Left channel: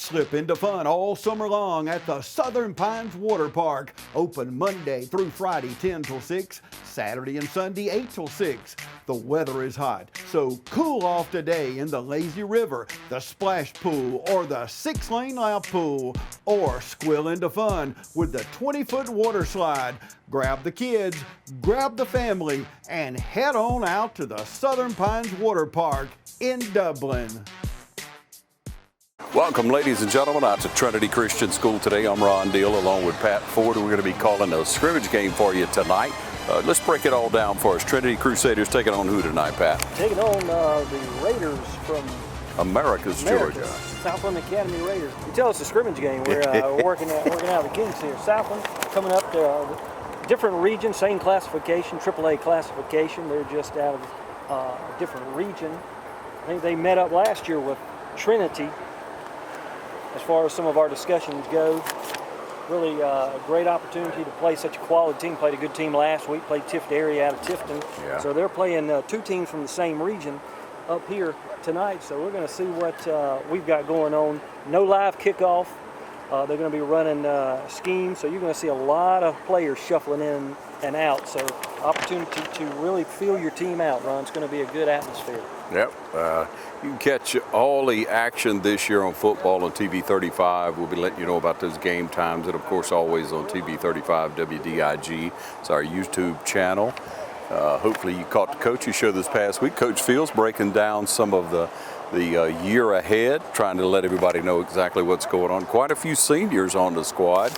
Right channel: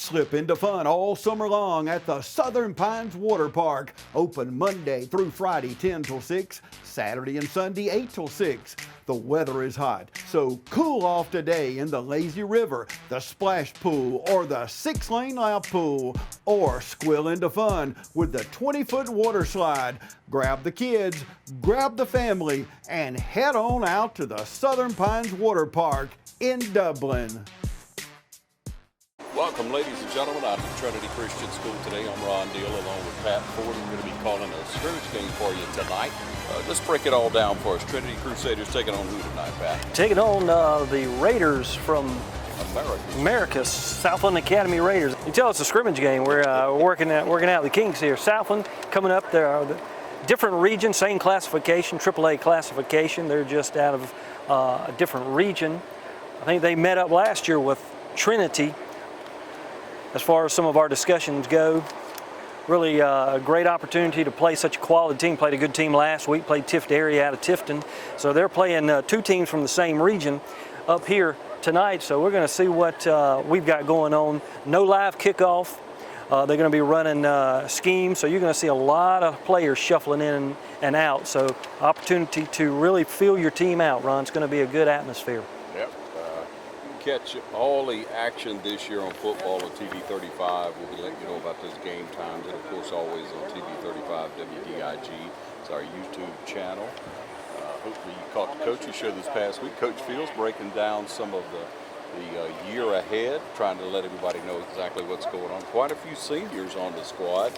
Slip into fun all summer long at the Southern Pines Water Park. Open Monday through Friday 10 till 6, Saturday and Sunday 8 till 6. The weather is hot, so cool off today in the lazy river, the splash pool, or the 6-lane lap pool, or squill into fun with the 20-foot water slide. Grab the kids, grab the family, and head on out to the Southern Pines Water Park in Dublin. Welcome, ladies and gentlemen, out to Trinity Christian School today. I'm Ron Deal along with Pat Ford. We're going to be calling a scrimmage game for you tonight. Let's break it all down for us. Trinity Crusaders taking on who tonight, Pat? Taking on the Raiders from America's Southland Academy Raiders. You tell it's a scrimmage game. We're working out the kinks here. Southland coming up there, different region, same classification, AAA classification. They're just out of a different region. I think they met up last year with Trinity. As far as some of our discussions go, really a great opportunity to play such a quality team. Played a good team last week, played Tifton area out of Tifton. Yeah. So they're playing two teams from the same region up here tonight. So we're going to see what we've got going on. No live kickoff. They're going to be running schemes, so you're going to see a lot of players shuffling in and out. So opportunity to really feel your team out, Ron. It's going to be a good atmosphere. Yep. You can catch all the action this year on football on TV 35. We'll be letting you know about those game times, and of course always on TV 35 WDIG. It's our YouTube channel. Hopefully you caught the coach's show this past week. Coach Fields breaking down some of the year ahead, trying to let everybody know exactly what's going on. Quite a few seniors on the squad.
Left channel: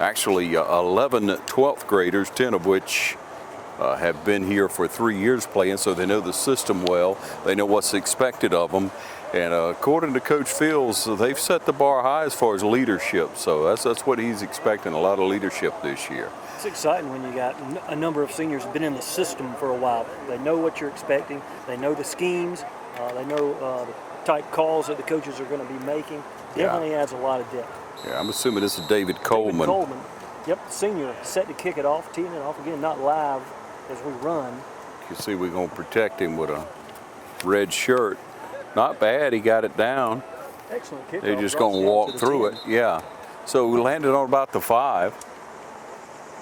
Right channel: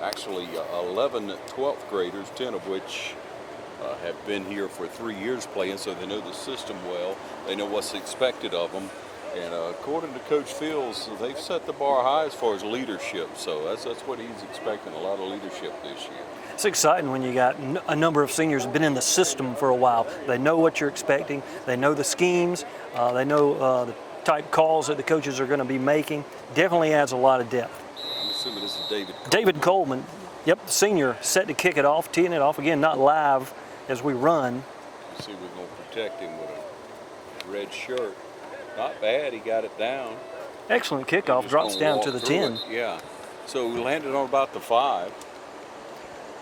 Actually 11 12th graders, 10 of which have been here for 3 years playing, so they know the system well. They know what's expected of them. And according to Coach Fields, they've set the bar high as far as leadership. So that's what he's expecting, a lot of leadership this year. It's exciting when you got a number of seniors who've been in the system for a while. They know what you're expecting. They know the schemes. They know the type calls that the coaches are going to be making. Definitely adds a lot of depth. Yeah, I'm assuming this is David Coleman. David Coleman. Yep, the senior set to kick it off, teeing it off. Again, not live as we run. You can see we're going to protect him with a red shirt. Not bad, he got it down. Excellent kickoff, He's just drops going to down walk to the through 10. it. Yeah, so we landed on about the 5.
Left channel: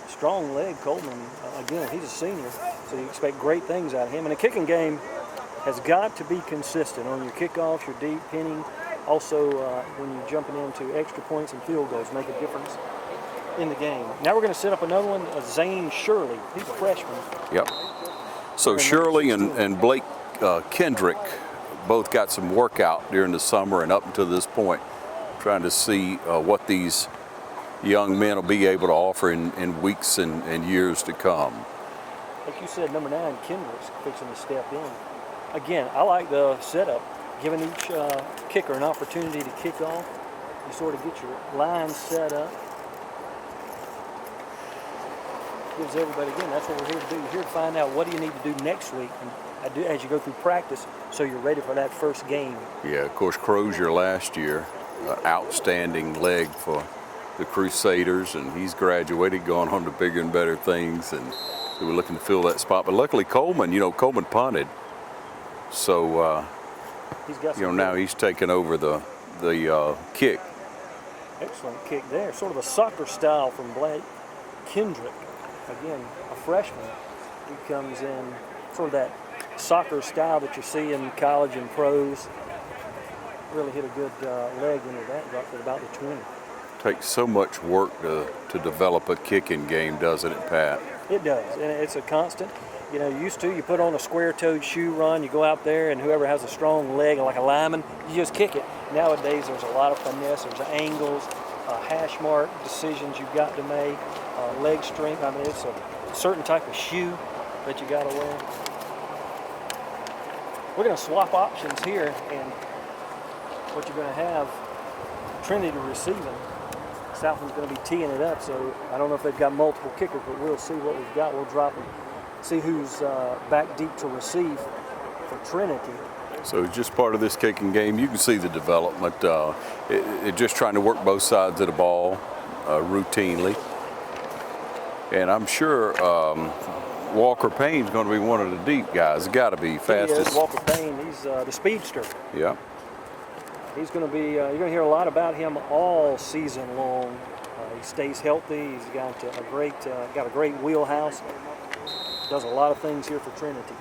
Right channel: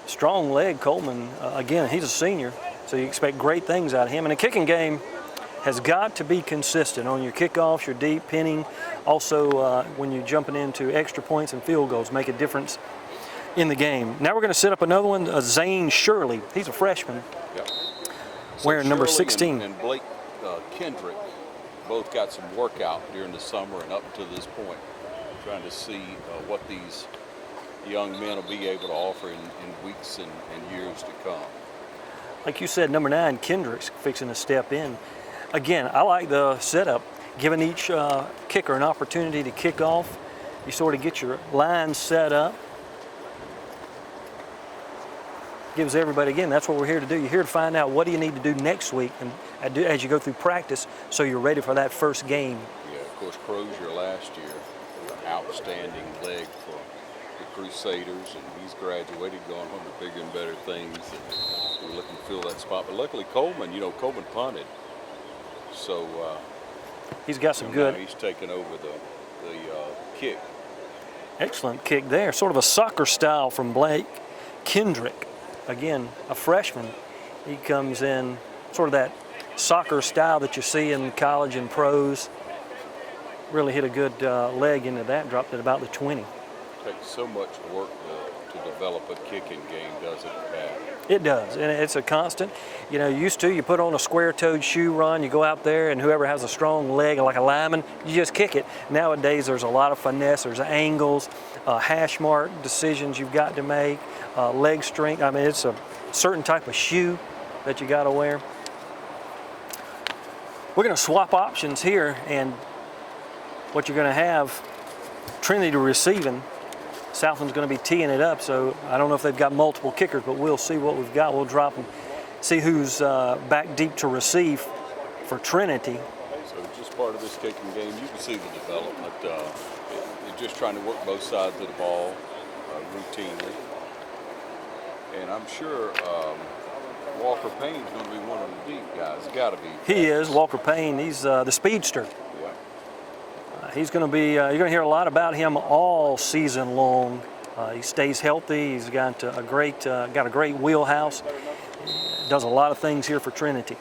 Strong leg, Coleman. Again, he's a senior, so you expect great things out of him. And a kicking game has got to be consistent on your kickoffs, your deep pinning. Also, when you're jumping into extra points and field goals, make a difference in the game. Now we're going to set up another one, Zane Shirley. He's a freshman. Yep. So Shirley and Blake Kendrick both got some workout during the summer and up until this point, trying to see what these young men will be able to offer in weeks and years to come. Like you said, number 9, Kendrick's fixing to step in. Again, I like the setup, giving each kicker an opportunity to kick off. You sort of get your line set up. Gives everybody, again, that's what we're here to do. You're here to find out what do you need to do next week and as you go through practice so you're ready for that first game. Yeah, of course, Crozier last year, outstanding leg for the Crusaders, and he's graduated, gone on to bigger and better things, and we were looking to fill that spot. But luckily Coleman, Coleman punted, so he's got some now he's taken over the kick. Excellent kick there, sort of a soccer style from Blake Kendrick. Again, a freshman. He comes in sort of that soccer style that you see in college and pros. Really hit a good leg into that, dropped at about the 20. Takes so much work to develop a kicking game, doesn't it, Pat? It does, and it's a constant. You put on a square-toed shoe, Ron, you go out there, and whoever has a strong leg, like a lineman, you just kick it. Nowadays, there's a lot of finesse, there's angles, hash mark decisions you've got to make, leg strength. I mean, it's a certain type of shoe that you got to wear. We're going to swap options here, and what you're going to have, Trinity receiving. Southland's going to be teeing it up, so I don't know if they've got multiple kickers, but we'll see what we've got. We'll drop them, see who's back deep to receive for Trinity. So just part of this kicking game, you can see the development. It just trying to work both sides of the ball routinely. And I'm sure Walker Payne's going to be one of the deep guys. Got to be fastest. He is, Walker Payne. He's the speedster. Yeah. He's going to be, you're going to hear a lot about him all season long. He stays healthy. He's got a great wheelhouse. Does a lot of things here for Trinity.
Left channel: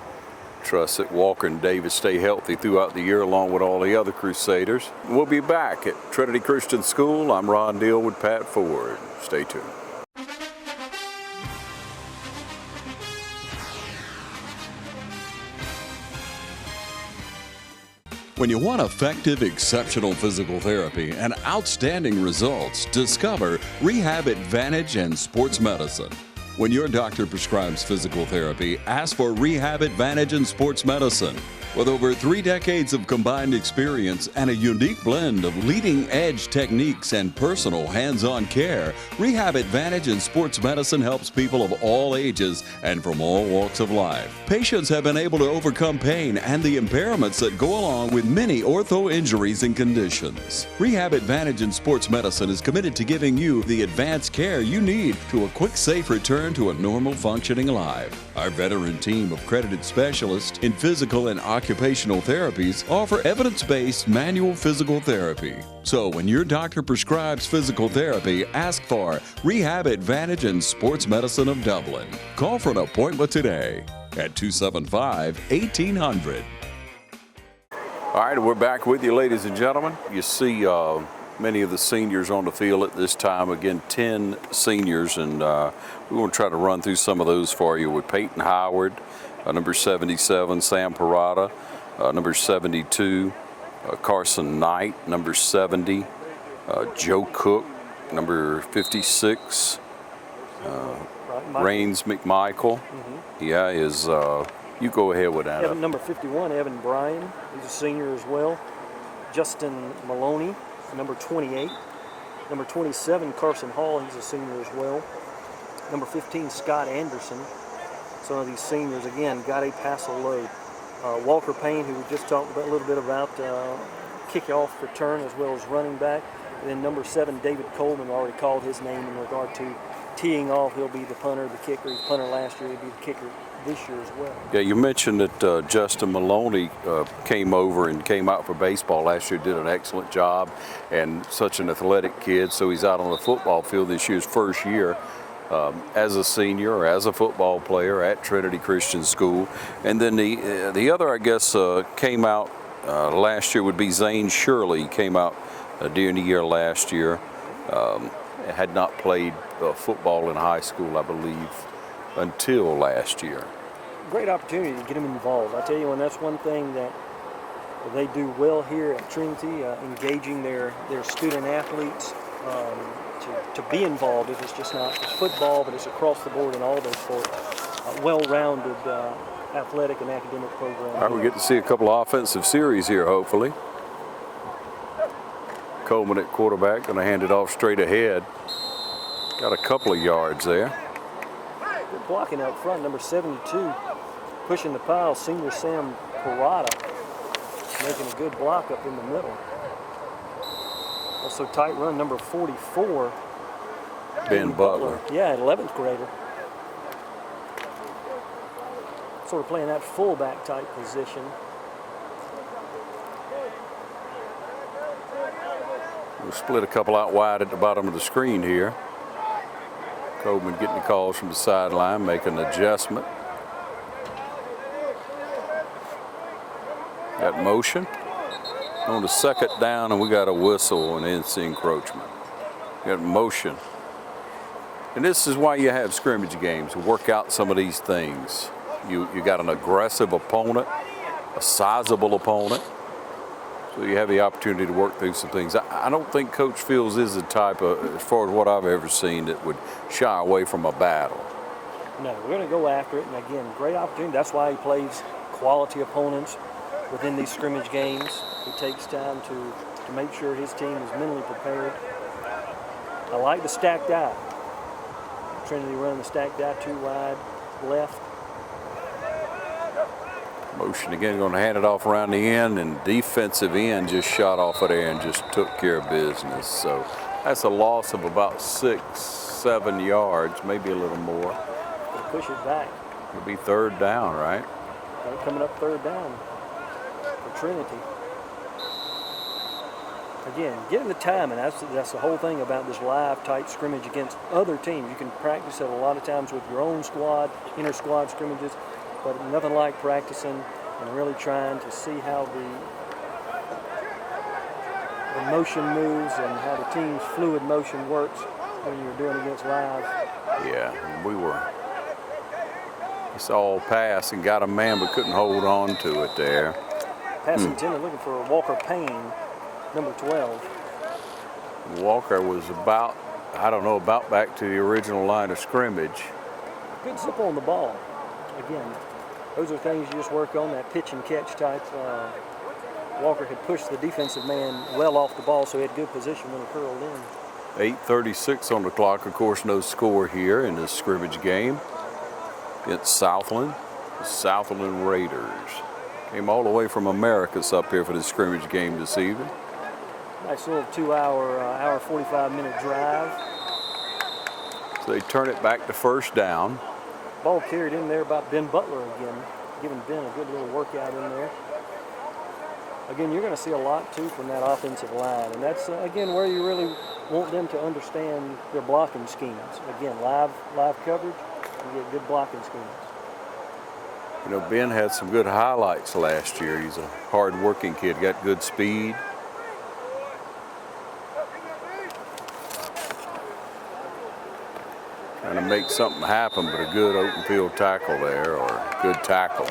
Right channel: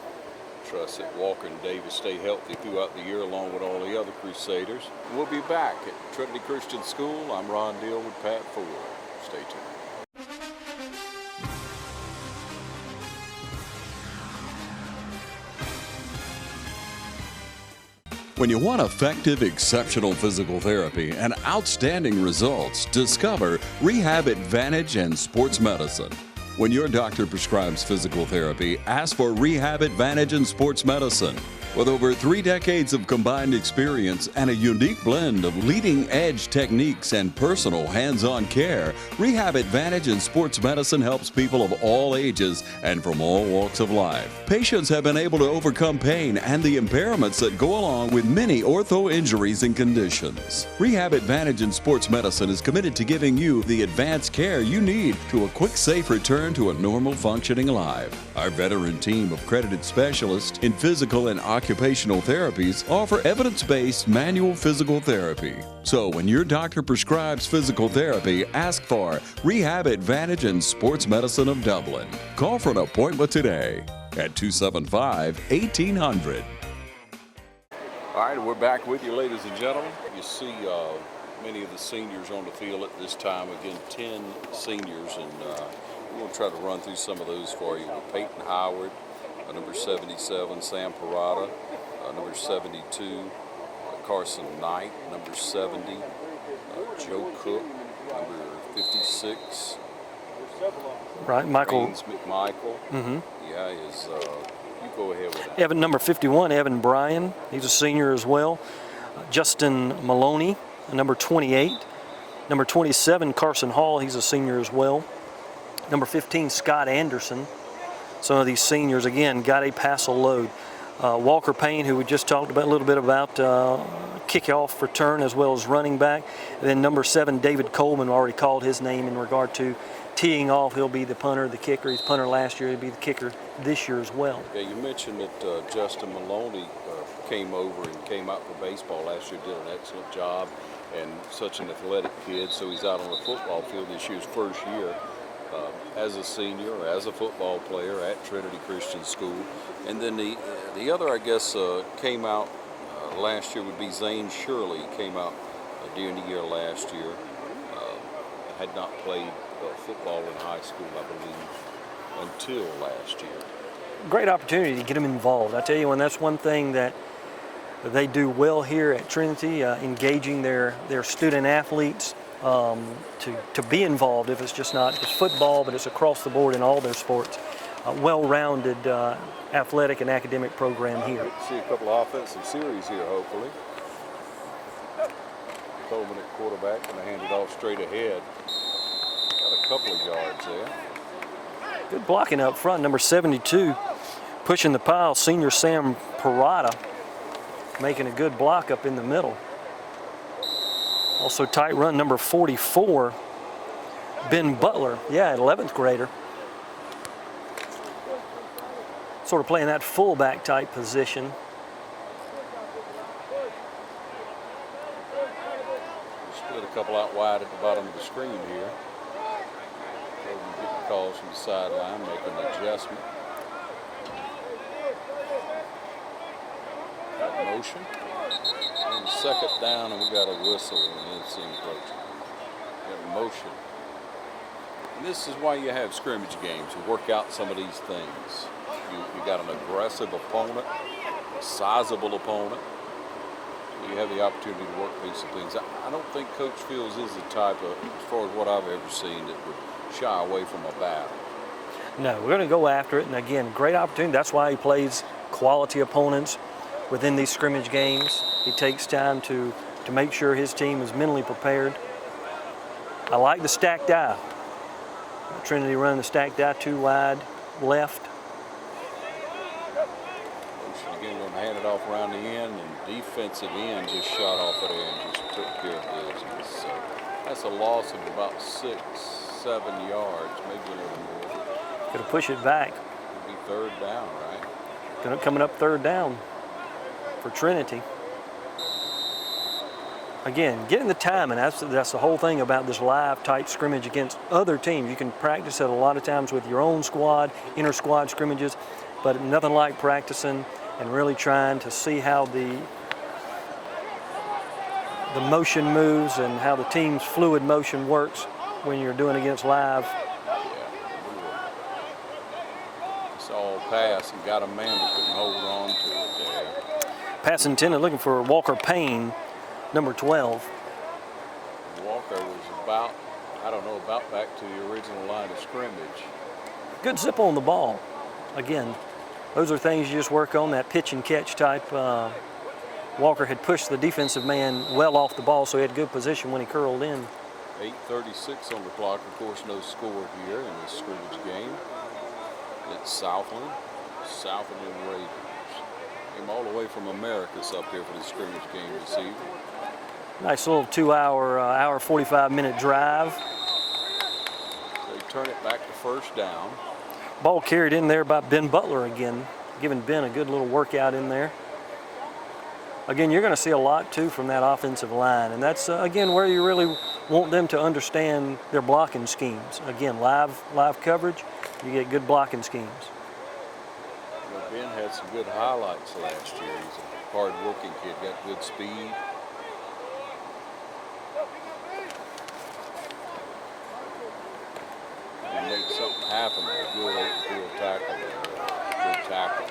Trust that Walker and Davis stay healthy throughout the year along with all the other Crusaders. We'll be back at Trinity Christian School. I'm Ron Deal with Pat Ford. Stay tuned. When you want effective, exceptional physical therapy and outstanding results, discover Rehab Advantage and Sports Medicine. When your doctor prescribes physical therapy, ask for Rehab Advantage and Sports Medicine. With over 3 decades of combined experience and a unique blend of leading-edge techniques and personal hands-on care, Rehab Advantage and Sports Medicine helps people of all ages and from all walks of life. Patients have been able to overcome pain and the impairments that go along with many ortho injuries and conditions. Rehab Advantage and Sports Medicine is committed to giving you the advanced care you need to a quick, safe return to a normal functioning life. Our veteran team of credited specialists in physical and occupational therapies offer evidence-based manual physical therapy. So when your doctor prescribes physical therapy, ask for Rehab Advantage and Sports Medicine of Dublin. Call for an appointment today at 275-1800. All right, we're back with you, ladies and gentlemen. You see many of the seniors on the field at this time. Again, 10 seniors, and we're going to try to run through some of those for you with Peyton Howard, number 77, Sam Parada, number 72, Carson Knight, number 70, Joe Cook, number 56, Rains McMichael. Yeah, you go ahead with that. Evan, number 51, Evan Bryan. He's a senior as well. Justin Maloney, number 28. Number 27, Carson Hall. He's a senior as well. Number 15, Scott Anderson. Some of these seniors, again, got a pass-a load. Walker Payne, who we just talked about a little bit about, kickoff return as well as running back. And then number 7, David Coleman, already called his name in regard to teeing off. He'll be the punter, the kicker. He's punter last year. He'll be the kicker this year as well. Yeah, you mentioned that Justin Maloney came over and came out for baseball last year, did an excellent job, and such an athletic kid. So he's out on the football field this year's first year as a senior or as a football player at Trinity Christian School. And then the other, I guess, came out last year would be Zane Shirley. He came out during the year last year. Had not played football in high school, I believe, until last year. Great opportunity to get them involved. I tell you, and that's one thing that they do well here at Trinity, engaging their student athletes to be involved. If it's just not just football, but it's across the board in all their sports. Well-rounded athletic and academic program. We get to see a couple of offensive series here, hopefully. Coleman at quarterback, going to hand it off straight ahead. Got a couple of yards there. Good blocking up front. Number 72 pushing the pile. Senior Sam Parada making a good block up in the middle. Also tight run, number 44, Ben Butler. Yeah, an 11th grader. Sort of playing that fullback type position. We'll split a couple out wide at the bottom of the screen here. Coleman getting the calls from the sideline, making an adjustment. Got motion on the second down, and we got a whistle and NC encroachment. Got motion. And this is why you have scrimmage games, to work out some of these things. You got an aggressive opponent, a sizable opponent, so you have the opportunity to work through some things. I don't think Coach Fields is the type of, as far as what I've ever seen, that would shy away from a battle. No, we're going to go after it, and again, great opportunity. That's why he plays quality opponents within these scrimmage games. He takes time to make sure his team is mentally prepared. I like the stacked eye. Trinity running the stacked eye, 2 wide, left. Motion again, going to hand it off around the end, and defensive end just shot off of there and just took care of business. So that's a loss of about 6-7 yards, maybe a little more. Going to push it back. It'll be 3rd down, right? Coming up 3rd down for Trinity. again, getting the time, and that's the whole thing about this live type scrimmage against other teams. You can practice it a lot of times with your own squad, inter-squad scrimmages, but nothing like practicing and really trying to see how the motion moves and how the team's fluid motion works when you're doing against live. Yeah, we were. It's all pass and got a man, but couldn't hold on to it there. Pass intended, looking for Walker Payne, number 12. Walker was about, I don't know, about back to the original line of scrimmage. Good zip on the ball. Again, those are things you just work on, that pitch and catch type. Walker had pushed the defensive man well off the ball, so he had good position when he curled in. 8:36 on the clock. Of course, no score here in this scrimmage game against Southland. The Southland Raiders came all the way from Americus up here for the scrimmage game this evening. Nice little 2-hour, 45-minute drive. So they turn it back to first down. Ball carried in there by Ben Butler again, giving Ben a good little workout in there. Again, you're going to see a lot, too, from that offensive line. And that's, again, where you really want them to understand their blocking schemes. Again, live coverage, you get good blocking schemes. You know, Ben had some good highlights last year. He's a hard-working kid, got good speed. Trying to make something happen, but a good open field tackle there, or good tackle.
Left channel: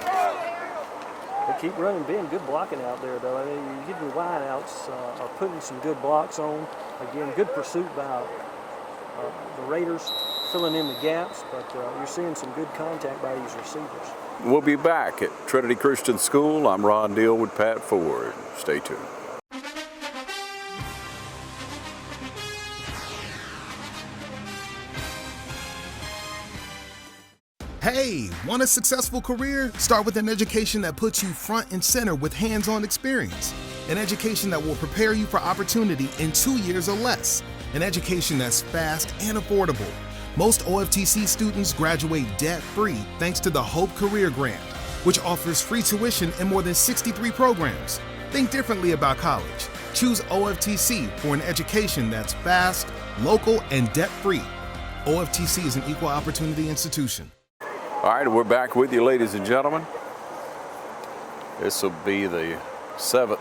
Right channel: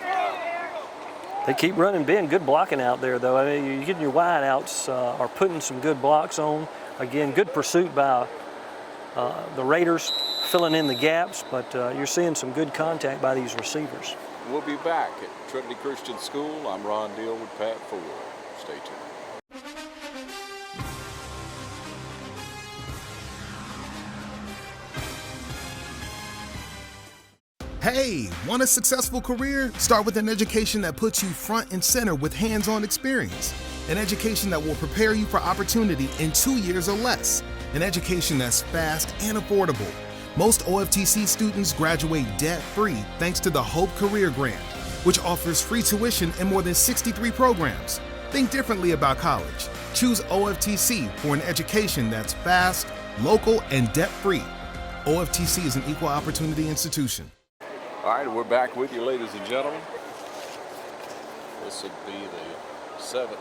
They keep running Ben. Good blocking out there, though. I mean, you get your wideouts are putting some good blocks on. Again, good pursuit by the Raiders, filling in the gaps, but you're seeing some good contact by these receivers. We'll be back at Trinity Christian School. I'm Ron Deal with Pat Ford. Stay tuned. Hey, want a successful career? Start with an education that puts you front and center with hands-on experience. An education that will prepare you for opportunity in 2 years or less. An education that's fast and affordable. Most OFTC students graduate debt-free thanks to the Hope Career Grant, which offers free tuition in more than 63 programs. Think differently about college. Choose OFTC for an education that's fast, local, and debt-free. OFTC is an equal opportunity institution. All right, we're back with you, ladies and gentlemen. This will be the 7th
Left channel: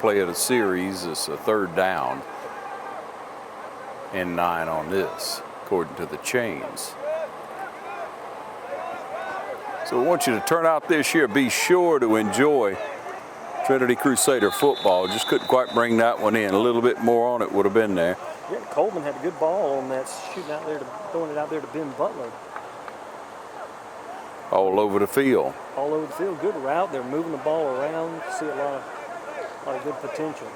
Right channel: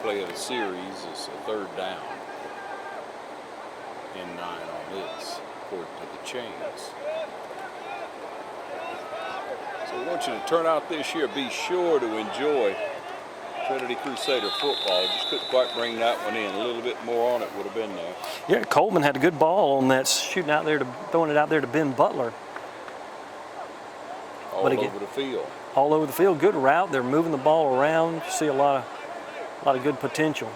play of the series. It's a third down and 9 on this, according to the chains. So I want you to turn out this year. Be sure to enjoy Trinity Crusader football. Just couldn't quite bring that one in. A little bit more on it would have been there. Yeah, Coleman had a good ball on that, shooting out there, throwing it out there to Ben Butler. All over the field. All over the field. Good route. They're moving the ball around. You see a lot of good potential.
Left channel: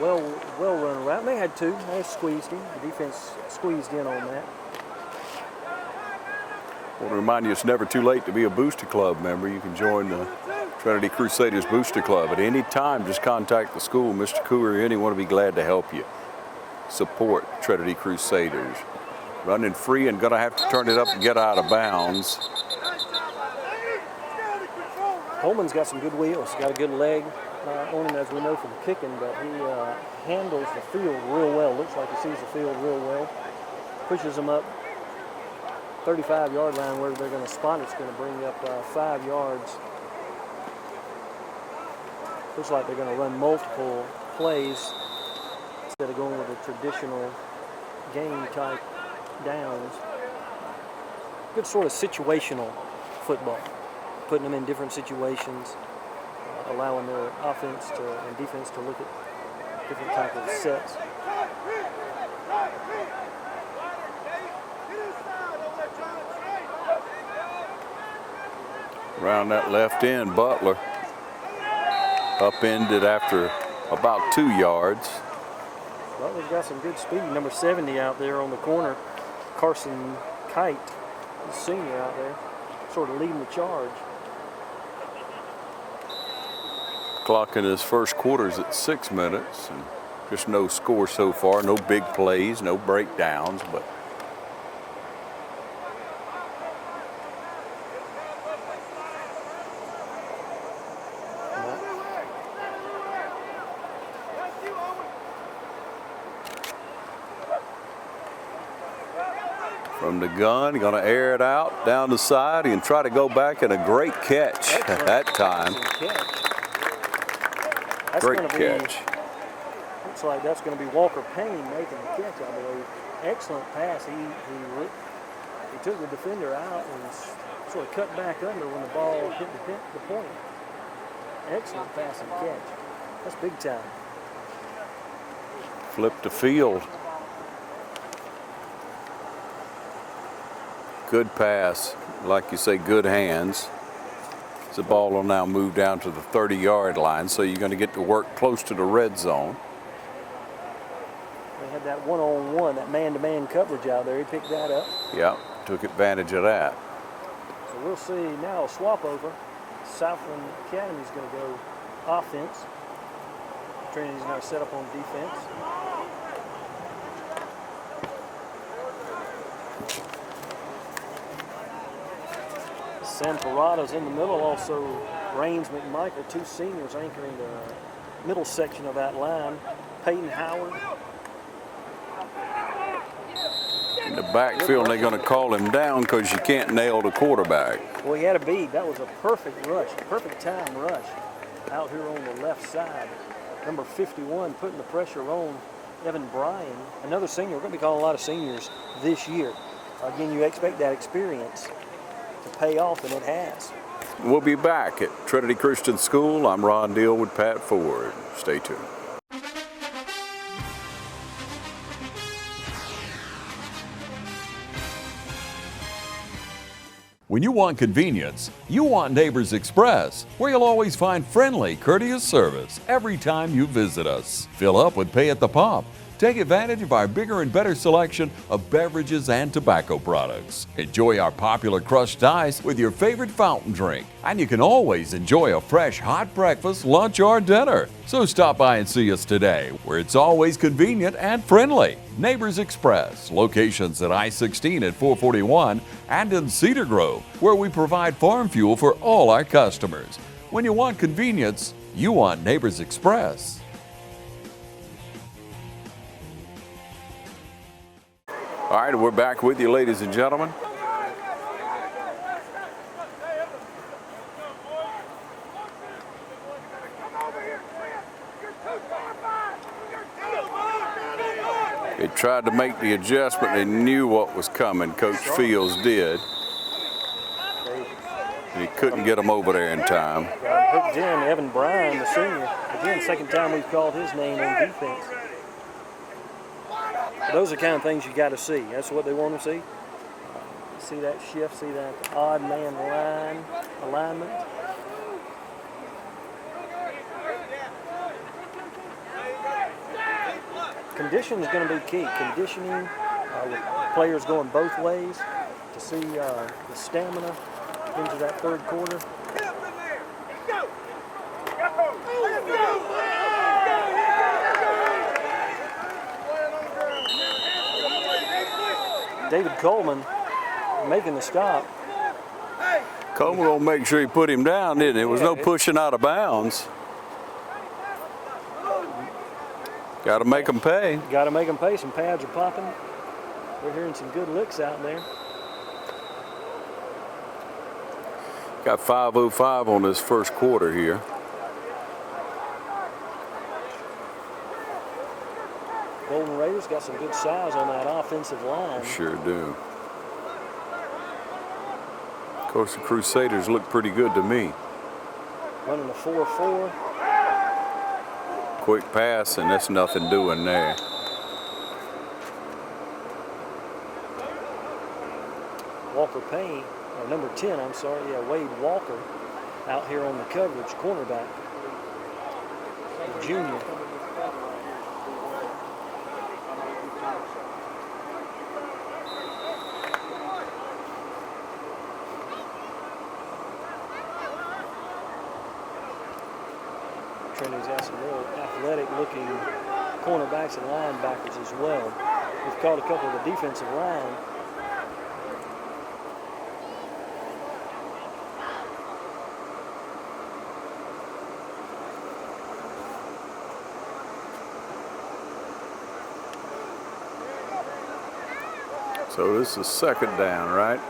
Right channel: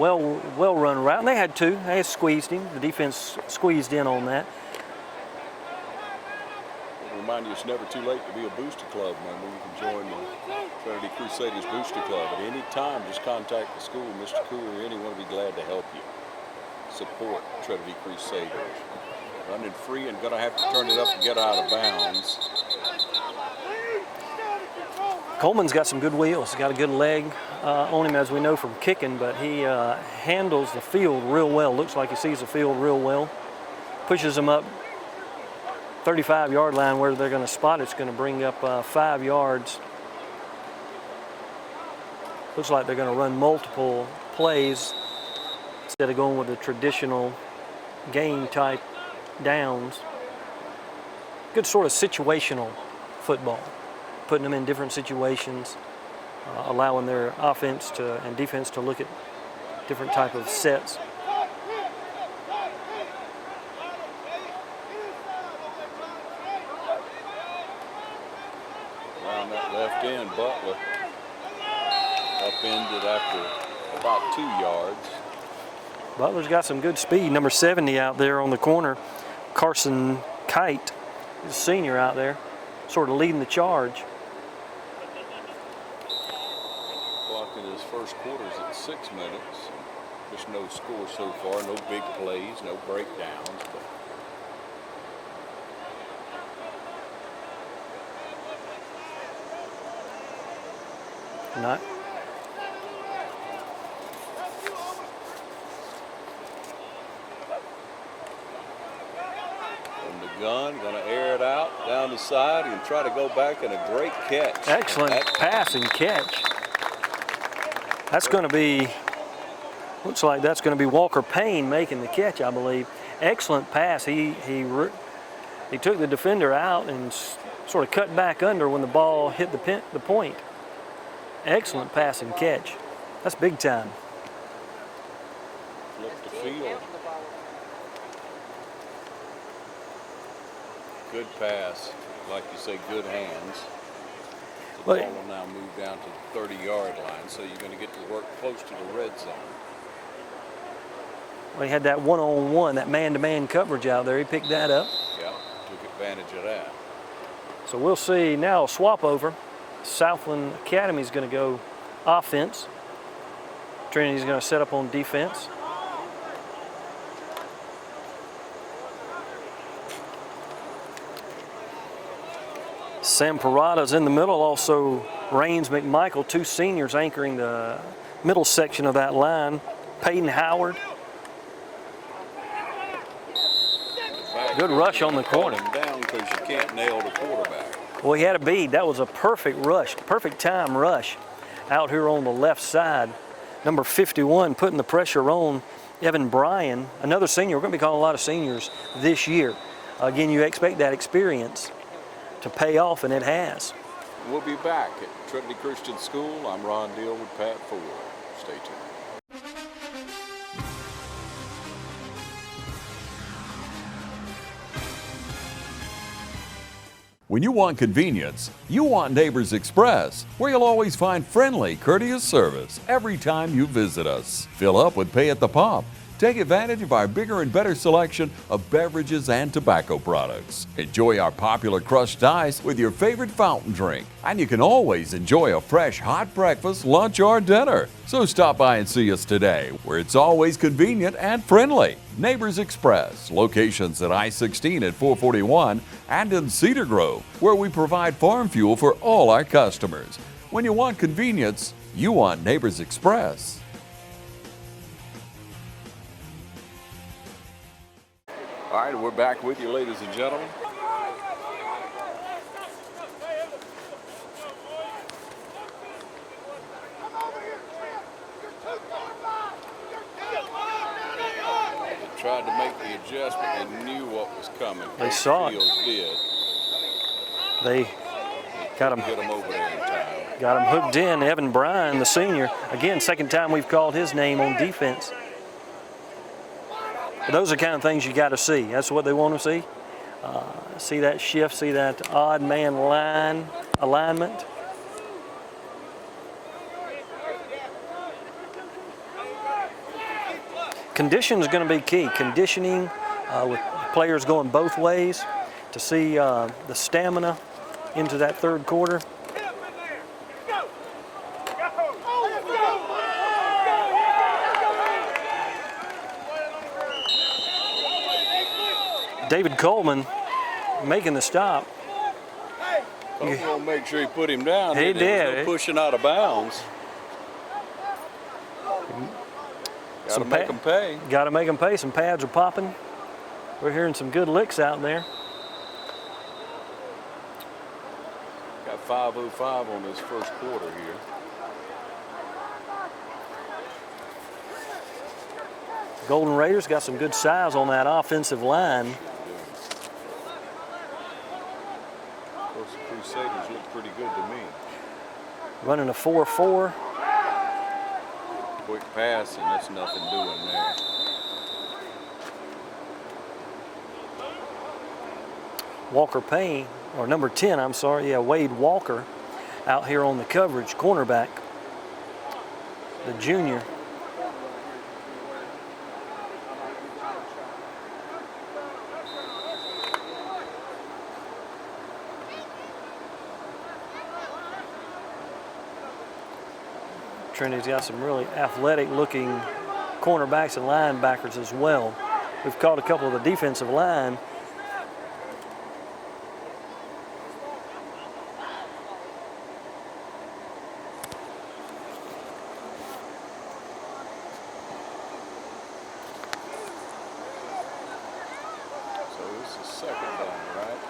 Well run route. And they had two. They had squeezed him. The defense squeezed in on that. I want to remind you, it's never too late to be a Booster Club member. You can join the Trinity Crusaders Booster Club at any time. Just contact the school. Mr. Cooper or anyone will be glad to help you. Support Trinity Crusaders. Running free and going to have to turn it up and get out of bounds. Coleman's got some good wheels. He's got a good leg on him, as we know from kicking, but he handles the field real well. Looks like he sees the field real well. Pushes him up 35-yard line where they're going to spot. It's going to bring up 5 yards. Looks like they're going to run multiple plays instead of going with the traditional game type downs. Good sort of situational football. Putting them in different situations, allowing their offense and defense to look at different type of sets. Around that left end, Butler upended after about 2 yards. Butler's got some good speed. Number 70 out there on the corner, Carson Kite, the senior out there, sort of leading the charge. Clock in his first quarter is at 6 minutes, and just no score so far, no big plays, no breakdowns, but From the gun, going to air it out down the side and try to go back, and a great catch. Excellent that pass time. and catch. That's Great going to be, catch. looks like that's going to be Walker Payne making the catch, I believe. Excellent pass. He took the defender out and sort of cut back under when the ball hit the point. Excellent pass and catch. That's big time. Flip the field. Good pass. Like you say, good hands. The ball will now move down to the 30-yard line, so you're going to get to work close to the red zone. Well, he had that one-on-one, that man-to-man coverage out there. He picked that up. Yeah, took advantage of that. So we'll see now a swap over. Southland Academy is going to go offense. Trinity's going to set up on defense. Sam Parada's in the middle, also Raines McMichael, two seniors anchoring the middle section of that line. Peyton Howard. In the backfield, they're going to call him down because you can't nail the quarterback. Well, he had a bead. That was a perfect rush, perfect time rush out here on the left side. Number 51 putting the pressure on Evan Bryan, another senior. We're going to be calling a lot of seniors this year. Again, you expect that experience to pay off, and it has. We'll be back at Trinity Christian School. I'm Ron Deal with Pat Ford. Stay tuned. When you want convenience, you want Neighbors Express, where you'll always find friendly, courteous service every time you visit us. Fill up with pay at the pump. Take advantage of our bigger and better selection of beverages and tobacco products. Enjoy our popular crushed ice with your favorite fountain drink. And you can always enjoy a fresh hot breakfast, lunch, or dinner. So stop by and see us today, where it's always convenient and friendly. Neighbors Express, locations at I-16 at 441 and in Cedar Grove, where we provide farm fuel for all our customers. When you want convenience, you want Neighbors Express. All right, we're back with you, ladies and gentlemen. They tried to make the adjustment. They knew what was coming. Coach Fields did. He couldn't get them over there in time. Got him hooked in. Evan Bryan, the senior. Again, second time we've called his name on defense. But those are the kind of things you got to see. That's what they want to see. See that shift, see that odd man line alignment. Condition is going to be key. Conditioning with players going both ways to see the stamina into that third quarter. David Coleman making the stop. Coleman will make sure he put him down, didn't he? There was no pushing out of bounds. Got to make them pay. Got to make them pay. Some pads are popping. We're hearing some good licks out in there. Got 5:05 on this first quarter here. Golden Raiders got some good size on that offensive line. Sure do. Of course, the Crusaders look pretty good to me. Running a 4-4. Quick pass, and that's nothing doing there. Walker Payne, or number 10, I'm sorry, Wade Walker out here on the coverage, cornerback, the junior. Trinity's got some really athletic-looking cornerbacks and linebackers as well. We've called a couple of the defensive line. So this is second down, right?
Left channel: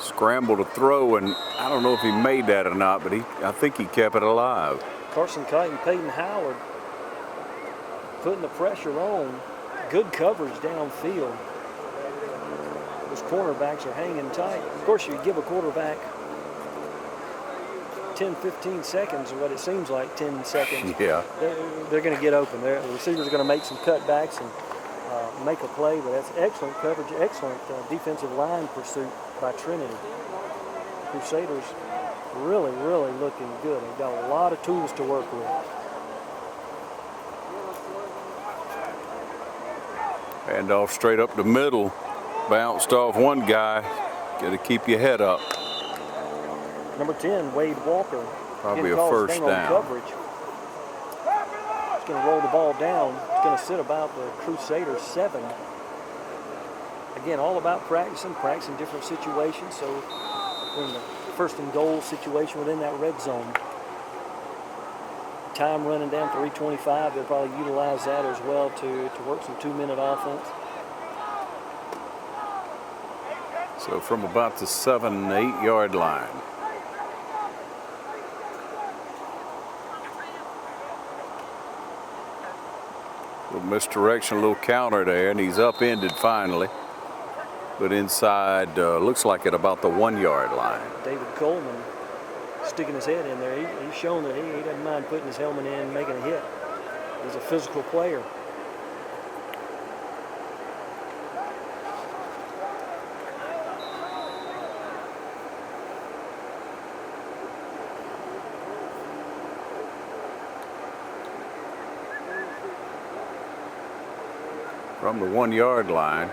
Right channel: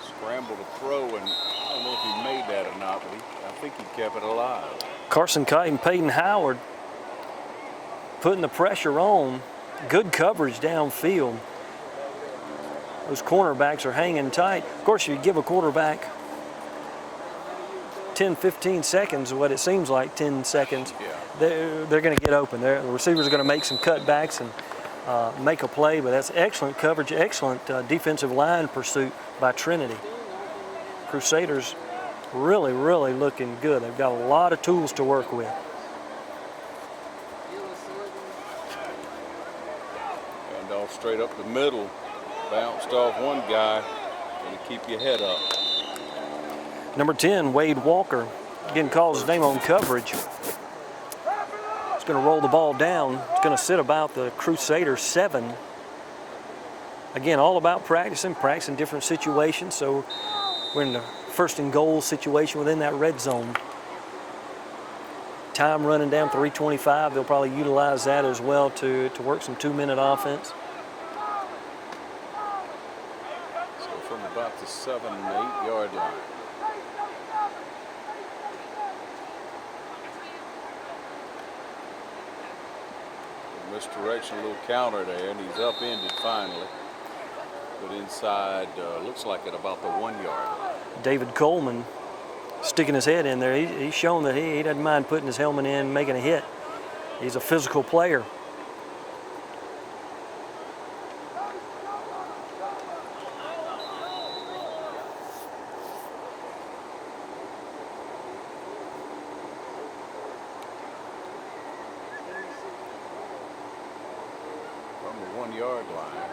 Scramble to throw, and I don't know if he made that or not, but I think he kept it alive. Carson Kite and Peyton Howard putting the pressure on. Good coverage downfield. Those cornerbacks are hanging tight. Of course, you give a quarterback 10, 15 seconds, what it seems like 10 seconds. Yeah. They're going to get open. The receivers are going to make some cutbacks and make a play, but that's excellent coverage, excellent defensive line pursuit by Trinity. Crusaders really, really looking good. They've got a lot of tools to work with. Hand off straight up the middle. Bounced off one guy. Got to keep your head up. Number 10, Wade Walker. Probably Again, a calls his first name on down. coverage. It's going to roll the ball down. It's going to sit about the Crusaders 7. Again, all about practicing different situations. So we're in the first and goal situation within that red zone. Time running down 3:25. They'll probably utilize that as well to work some 2-minute offense. So from about the 7-8 yard line. Little misdirection, a little counter there, and he's upended finally. But inside, looks like at about the 1 yard line. David Coleman sticking his head in there. He's shown that he doesn't mind putting his helmet in, making a hit. He's a physical player. From the 1 yard line.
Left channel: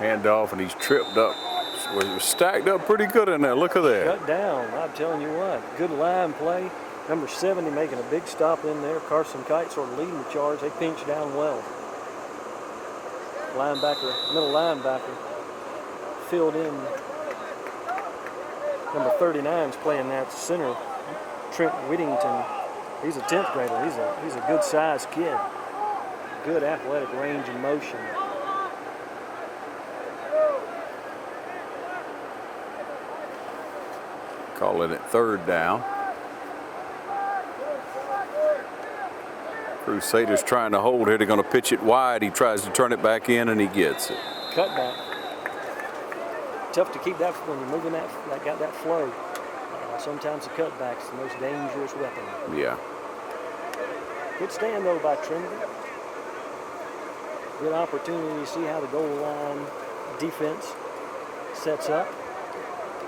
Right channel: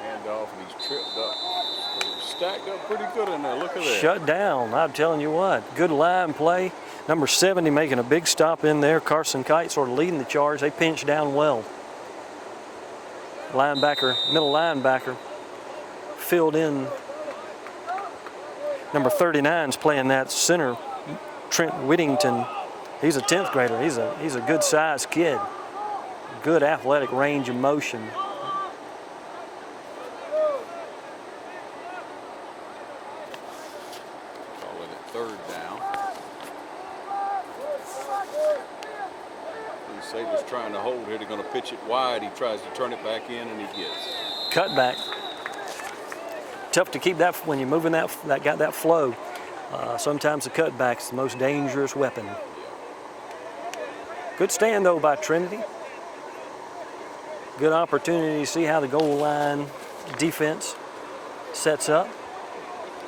Handoff, and he's tripped up. So he was stacked up pretty good in there. Look at that. Shut down. I'm telling you what. Good line play. Number 70 making a big stop in there. Carson Kite sort of leading the charge. They pinch down well. Linebacker, middle linebacker, filled in. Number 39's playing that center. Trent Whittington. He's a 10th grader. He's a good sized kid. Good athletic range of motion. Calling it third down. Crusaders trying to hold here. They're going to pitch it wide. He tries to turn it back in, and he gets it. Cutback. Tough to keep that when you're moving that got that flow. Sometimes the cutback's the most dangerous weapon. Yeah. Good stand, though, by Trinity. Good opportunity to see how the goal line defense sets up.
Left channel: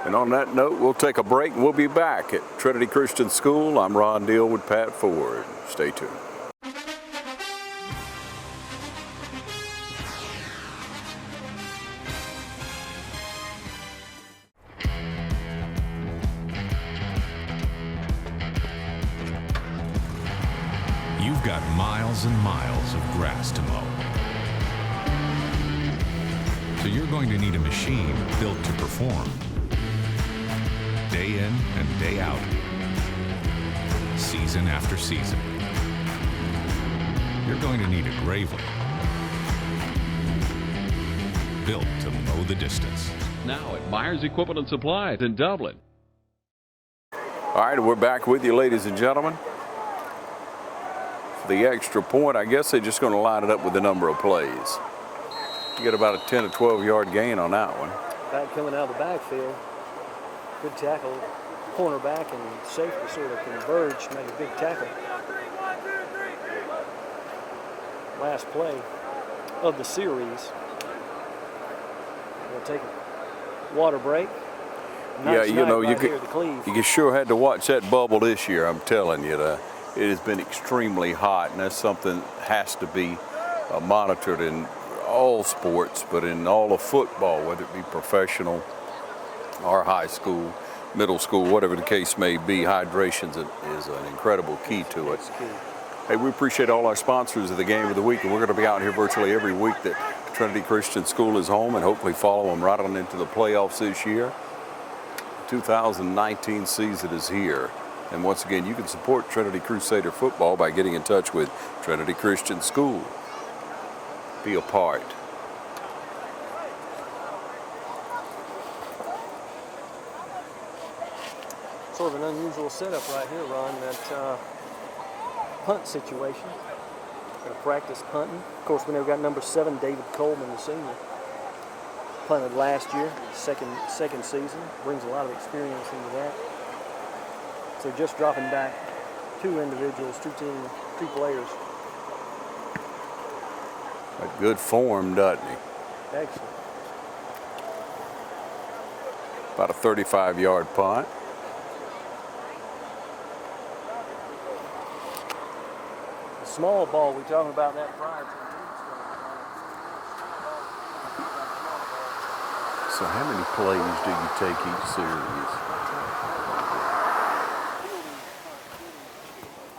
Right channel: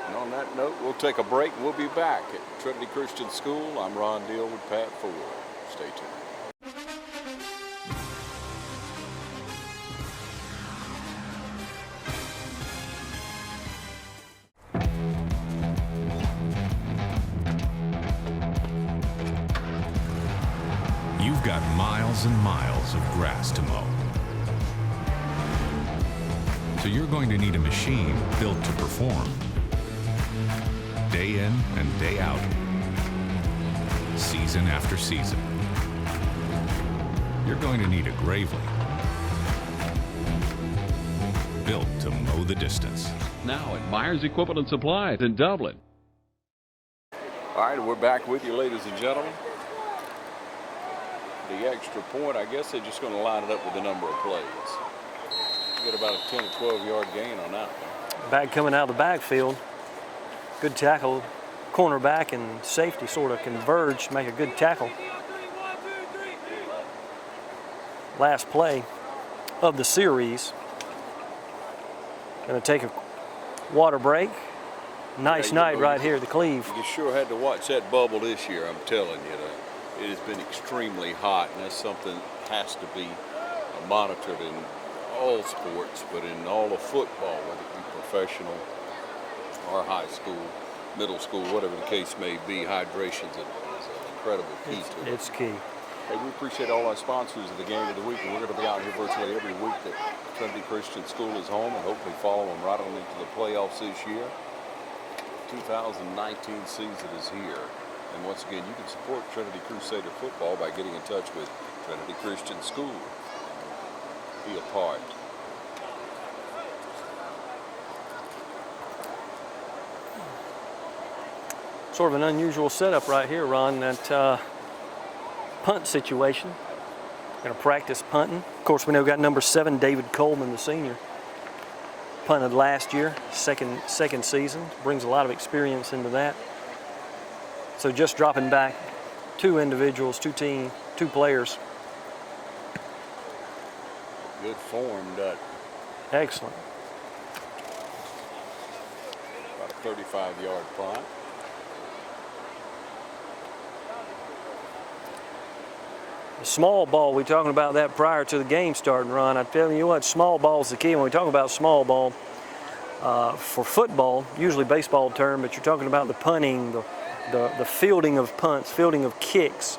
And on that note, we'll take a break. We'll be back at Trinity Christian School. I'm Ron Deal with Pat Ford. Stay tuned. You've got miles and miles of grass to mow. So you're going to need a machine built to perform. Day in and day out. Season after season. You're going to need a Gravely. Built to mow the distance. Now at Myers Equipment and Supply in Dublin. All right, we're back with you, ladies and gentlemen. The extra point, I guess they're just going to line it up with the number of plays. You get about a 10 to 12 yard gain on that one. Back coming out of the backfield. Good tackle. Cornerback and safety sort of converge, make a good tackle. Last play of the series. Going to take a water break. Nice night right here at the Cleve. You sure had to watch that bubble this year, I'm telling you. It has been extremely hot, and that's something that has to be monitored in all sports, but in all of football, whether it be professional or high school, middle school, whatever the case may be. Hydration is an incredible key to it. It's key. Hey, we appreciate all our sponsors of the Game of the Week, and we're going to be out here virtually every week that Trinity Christian School is home, and hopefully follow them right on into the playoffs this year. 2019 season is here. And once again, you can support Trinity Crusader football by getting in touch with Trinity Christian School. Be a part. Sort of an unusual setup right here, Ron, that punt situation. Going to practice punting. Of course, we know we got number 7, David Coleman, the senior. Punted last year, second season. Brings a lot of experience into that. So just dropping back 2 individuals, 2 players. A good form, doesn't he? Excellent. About a 35-yard punt. Small ball, we were talking about that prior to the game starting, Ron. I tell you what, small ball is the key. When we talk about small ball, for football, usually baseball term, but you're talking about the punting, the fielding of punts, fielding of kicks.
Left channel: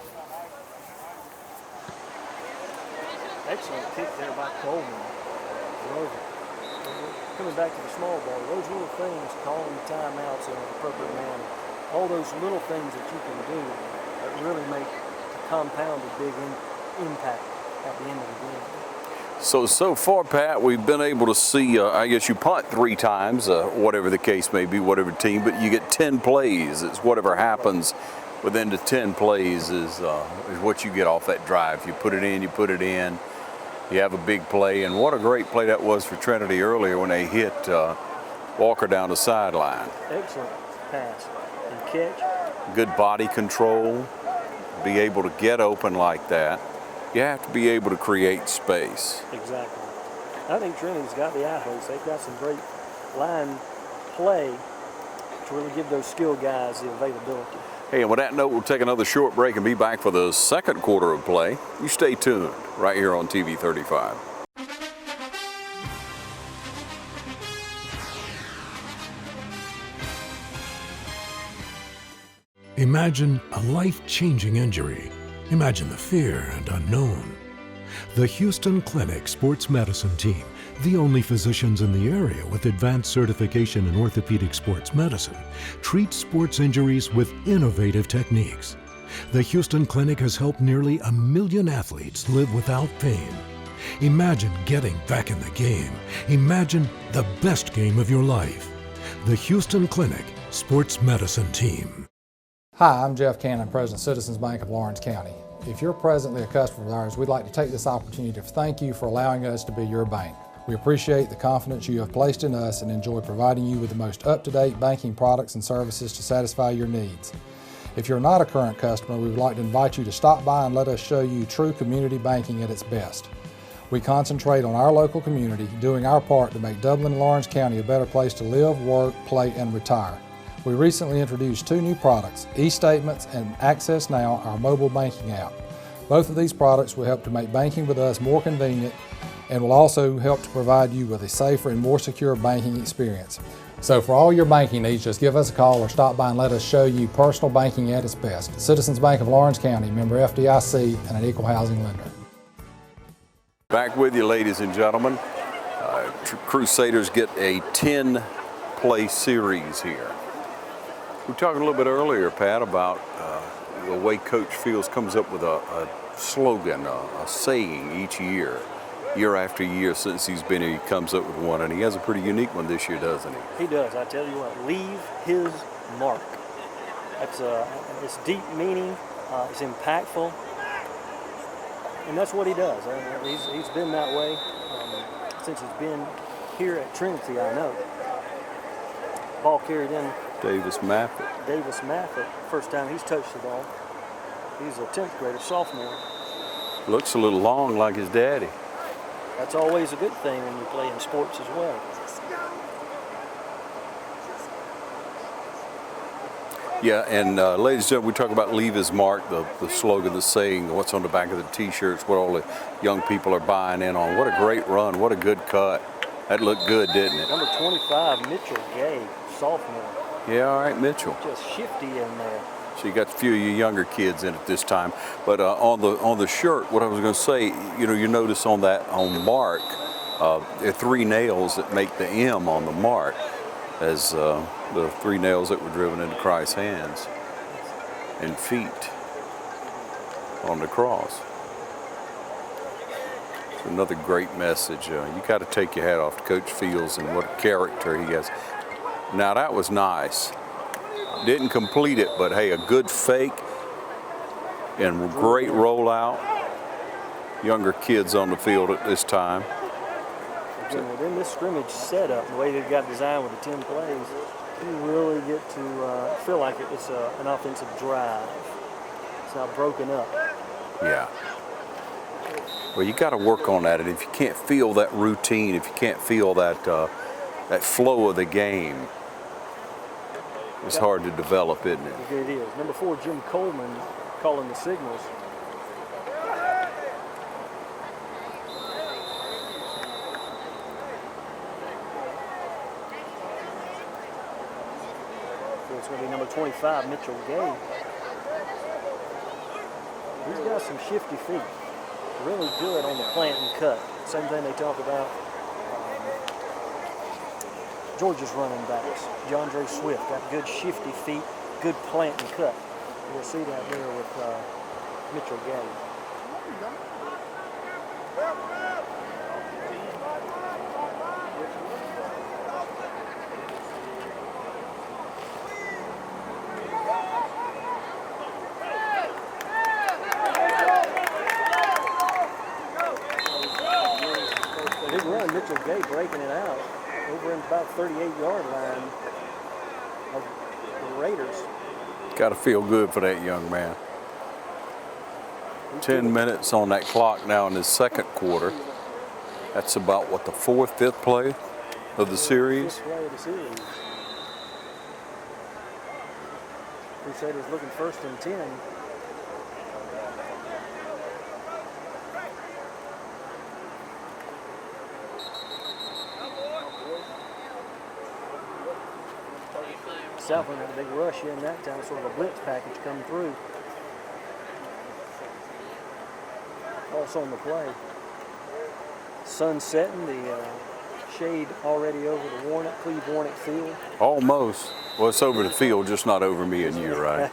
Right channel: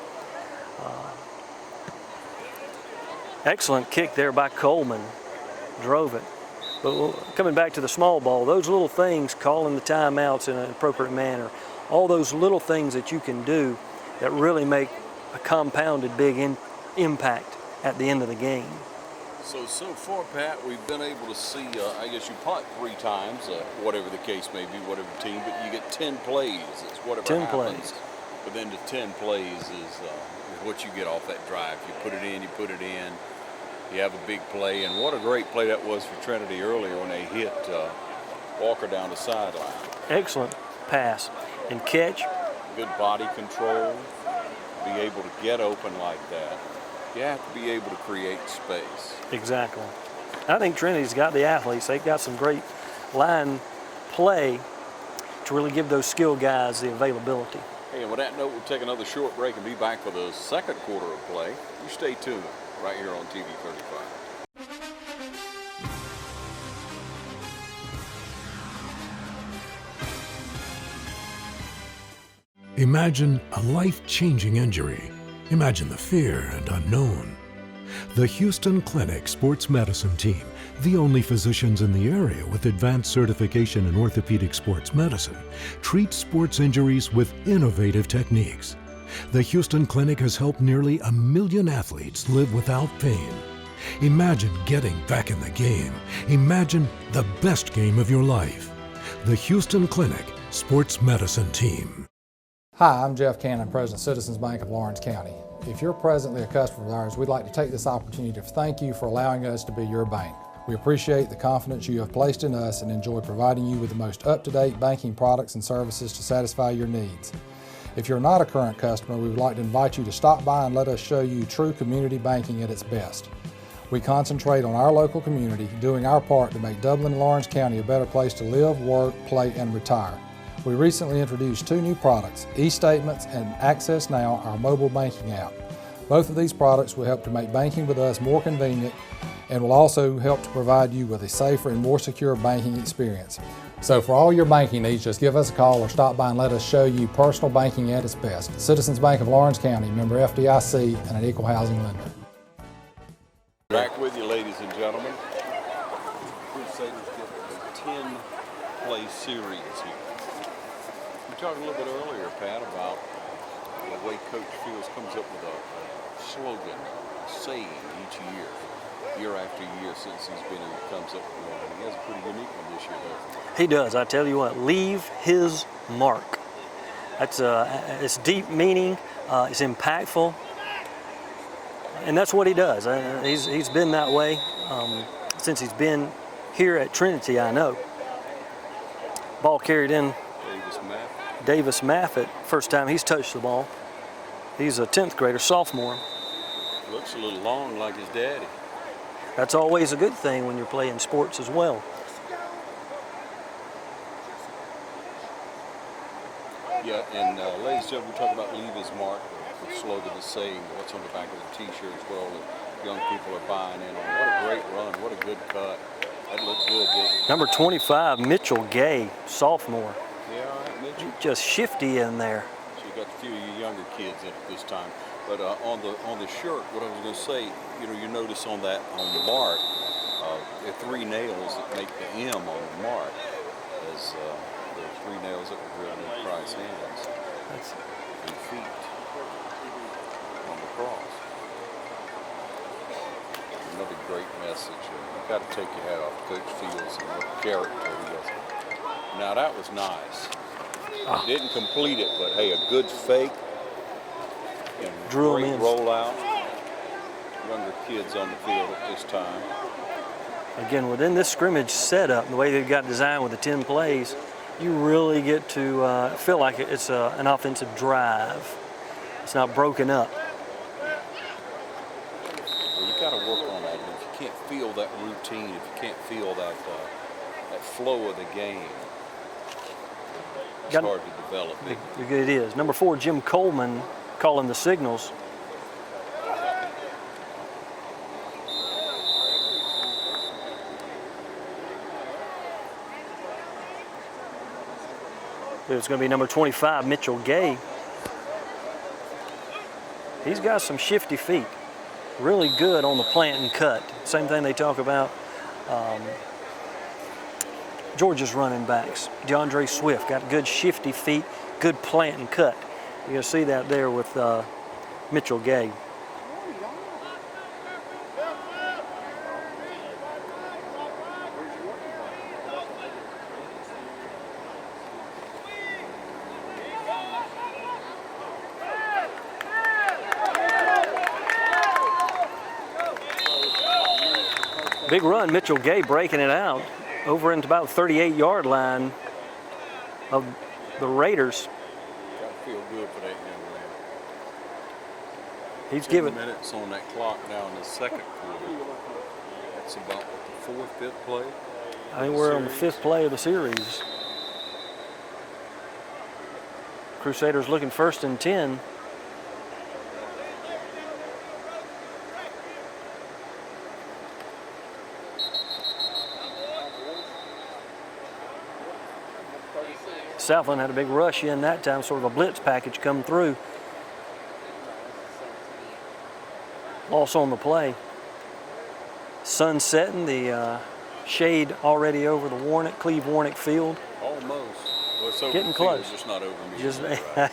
Excellent kick there by Coleman. Drove it. But coming back to the small ball, those little things, calling the timeouts in an appropriate manner, all those little things that you can do that really make a compounded big impact at the end of the game. So far, Pat, we've been able to see, I guess you punt 3 times, whatever the case may be, whatever team, but you get 10 plays. It's whatever happens within the 10 plays is what you get off that drive. You put it in, you put it in, you have a big play. And what a great play that was for Trinity earlier when they hit Walker down the sideline. Excellent pass and catch. Good body control. Be able to get open like that. You have to be able to create space. Exactly. I think Trinity's got the athletes. They've got some great line play to really give those skilled guys the availability. Hey, and with that note, we'll take another short break and be back for the second quarter of play. You stay tuned right here on TV 35. Imagine a life-changing injury. Imagine the fear and unknown. The Houston Clinic Sports Medicine Team, the only physicians in the area with advanced certification in orthopedic sports medicine, treats sports injuries with innovative techniques. The Houston Clinic has helped nearly 1 million athletes live without pain. Imagine getting back in the game. Imagine the best game of your life. The Houston Clinic Sports Medicine Team. Hi, I'm Jeff Cannon, President of Citizens Bank of Lawrence County. If you're presently a customer of ours, we'd like to take this opportunity to thank you for allowing us to be your bank. We appreciate the confidence you have placed in us and enjoy providing you with the most up-to-date banking products and services to satisfy your needs. If you're not a current customer, we would like to invite you to stop by and let us show you true community banking at its best. We concentrate on our local community, doing our part to make Dublin and Lawrence County a better place to live, work, play, and retire. We recently introduced 2 new products, eStatements and Access Now, our mobile banking app. Both of these products will help to make banking with us more convenient and will also help to provide you with a safer and more secure banking experience. So for all your banking needs, just give us a call or stop by and let us show you personal banking at its best. Citizens Bank of Lawrence County, member FDIC, and an equal housing lender. Back with you, ladies and gentlemen. Crusaders get a 10-play series here. We talked a little bit earlier, Pat, about the way Coach Fields comes up with a slogan, a saying each year after year since he's been here. He comes up with one, and he has a pretty unique one this year, doesn't he? He does. I tell you what, leave his mark. That's it's deep meaning. It's impactful, and that's what he does. He's been that way since he's been here at Trinity. I know. Ball carried in. Davis Maffett, first time he's touched the ball. He's a 10th grader, sophomore. Looks a little long like his daddy. That's always a good thing when you're playing sports as well. Yeah, and ladies and gentlemen, we talk about leave his mark, the slogan, the saying, what's on the back of the T-shirts, what all the young people are buying in on. What a great run, what a good cut. That looked good, didn't it? Number 25, Mitchell Gay, sophomore. Yeah, all right, Mitchell. Just shifty in there. So you got a few of your younger kids in it this time. But on the shirt, what I was going to say, you notice on Mark, there are 3 nails that make the M on the mark. as the 3 nails that were driven into Christ's hands and feet on the cross. Another great message. You got to take your hat off to Coach Fields and what character he has. Now that was nice. Didn't complete it, but hey, a good fake and great rollout. Younger kids on the field at this time. Again, within this scrimmage setup, the way they've got designed with the 10 plays, you really get to feel like it's an offensive drive. It's not broken up. Yeah. Well, you got to work on that, and if you can't feel that routine, if you can't feel that that flow of the game, it's hard to develop, isn't it? It is. Number 4, Jim Coleman, calling the signals. It's going to be number 25, Mitchell Gay. He's got some shifty feet. Really good on the plant and cut. Same thing they talk about Georgia's running backs. DeAndre Swift got good shifty feet, good plant and cut. You're going to see that there with Mitchell Gay. Big run, Mitchell Gay breaking it out over into about the 38-yard line of the Raiders. Got to feel good for that young man. He's 10 minutes on that clock now in the second quarter. That's about, what, the 4th, 5th play of the series? 5th play of the series. Crusaders looking 1st and 10. Southland had a big rush in that time, sort of a blitz package come through. Also on the play. Sun setting, the shade already over the Cleve Warnick field. Almost. Well, it's over Getting the field, close. just not over me, isn't it, right?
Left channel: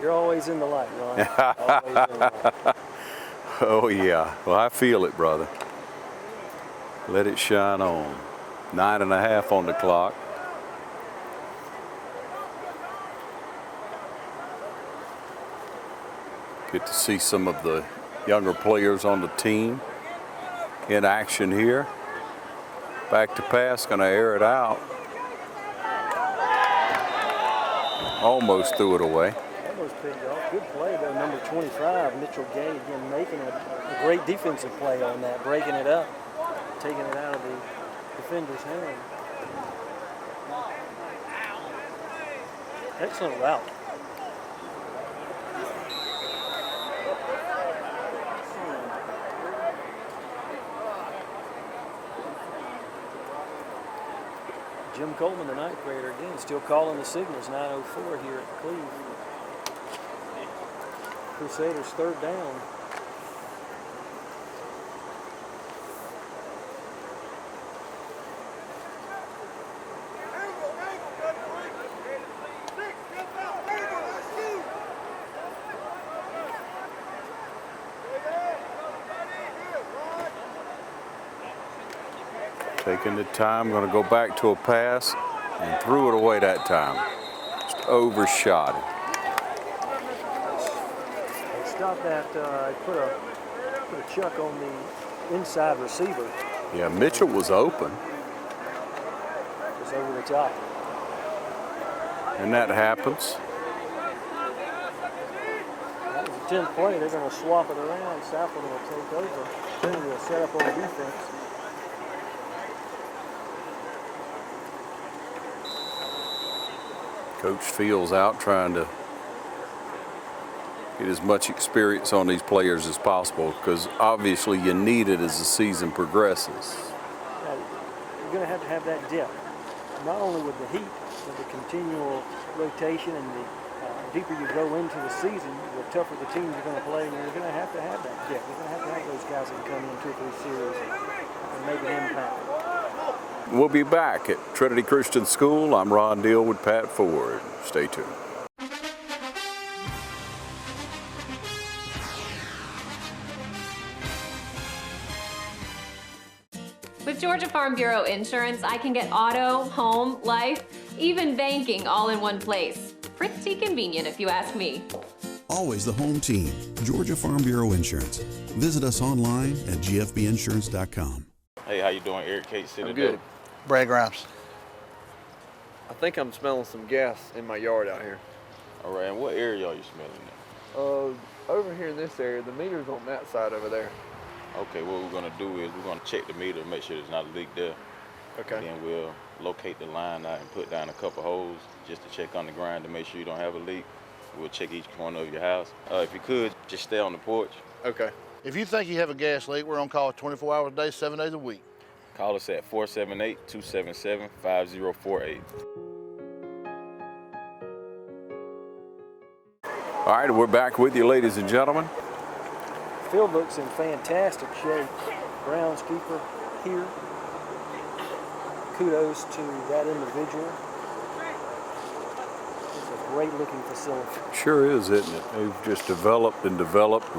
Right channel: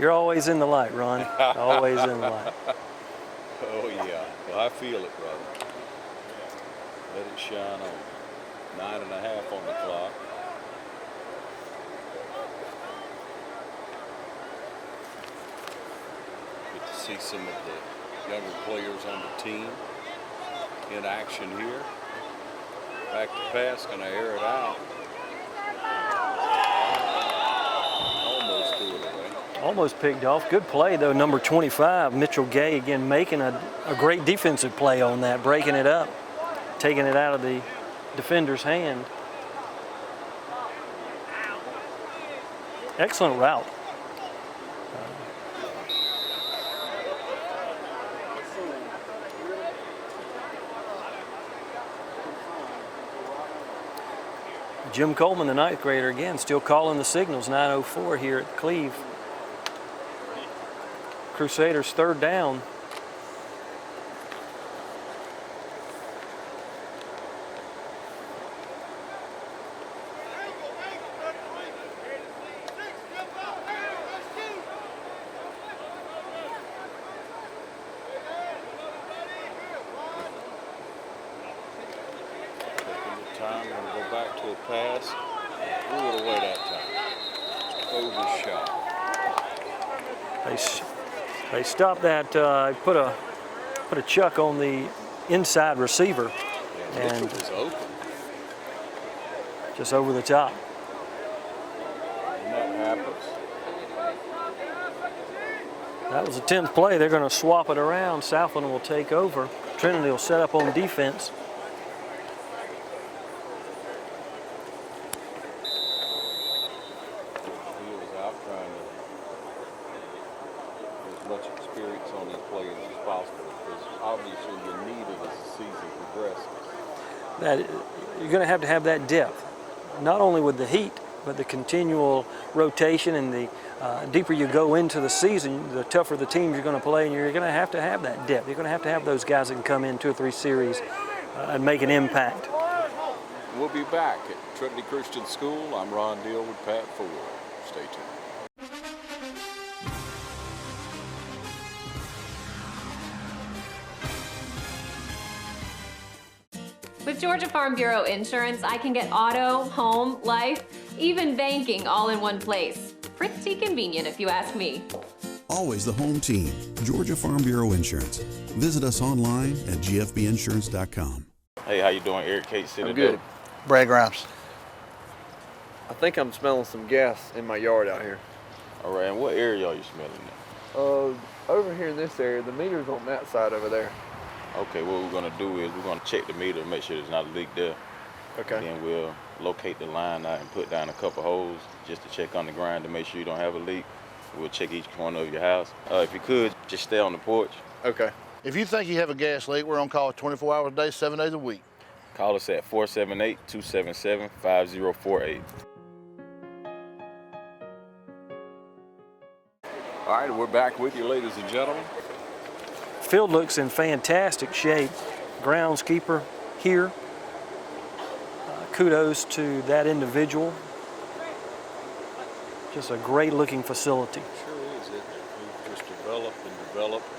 You're always in the light, Ron. Always in the light. Oh, yeah. Well, I feel it, brother. Let it shine on. 9.5 on the clock. Get to see some of the younger players on the team in action here. Back to pass, gonna air it out. Almost threw it away. Almost picked off. Good play, though. Number 25, Mitchell Gay, again, making a great defensive play on that, breaking it up, taking it out of the defender's hand. Excellent route. Jim Coleman, the 9th grader, again, still calling the signals. 9:04 here at Cleve. Crusaders 3rd down. Taking the time, going to go back to a pass and threw it away that time. Just overshot it. They stopped that, put a chuck on the inside receiver. Yeah, Mitchell was open. Just over the top. And that happens. That was the 10th play. They're going to swap it around. Southland will take over. Trinity will set up on defense. Coach Fields out trying to get as much experience on these players as possible because obviously you need it as the season progresses. You're going to have that depth, not only with the heat, but the continual rotation and the deeper you go into the season, the tougher the teams you're going to play, and you're going to have that depth. You're going to have those guys that can come in 2 or 3 series and make an impact. We'll be back at Trinity Christian School. I'm Ron Deal with Pat Ford. Stay tuned. With Georgia Farm Bureau Insurance, I can get auto, home, life, even banking all in one place. Pretty convenient if you ask me. Always the home team, Georgia Farm Bureau Insurance. Visit us online at gfbinsurance.com. Hey, how you doing? Eric Kate City. I'm good. Brad Grimes. I think I'm smelling some gas in my yard out here. All right, and what area are you smelling at? Over here in this area, the meter's on that side over there. Okay, what we're gonna do is we're gonna check the meter, make sure there's not a leak there. Okay. And then we'll locate the line out and put down a couple holes just to check on the ground to make sure you don't have a leak. We'll check each corner of your house. If you could, just stay on the porch. Okay. If you think you have a gas leak, we're on call 24 hours a day, 7 days a week. Call us at 478-277-5048. All right, we're back with you, ladies and gentlemen. Field looks in fantastic shape. Groundskeeper here. Kudos to that individual. Just a great looking facility. Sure is, isn't it? They've just developed,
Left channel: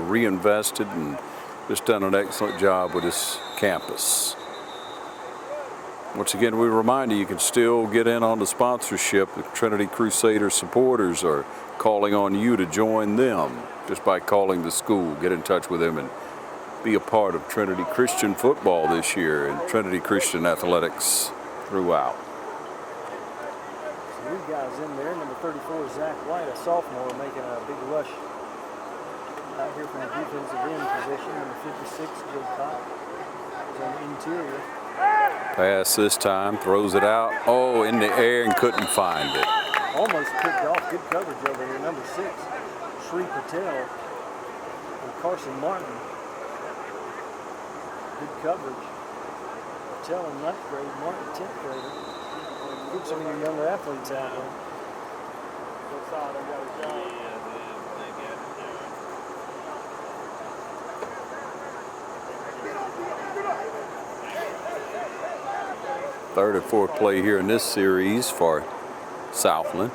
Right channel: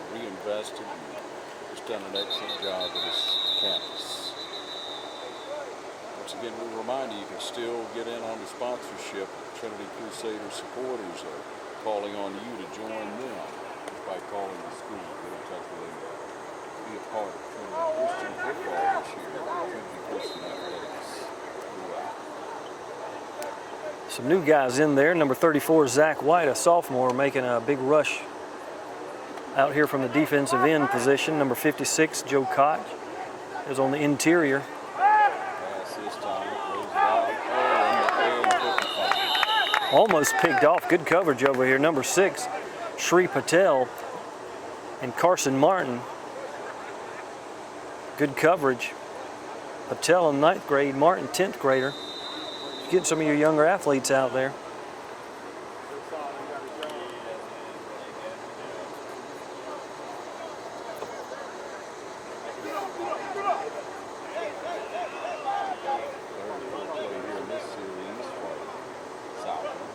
reinvested, and just done an excellent job with this campus. Once again, we remind you can still get in on the sponsorship. The Trinity Crusaders supporters are calling on you to join them just by calling the school. Get in touch with them and be a part of Trinity Christian football this year and Trinity Christian athletics throughout. Some new guys in there. Number 34, Zach White, a sophomore, making a big rush out here from the defensive end position. Number 56, Joe Koch, was on the interior. Pass this time, throws it out. Oh, in the air and couldn't find it. Almost picked off. Good coverage over here. Number 6, Shri Patel and Carson Martin. Good coverage. Patel in 9th grade, Martin 10th grader. Get some of your younger athletes out there. Third or fourth play here in this series for Southland.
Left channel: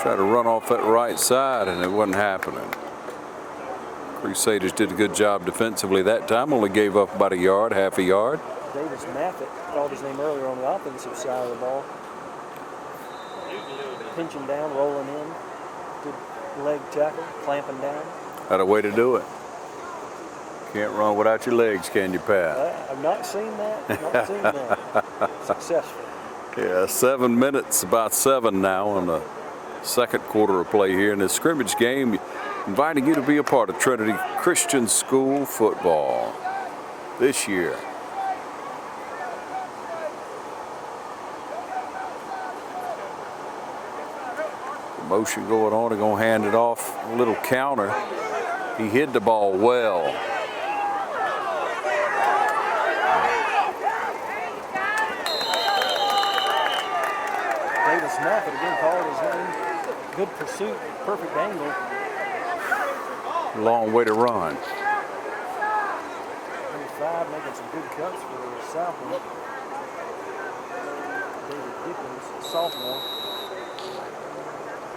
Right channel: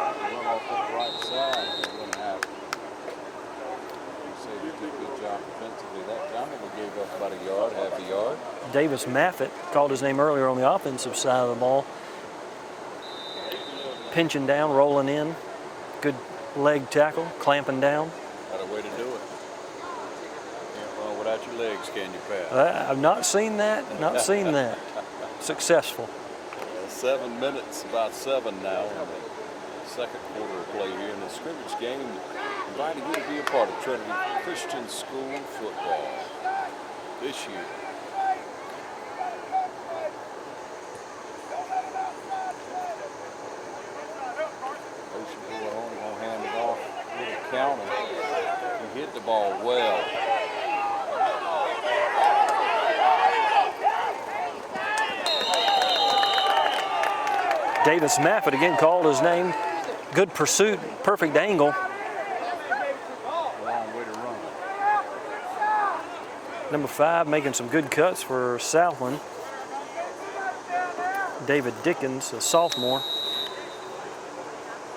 Tried to run off that right side and it wasn't happening. Crusaders did a good job defensively that time, only gave up about a yard, half a yard. Davis Maffett, called his name earlier on the offensive side of the ball. Pinching down, rolling in. Good leg tackle, clamping down. Had a way to do it. Can't run without your legs, can you, Pat? I've not seen that, not seen that. Successful. Yeah, 7 minutes, about 7 now on the second quarter of play here in this scrimmage game. Inviting you to be a part of Trinity Christian School football this year. Motion going on, they're going to hand it off. A little counter. He hid the ball well. Davis Maffett again called his name. Good pursuit, perfect angle. Long way to run. Number 5 making some good cuts for Southland. David Dickens, a sophomore.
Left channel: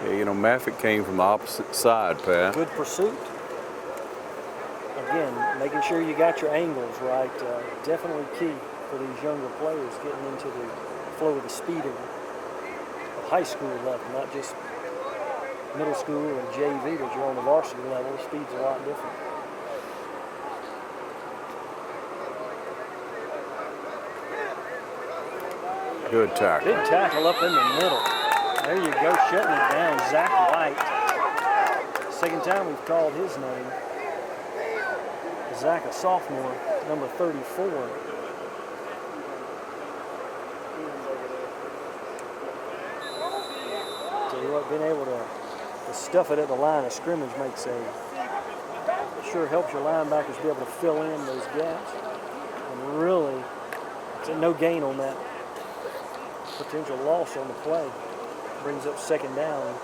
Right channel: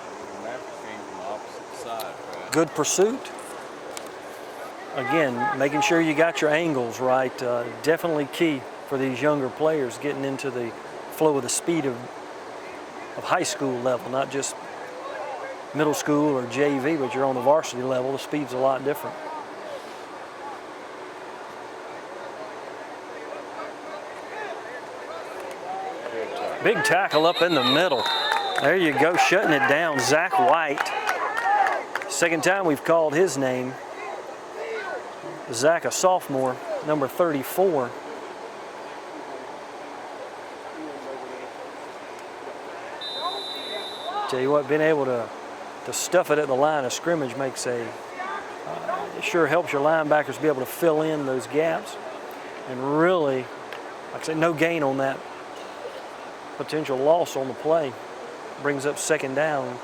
Yeah, you know, Maffett came from the opposite side, Pat. Good pursuit. Again, making sure you got your angles right. Definitely key for these younger players getting into the flow of the speed of high school level, not just middle school or JV, but you're on the varsity level. The speed's a lot different. Good tackle. Big tackle up in the middle. There you go, shutting it down. Zach White. Second time we've called his name. Zach, a sophomore, number 34. Tell you what, being able to stuff it at the line of scrimmage makes sure helps your linebackers be able to fill in those gaps. And really, like I said, no gain on that potential loss on the play. Brings up second down.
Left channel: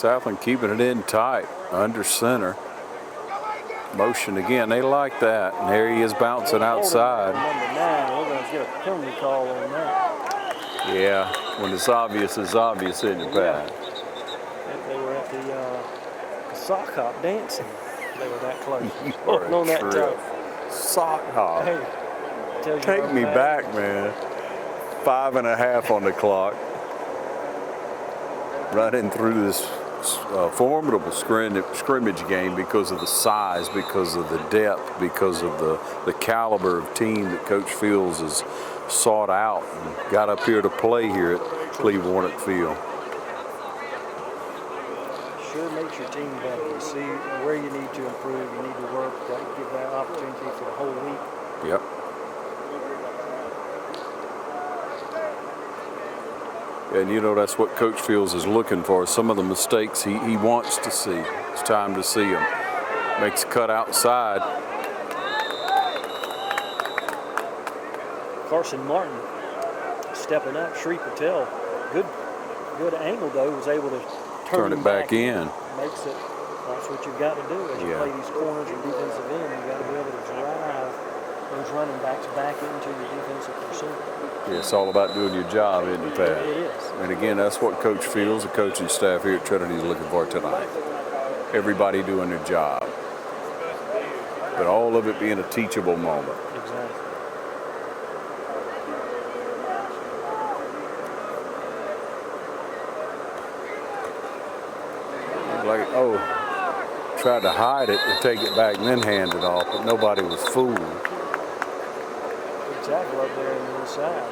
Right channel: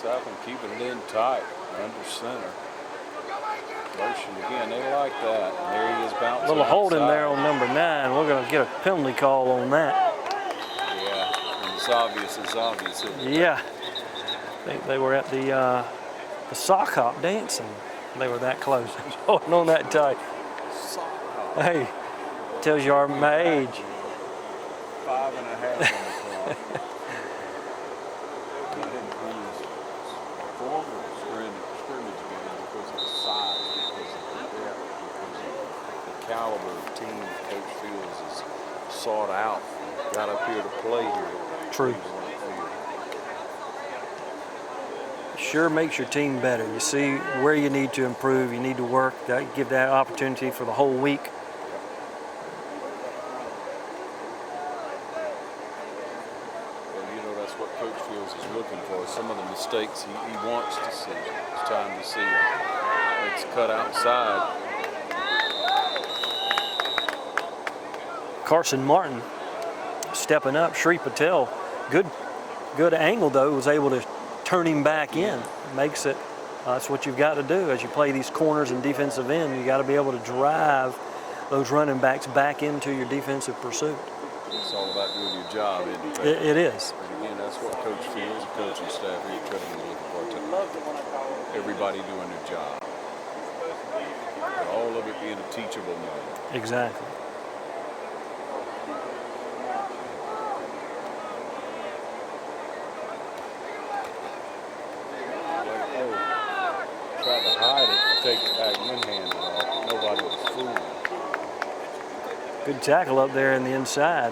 Southland keeping it in tight, under center. Motion again, they like that. And there he is bouncing outside. There on number 9. We're going to get a penalty call on that. Yeah, when it's obvious, isn't it? Yeah. They were at the sock hop dancing. They were that close. On that time. Sock hop. Hey, tells you our Take me back, age. man. 5.5 on the clock. Running through this formidable scrimmage game because of the size, because of the depth, because of the caliber of team that Coach Fields has sought out and got up here to play here at Cleveland Field. Sure makes your team better. You see where you need to improve, you need to work, give that opportunity for the whole week. Yep. And you know, that's what Coach Fields is looking for. Some of the mistakes he wants to see. It's time to see them. Makes a cut outside. Carson Martin stepping up. Shri Patel, good angle though, was able to turn him back in. Makes it, that's what you've got to do as you play these corners and defensive end. You got to be able to drive those running backs back into your defensive pursuit. Yeah, it's all about doing your job, isn't it, Pat? It is. And again, that's what Coach Fields, the coaching staff here at Trinity, is looking for tonight. Everybody doing their job. But all of it being a teachable moment. Exactly. Like, tried to hide it to take it back and then hand it off, but nobody was fooled. Good tackle up there in the inside.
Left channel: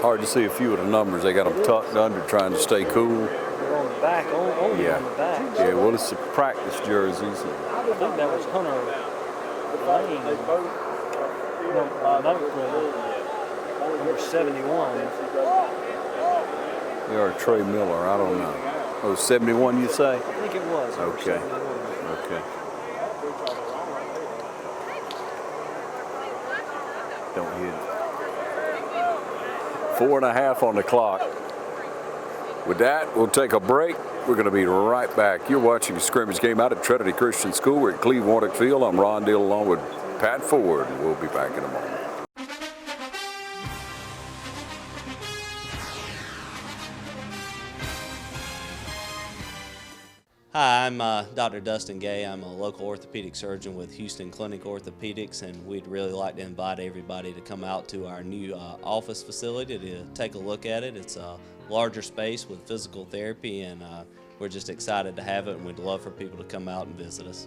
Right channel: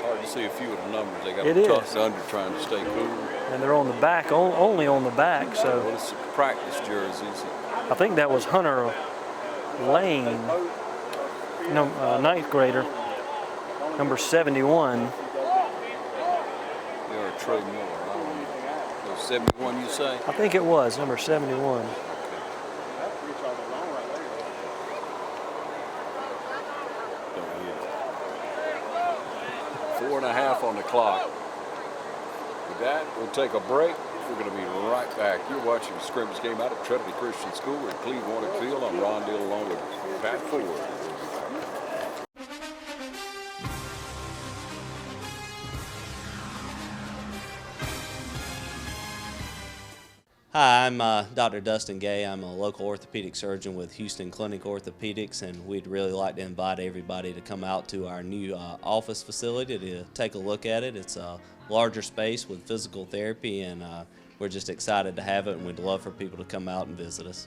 Hard to see a few of the numbers. They got them tucked under trying to stay cool. And they're on the back, only on the back. So. Yeah, well, it's the practice jerseys. I think that was Hunter Lane, ninth grader, number 71. Or Trey Miller, I don't know. Oh, 71 you say? I think it was, number 71. Okay. Don't hit it. 4.5 on the clock. With that, we'll take a break. We're going to be right back. You're watching the scrimmage game out at Trinity Christian School. We're at Cleveland Field. I'm Ron Deal along with Pat Ford. We'll be back in a moment. Hi, I'm Dr. Dustin Gay. I'm a local orthopedic surgeon with Houston Clinic Orthopedics, and we'd really like to invite everybody to come out to our new office facility to take a look at it. It's a larger space with physical therapy, and we're just excited to have it, and we'd love for people to come out and visit us.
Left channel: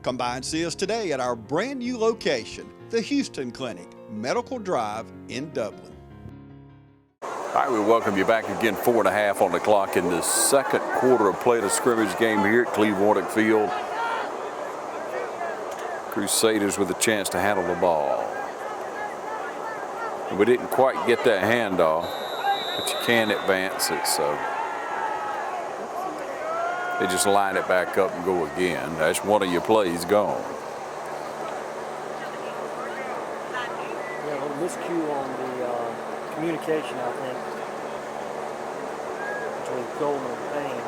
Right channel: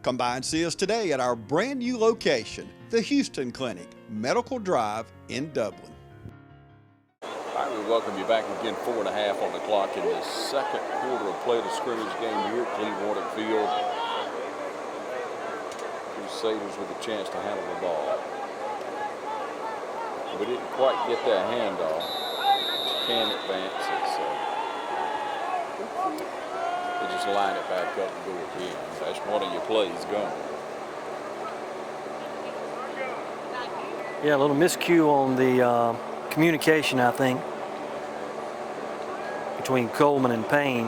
Come by and see us today at our brand new location, the Houston Clinic, Medical Drive in Dublin. All right, we welcome you back again. 4.5 on the clock in the second quarter of play, the scrimmage game here at Cleveland Field. Crusaders with a chance to handle the ball. We didn't quite get that handoff, but you can advance it, so they just line it back up and go again. That's one of your plays gone. Yeah, a little miscue on the communication, I think, between Coleman and Payne.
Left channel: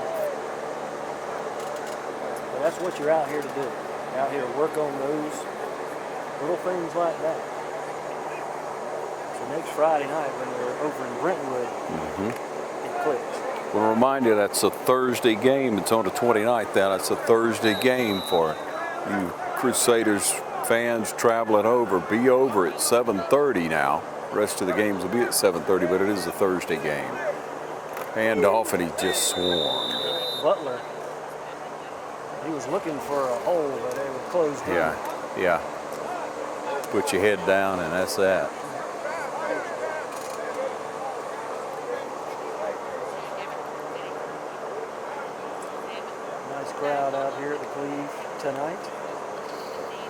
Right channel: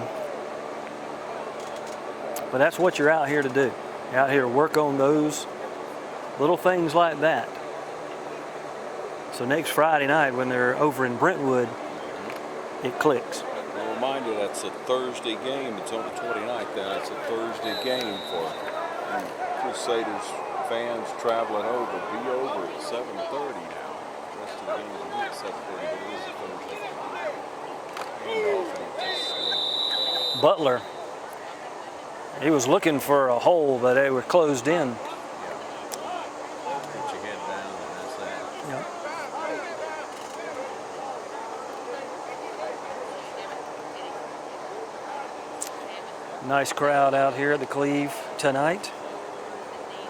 But that's what you're out here to do. You're out here to work on those little things like that. So next Friday night when they're over in Brentwood, it clicks. We'll remind you that's a Thursday game. It's on the 29th. That's a Thursday game for you Crusaders fans traveling over. Be over at 7:30 now. The rest of the games will be at 7:30, but it is a Thursday game. Hand off, and he just swarmed. Butler, he was looking for a hole, but they were closed in. Yeah. Put your head down, and that's that. Yeah. Nice crowd out here at the Cleve tonight.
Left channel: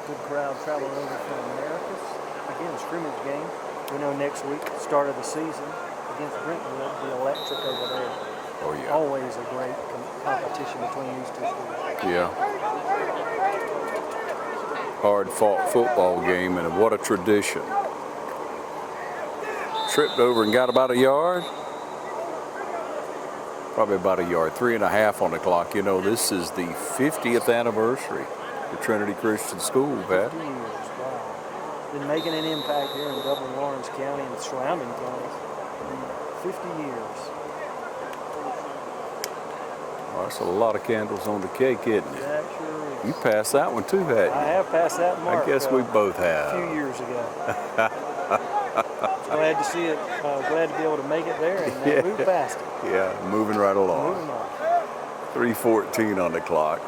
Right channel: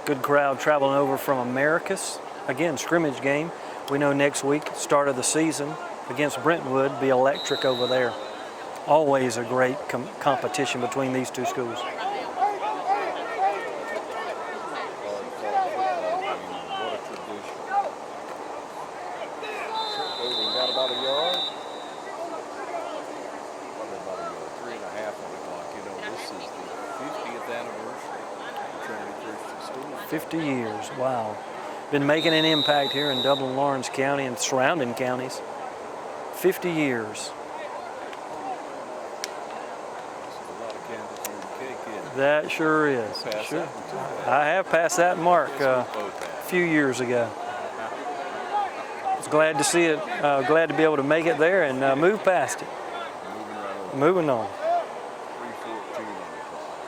Good crowd traveling over from Americus. Again, scrimmage game. We know next week, start of the season, against Brentwood, be electric over there. Oh, yeah. Always a great competition between these two schools. Yeah. Hard-fought football game, and what a tradition. tripped over and got about a yard. Probably about a yard, 3.5 on the clock. You know, this is the 50th anniversary of Trinity Christian School, Pat. 50 years, wow. Been making an impact here in Dublin, Lawrence County and surrounding counties. 50 years. Well, that's a lot of candles on the cake, isn't it? That sure is. You passed that one too, hadn't you? I have passed that mark. I guess we both have. A few years ago. Glad to see it, glad to be able to make it there and move past it. Yeah, moving right along. Moving on. 3:14 on the clock.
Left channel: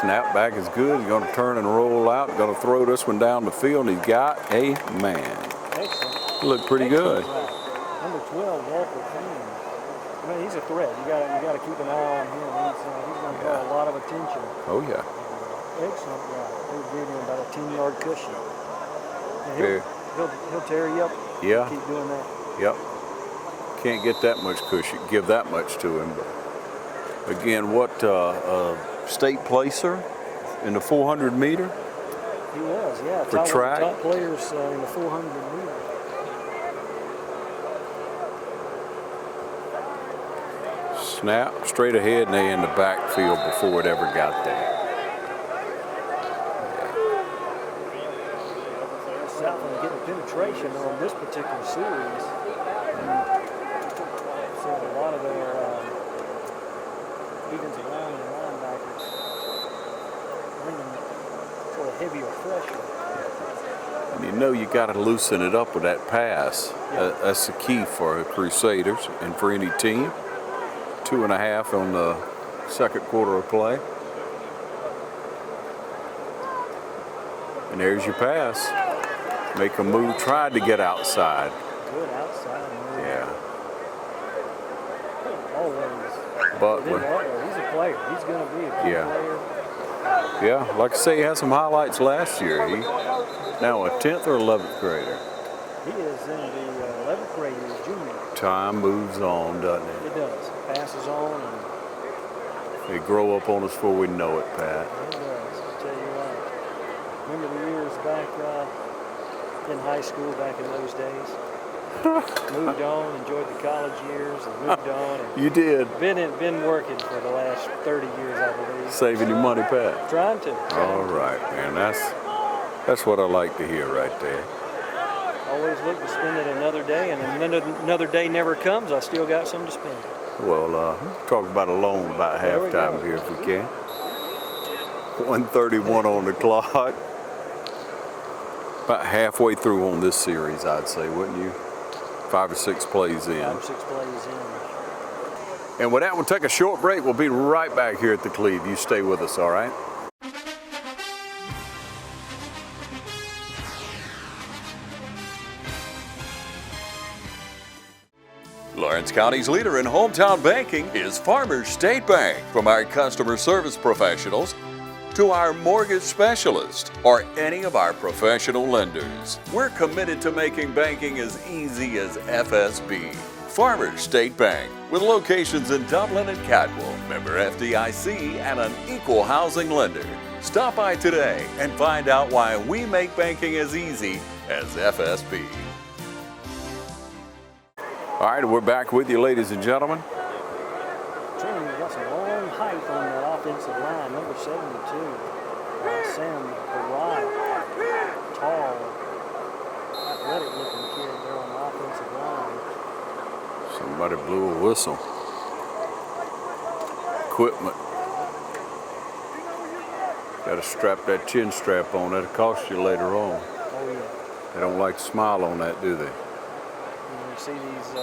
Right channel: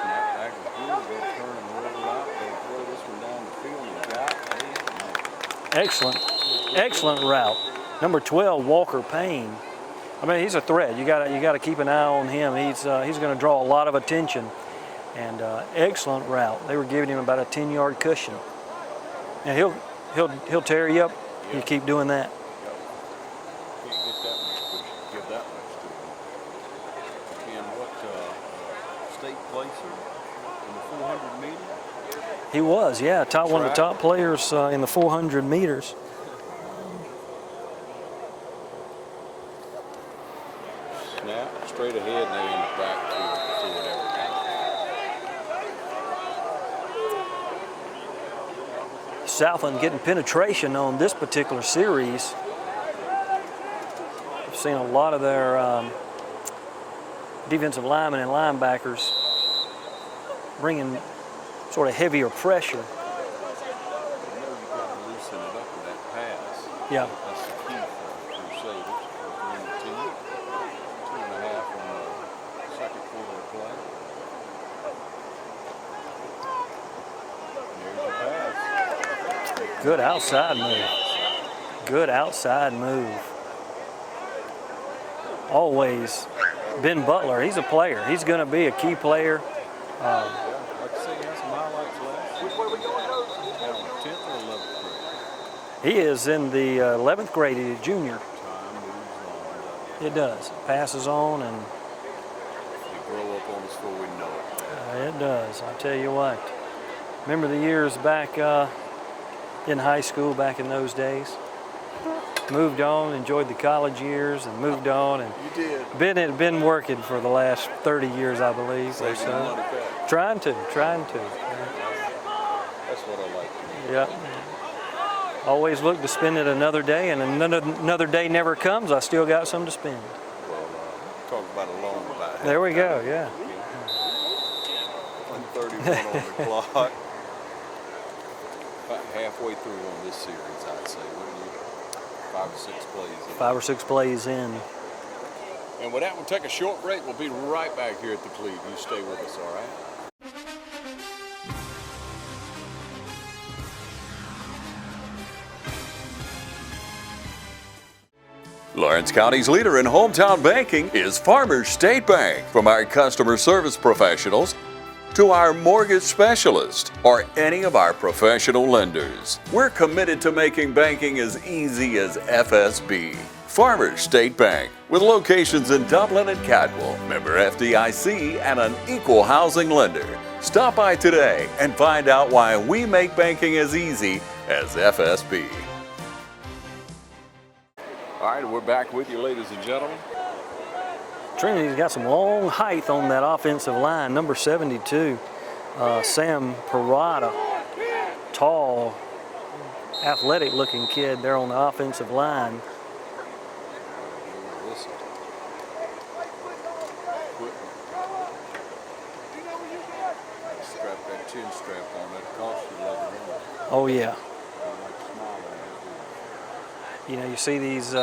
Snap back is good. He's going to turn and roll out. Going to throw this one down the field. He's got a man. Excellent. Looked pretty Excellent good. route. Number 12, Walker Payne. I mean, he's a threat. You got to keep an eye on him. He's going to draw a lot of attention. Oh yeah. And excellent route. They were giving him about a 10-yard cushion. And he'll tear you up. Yeah. You keep doing that. Yep. Can't get that much cushion, give that much to him. But again, what state placer in the 400 meter? He was, yeah. One of the track? top players in the 400 meters. Snap straight ahead and they in the backfield before it ever got there. Southland getting penetration on this particular series. I've seen a lot of their defensive linemen and linebackers bringing sort of heavier pressure. You know you got to loosen it up with that pass. Yeah. That's the key for the Crusaders and for any team. 2.5 on the second quarter of play. And there's your pass. Make a Good move, trying to outside get move. outside. Good outside move. Yeah. Always. Butler. Ben Butler, he's a player. He's going to be a key Yeah. player. Yeah, like I say, he had some highlights last year. He now a 10th or 11th grader. He is in the 11th grade. He's a junior. Time moves on, doesn't it? It does. Passes on, and They grow up on us before we know it, Pat. it does. I'll tell you what. Remember the years back in high school, back in those days? Moved on, enjoyed the college years, and moved on. And You did. Ben had been working for the last 30 years, I believe. Saving your money, Pat. Trying to. All right, man. That's what I like to hear right there. Always look to spend it another day, and another day never comes. I still got some to spend. Well, talk about a loan about There we halftime go, here yeah. if we can. 1:31 on the clock. About halfway through on this series, I'd say, wouldn't you? 5 or 6 plays in. 5 or 6 plays in. And with that, we'll take a short break. We'll be right back here at the Cleve. You stay with us, all right? Lawrence County's leader in hometown banking is Farmers State Bank. From our customer service professionals to our mortgage specialist or any of our professional lenders, we're committed to making banking as easy as FSB. Farmers State Bank, with locations in Dublin and Cadwell, member FDIC, and an equal housing lender. Stop by today and find out why we make banking as easy as FSB. All right, we're back with you, ladies and gentlemen. Trinity's got some long height on that offensive line. Number 72, Sam Parada. Tall, athletic-looking kid there on the offensive line. Somebody blew a whistle. Equipment. Got to strap that chin strap on. That'll cost you later on. Oh, yeah. They don't like to smile on that, do they? You know, you see these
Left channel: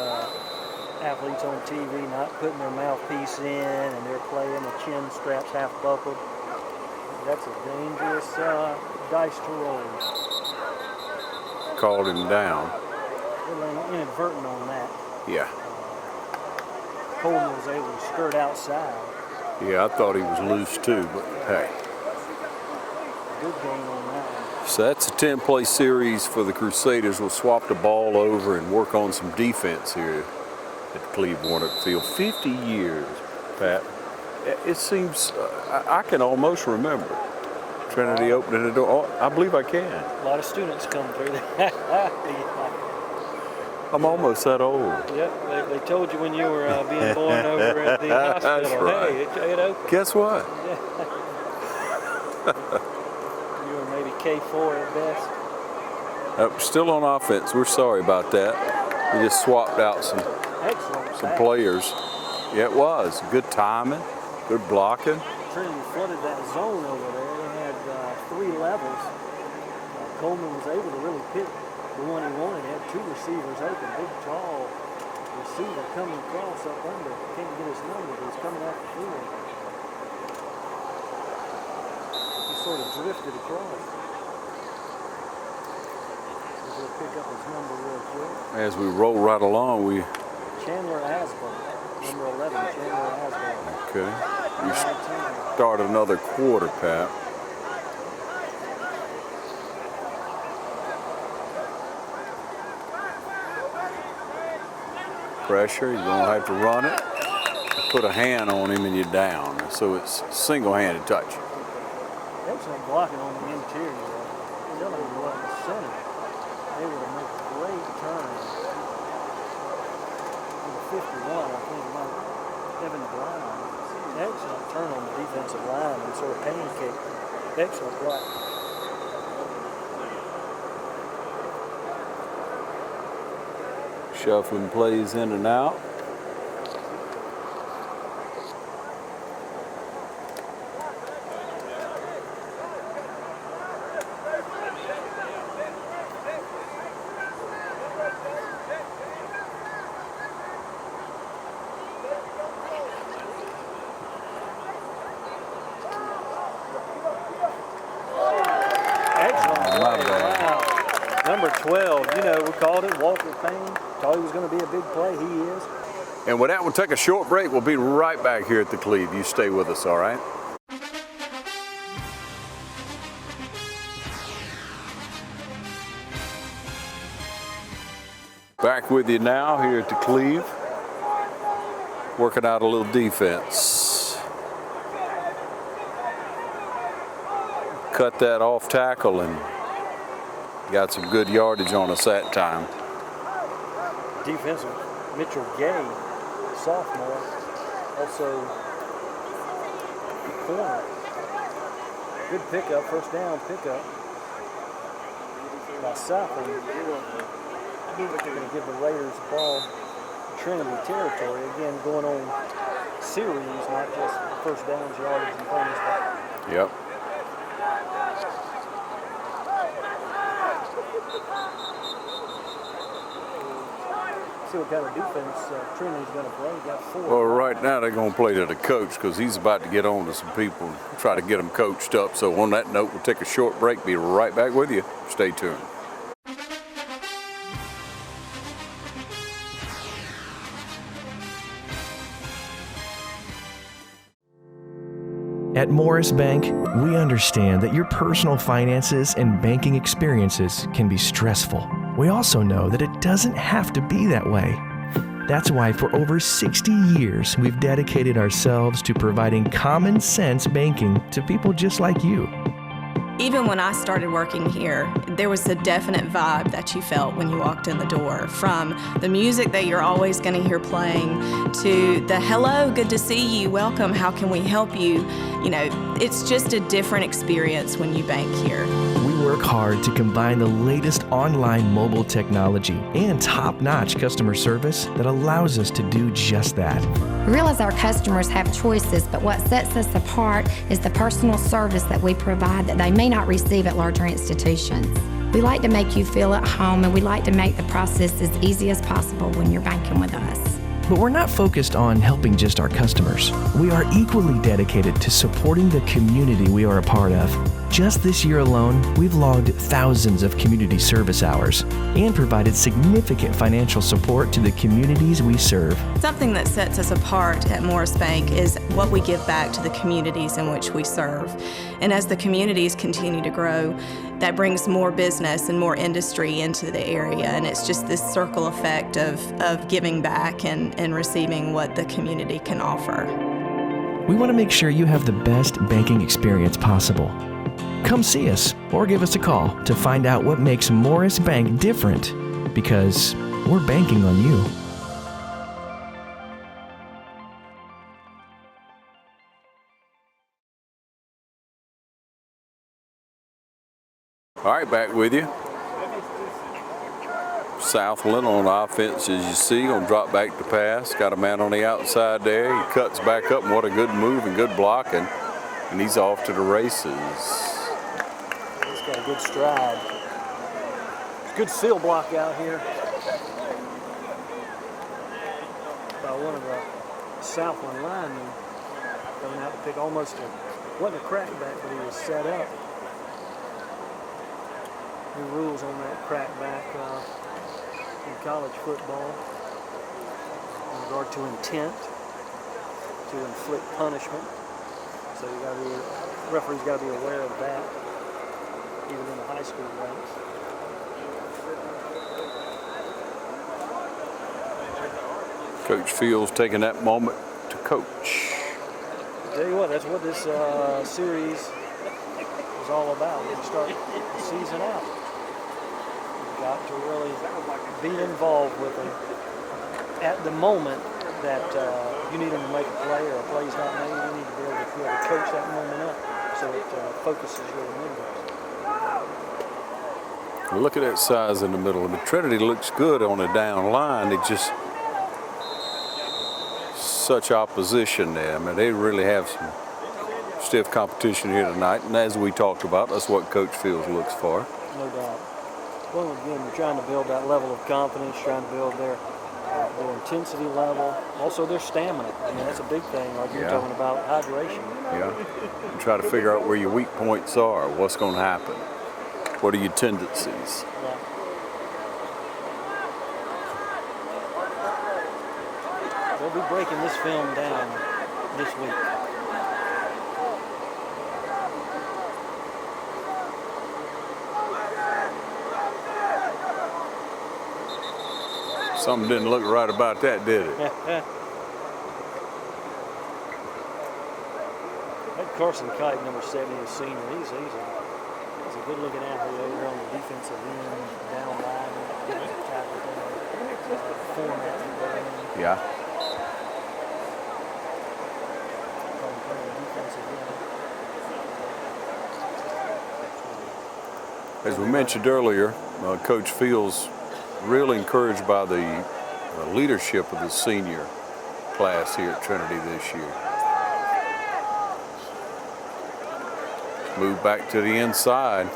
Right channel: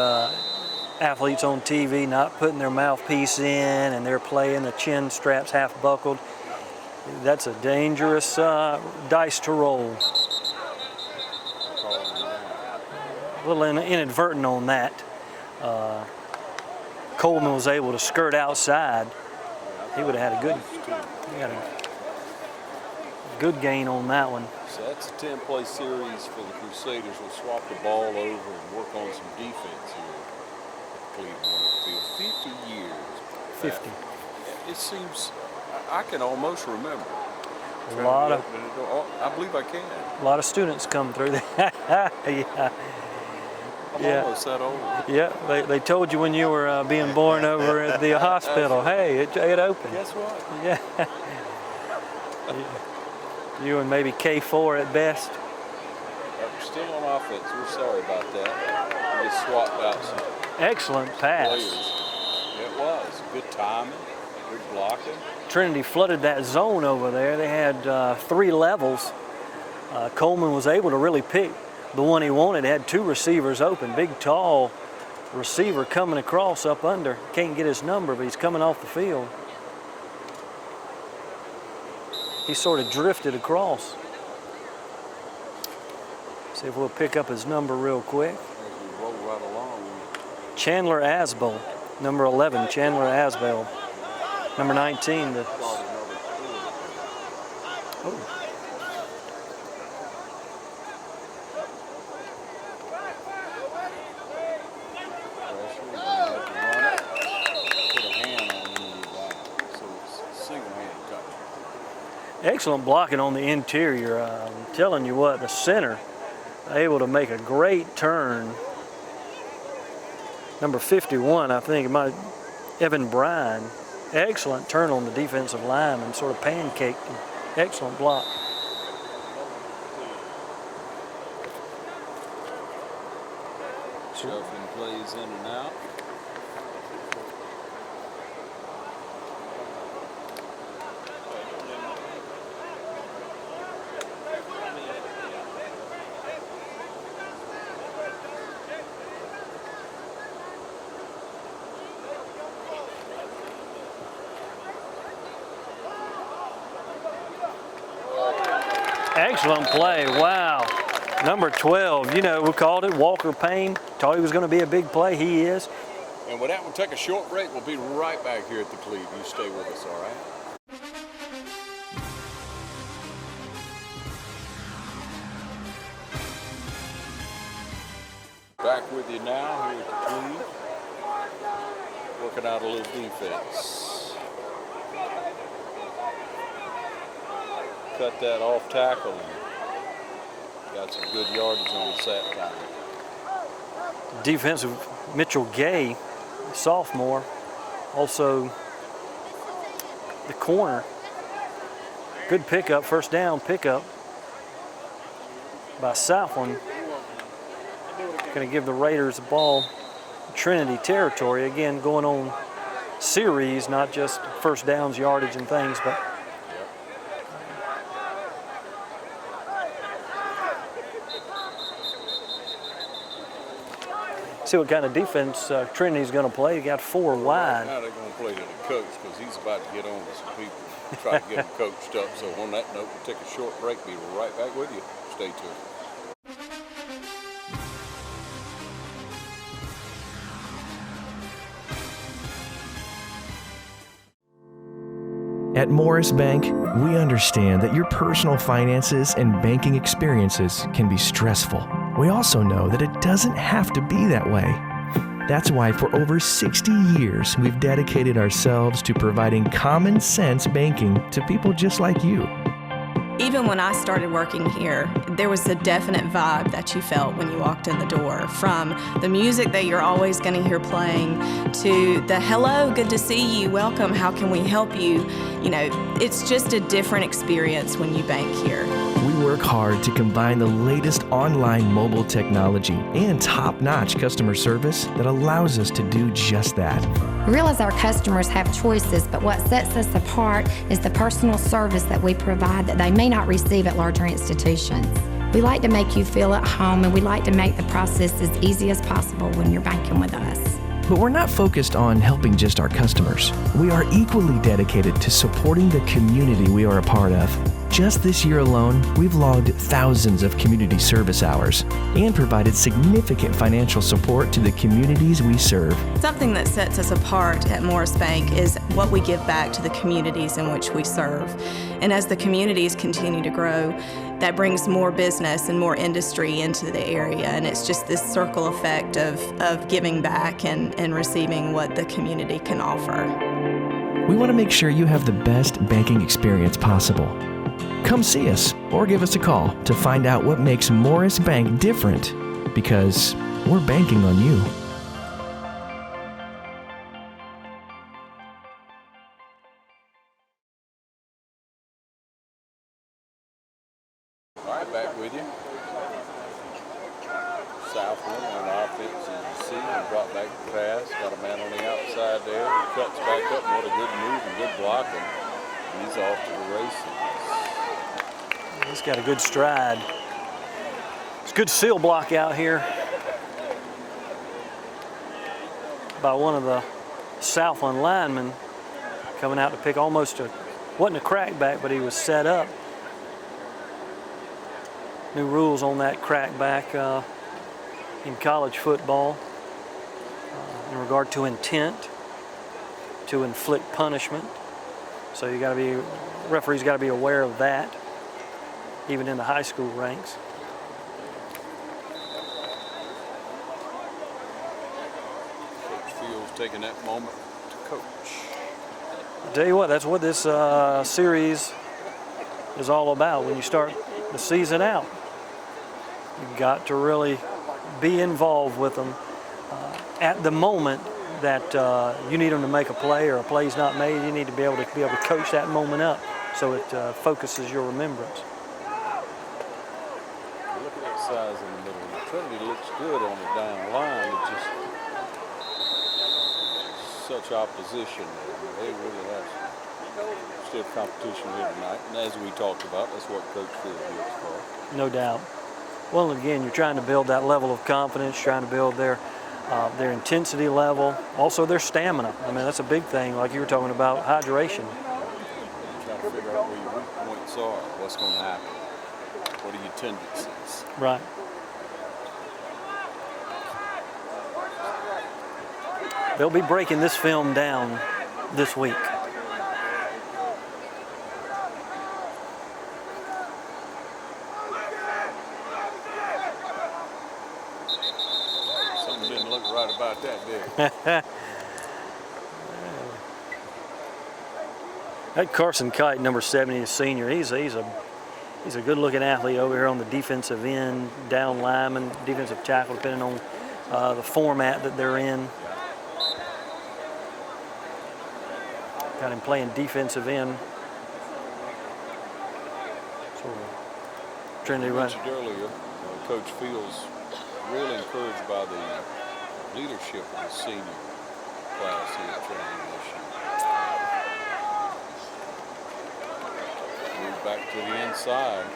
athletes on TV not putting their mouthpiece in, and they're playing the chin straps half buckled. That's a dangerous dice to roll. Called him down. A little inadvertent on that. Yeah. Coleman was able to skirt outside. Yeah, I thought he would've was had a good- loose too, but Yeah. hey. Good gain on that one. So that's a 10-play series for the Crusaders. We'll swap the ball over and work on some defense here at the Cleve Warnock Field. 50 years, Pat. It seems, I can almost remember Trinity opening the door. Oh, I believe I can. A lot of students come through there. Yeah. I'm almost that old. Yeah, they told you when you were being born over at the hospital. Right. Hey, it opened. Guess what? Yeah. You were maybe K4 at best. Still on offense. We're sorry about that. We just swapped out some Excellent pass. players. Yeah, it was. Good timing, good blocking. Trinity flooded that zone over there. They had 3 levels. Coleman was able to really pick the one he wanted. Had 2 receivers open. Big, tall receiver coming across up under. Can't get his number, but he's coming off the field. He sort of drifted across. See if we'll pick up his number real quick. As we roll right along, Chandler Asbold, number 11, Chandler Asbold. Okay. Number 19. Start another quarter, Pat. Pressure, you're going to have to run it. Put a hand on him and you're down. So it's single-handed touch. Excellent blocking on the interior. I'm telling you what, the center able to make a great turn. Number 51, I think, Evan Bryan. Excellent turn on the defensive line and sort of pancaked him. Excellent block. Shuffling plays in and out. Excellent play, wow. Number 12, we called it Walker Payne. Thought he was going to be a big play, he is. And with that, we'll take a short break. We'll be right back here at the Cleve. You stay with us, all right? Back with you now here at the Cleve. Working out a little defense. Cut that off tackle and got some good yardage on us that time. Defensive Mitchell Gay, sophomore, also the corner. Good pickup, first down pickup by Southland. Going to give the Raiders the ball Trinity territory. Again, going on series, not just first downs, yardage, and things, but. Yep. See what kind of defense Trinity's going to play. They got 4 Well, wide. right now they're going to play to the coach because he's about to get on to some people and try to get them coached up. So on that note, we'll take a short break. Be right back with you. Stay tuned. At Morris Bank, we understand that your personal finances and banking experiences can be stressful. We also know that it doesn't have to be that way. That's why for over 60 years, we've dedicated ourselves to providing common sense banking to people just like you. Even when I started working here, there was a definite vibe that you felt when you walked in the door, from the music that you're always going to hear playing to the hello, good to see you, welcome, how can we help you? It's just a different experience when you bank here. We work hard to combine the latest online mobile technology and top-notch customer service that allows us to do just that. We realize our customers have choices, but what sets us apart is the personal service that we provide that they may not receive at larger institutions. We like to make you feel at home, and we like to make the process as easy as possible when you're banking with us. But we're not focused on helping just our customers. We are equally dedicated to supporting the community we are a part of. Just this year alone, we've logged thousands of community service hours and provided significant financial support to the communities we serve. Something that sets us apart at Morris Bank is what we give back to the communities in which we serve. And as the communities continue to grow, that brings more business and more industry into the area. And it's just this circle effect of giving back and receiving what the community can offer. We want to make sure you have the best banking experience possible. Come see us or give us a call to find out what makes Morris Bank different, because we're banking on you. All right, back with you. Southland on offense, as you see, going to drop back to pass. Got a man on the outside there. He cuts back up, and what a good move and good blocking. And he's off to the races. He's got a good stride. It's a good seal block out here by one of the Southland linemen coming out to pick almost wasn't a crackback, but he was set up. New rules on that crackback in college football in regard to intent to inflict punishment. So you got to be, referees got to be aware of that, even in the high school ranks. Coach Fields taking that moment to coach. I'll tell you what, that's what this series is all about. When you start the season out, you've got to really be involved with them at the moment that you need them to make a play or a play's not made. You need to be able to coach that moment up so it focuses your remembrance. Look at that size in the middle. And the Trinity looks good on the down line. It just such opposition there. I mean, they really have some stiff competition here tonight. And as we talked about, that's what Coach Fields looks for. No doubt. Well, again, you're trying to build that level of confidence, trying to build their intensity level, also their stamina. I mean, that's a big thing, like you were talking about, hydration. Yeah. And try to figure out where your weak points are, what's going to happen, what are your tendencies. Right. They'll be breaking this film down this week. Something didn't look right about that, did it? That Carson Kite, number 70, is senior. He's a good-looking athlete over here on the defensive end, down lineman, defensive tackle, depending on the format that they're in. Yeah. Got him playing defensive end. As we mentioned earlier, Coach Fields really encouraged by the leadership of the senior class here at Trinity this year. Move back to the inside.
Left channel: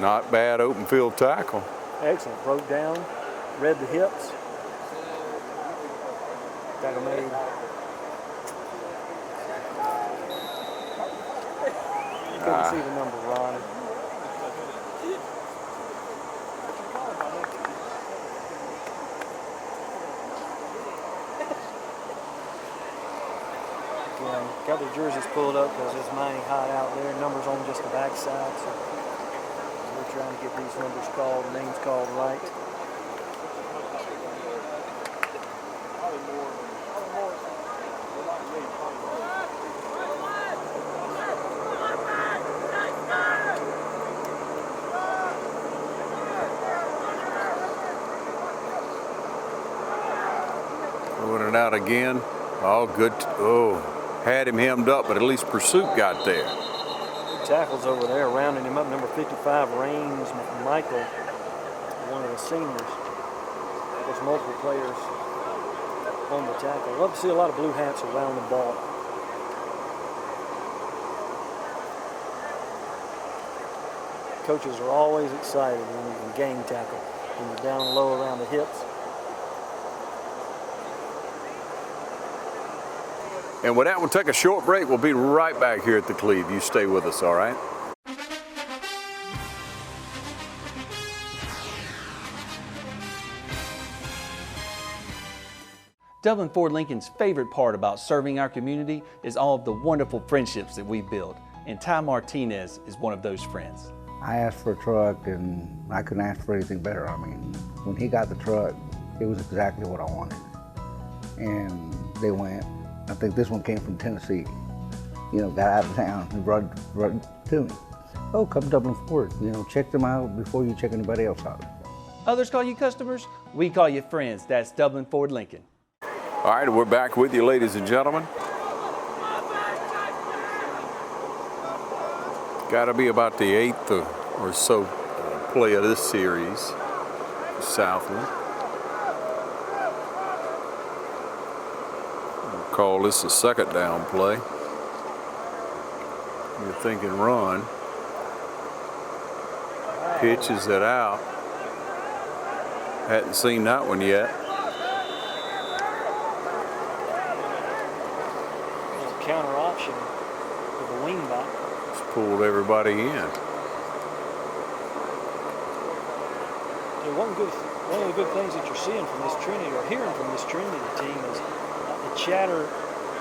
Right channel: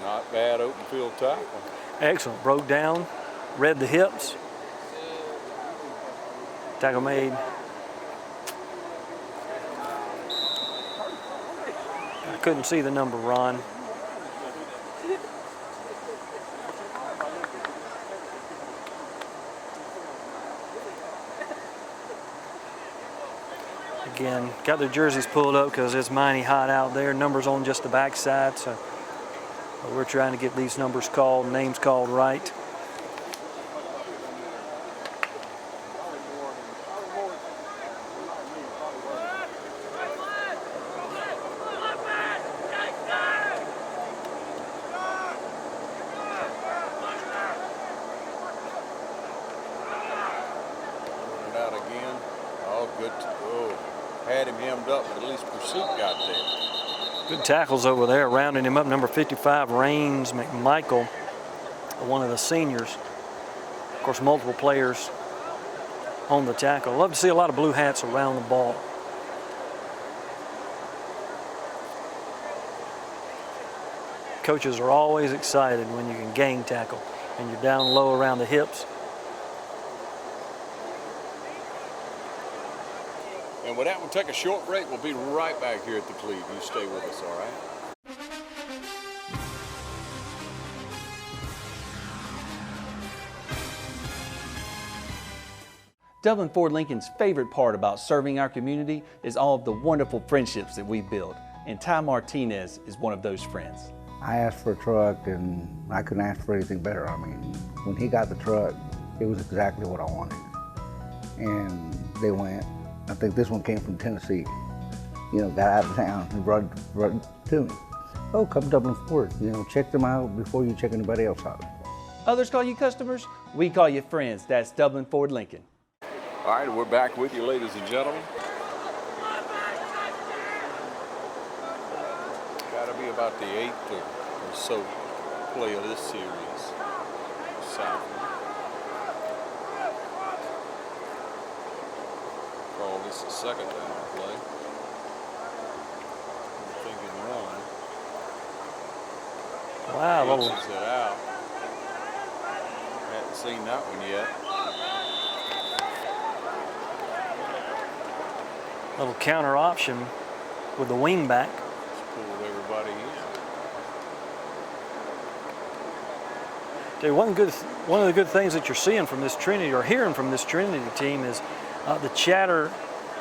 Not bad open field tackle. Excellent. Broke down, read the hips. Tackle made. I couldn't see the number, Ron. Again, got their jerseys pulled up because it's mighty hot out there. Numbers on just the backside, so we're trying to get these numbers called, names called right. Throwing it out again. Oh, good. Oh. Had him hemmed up, but at least pursuit got there. Good tackles over there, rounding him up. Number 55, Raines McMichael, one of the seniors. Of course, multiple players on the tackle. Love to see a lot of blue hats around the ball. Coaches are always excited when you can gang tackle, when you're down low around the hips. And with that, we'll take a short break. We'll be right back here at the Cleve. You stay with us, all right? Dublin Ford Lincoln's favorite part about serving our community is all of the wonderful friendships that we've built. And Ty Martinez is one of those friends. I asked for a truck and I couldn't ask for anything better. I mean, when he got the truck, it was exactly what I wanted. And they went. I think this one came from Tennessee. You know, got out of town and brought it to me. Oh, come Dublin Ford. You know, check them out before you check anybody else out. Others call you customers, we call you friends. That's Dublin Ford Lincoln. All right, we're back with you, ladies and gentlemen. Got to be about the 8th or so play of this series. Southland. We'll call this a second down play. You're thinking run. Wow. Pitches it out. Hadn't seen that one yet. Little counter option with the wing back. Just pulled everybody in. Dude, one of the good things that you're seeing from this Trinity, or hearing from this Trinity team, is the chatter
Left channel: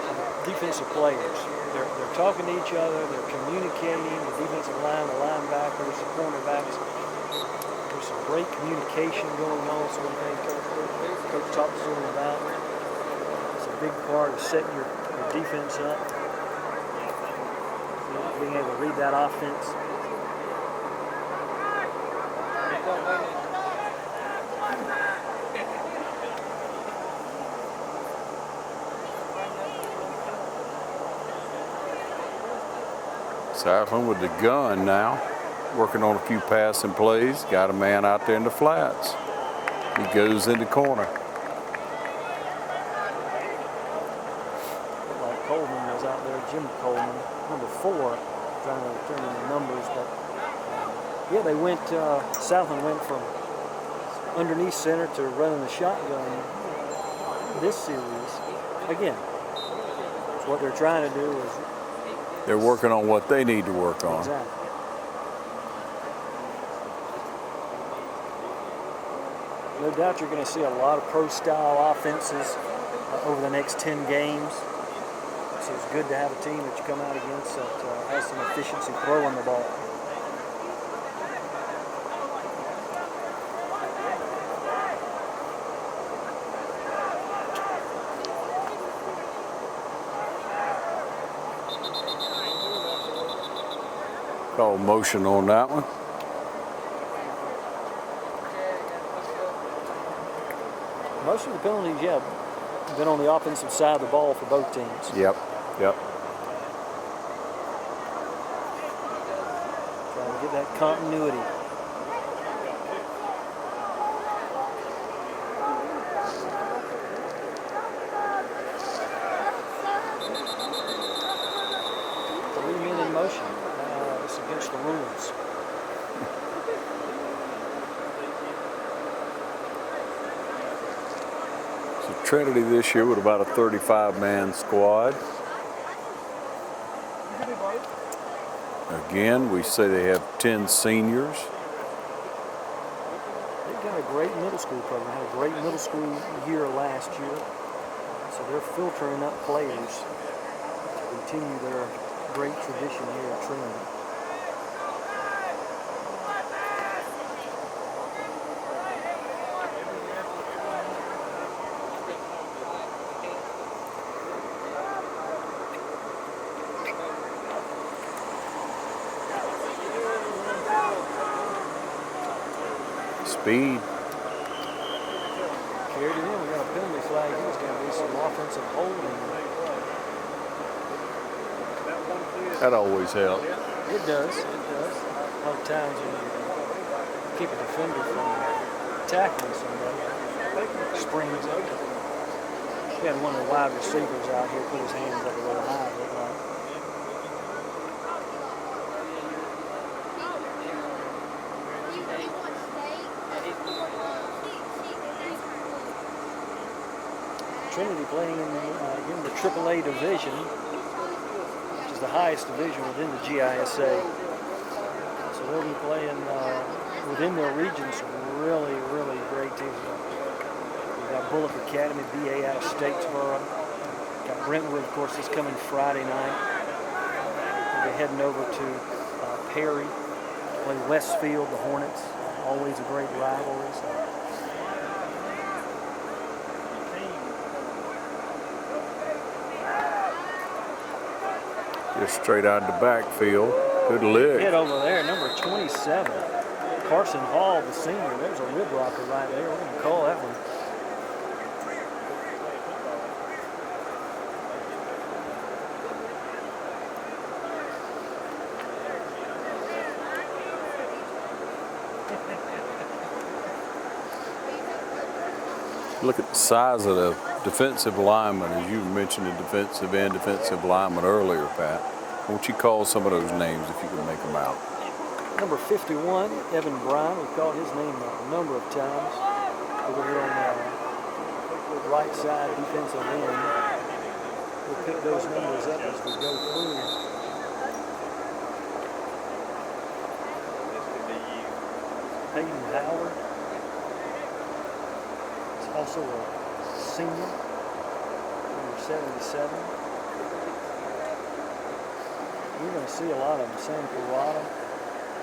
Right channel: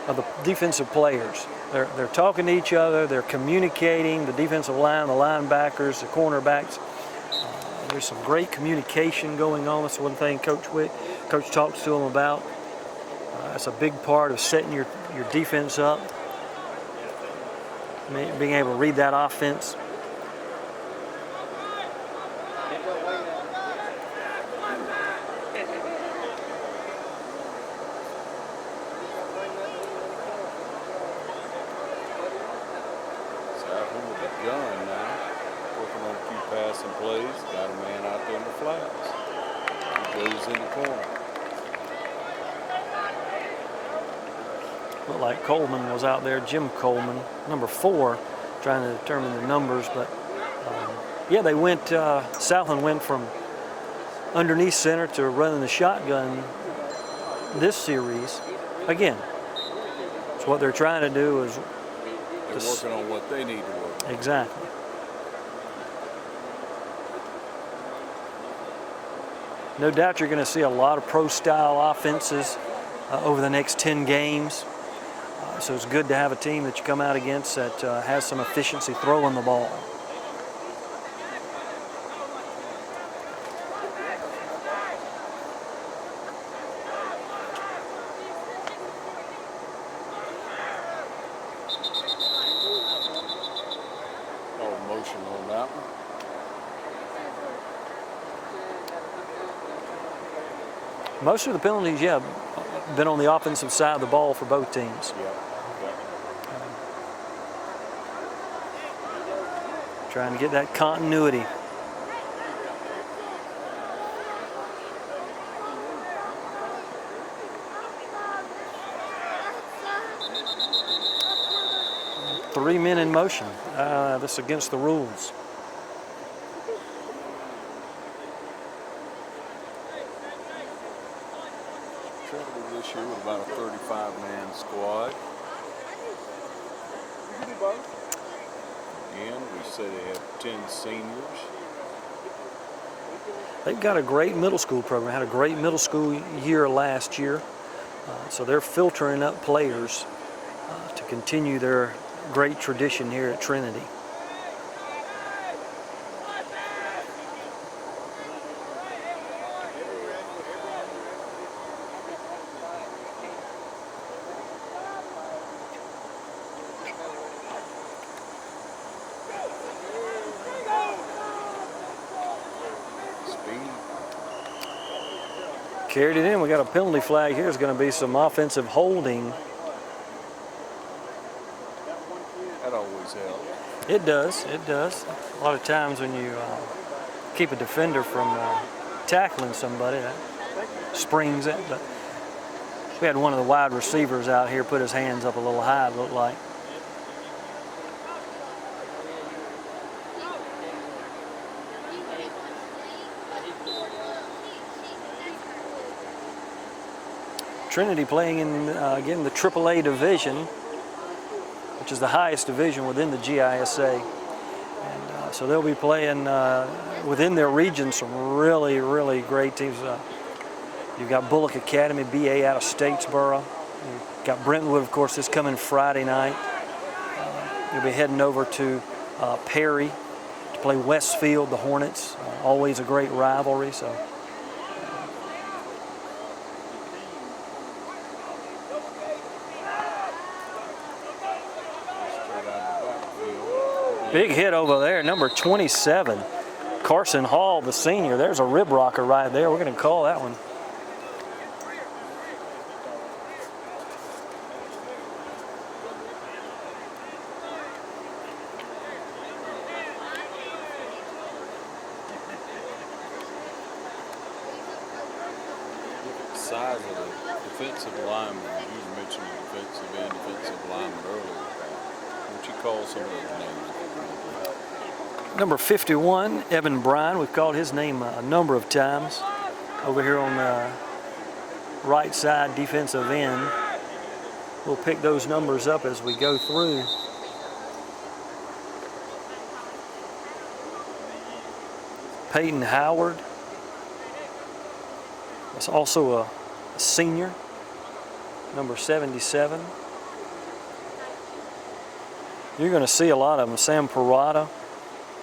of the defensive players. They're talking to each other, they're communicating, the defensive line, the linebackers, the cornerbacks. There's some great communication going on. That's one thing Coach talks to them about. That's a big part of setting your defense up, being able to read that offense. Southland with the gun now, working on a few passing plays. Got a man out there in the flats. He goes in the corner. Looked like Coleman was out there, Jim Coleman, number 4, trying to determine the numbers. But yeah, they went, Southland went from underneath center to running the shotgun this series. Again, so what they're trying to do is they're working on what they need to work on. Exactly. No doubt you're going to see a lot of pro-style offenses over the next 10 games. So it's good to have a team that you come out against that has some efficiency throwing the ball. Call motion on that one. Most of the penalties, yeah, been on the offensive side of the ball for both teams. Yep. Trying to get that continuity. Three men in motion. That's against the rules. So Trinity this year with about a 35-man squad. Again, we say they have 10 seniors. They've got a great middle school program. Had a great middle school year last year. So they're filtering up players to continue their great tradition here at Trinity. Speed. Carried it in. We got a penalty flag here. There's going to be some offensive holding. That always helps. It does. It does. A lot of times when you keep a defender from tackling somebody, that springs it. But we had one of the wide receivers out here put his hands up a little high, it looked like. Trinity playing in, again, the AAA division, which is the highest division within the GISA. So they'll be playing within their region some really, really great teams. You've got Bullock Academy, BA out of Statesboro. You've got Brentwood, of course, this coming Friday night. They'll be heading over to Perry to play Westfield, the Hornets. Always a great rivalry. So. Just straight out of the backfield. Good lift. Big hit over there, number 27. Carson Hall, the senior. There's a rib rocker right there. We're going to call that one. Look at the size of the defensive lineman, as you mentioned the defensive end, defensive lineman earlier, Pat. Won't you call some of those names if you can make them out? Number 51, Evan Bryan. We've called his name a number of times. Over here on the right side, defensive end. We'll pick those numbers up as we go through. Peyton Howard. It's also a senior, number 77. You're going to see a lot of them. Sam Parada,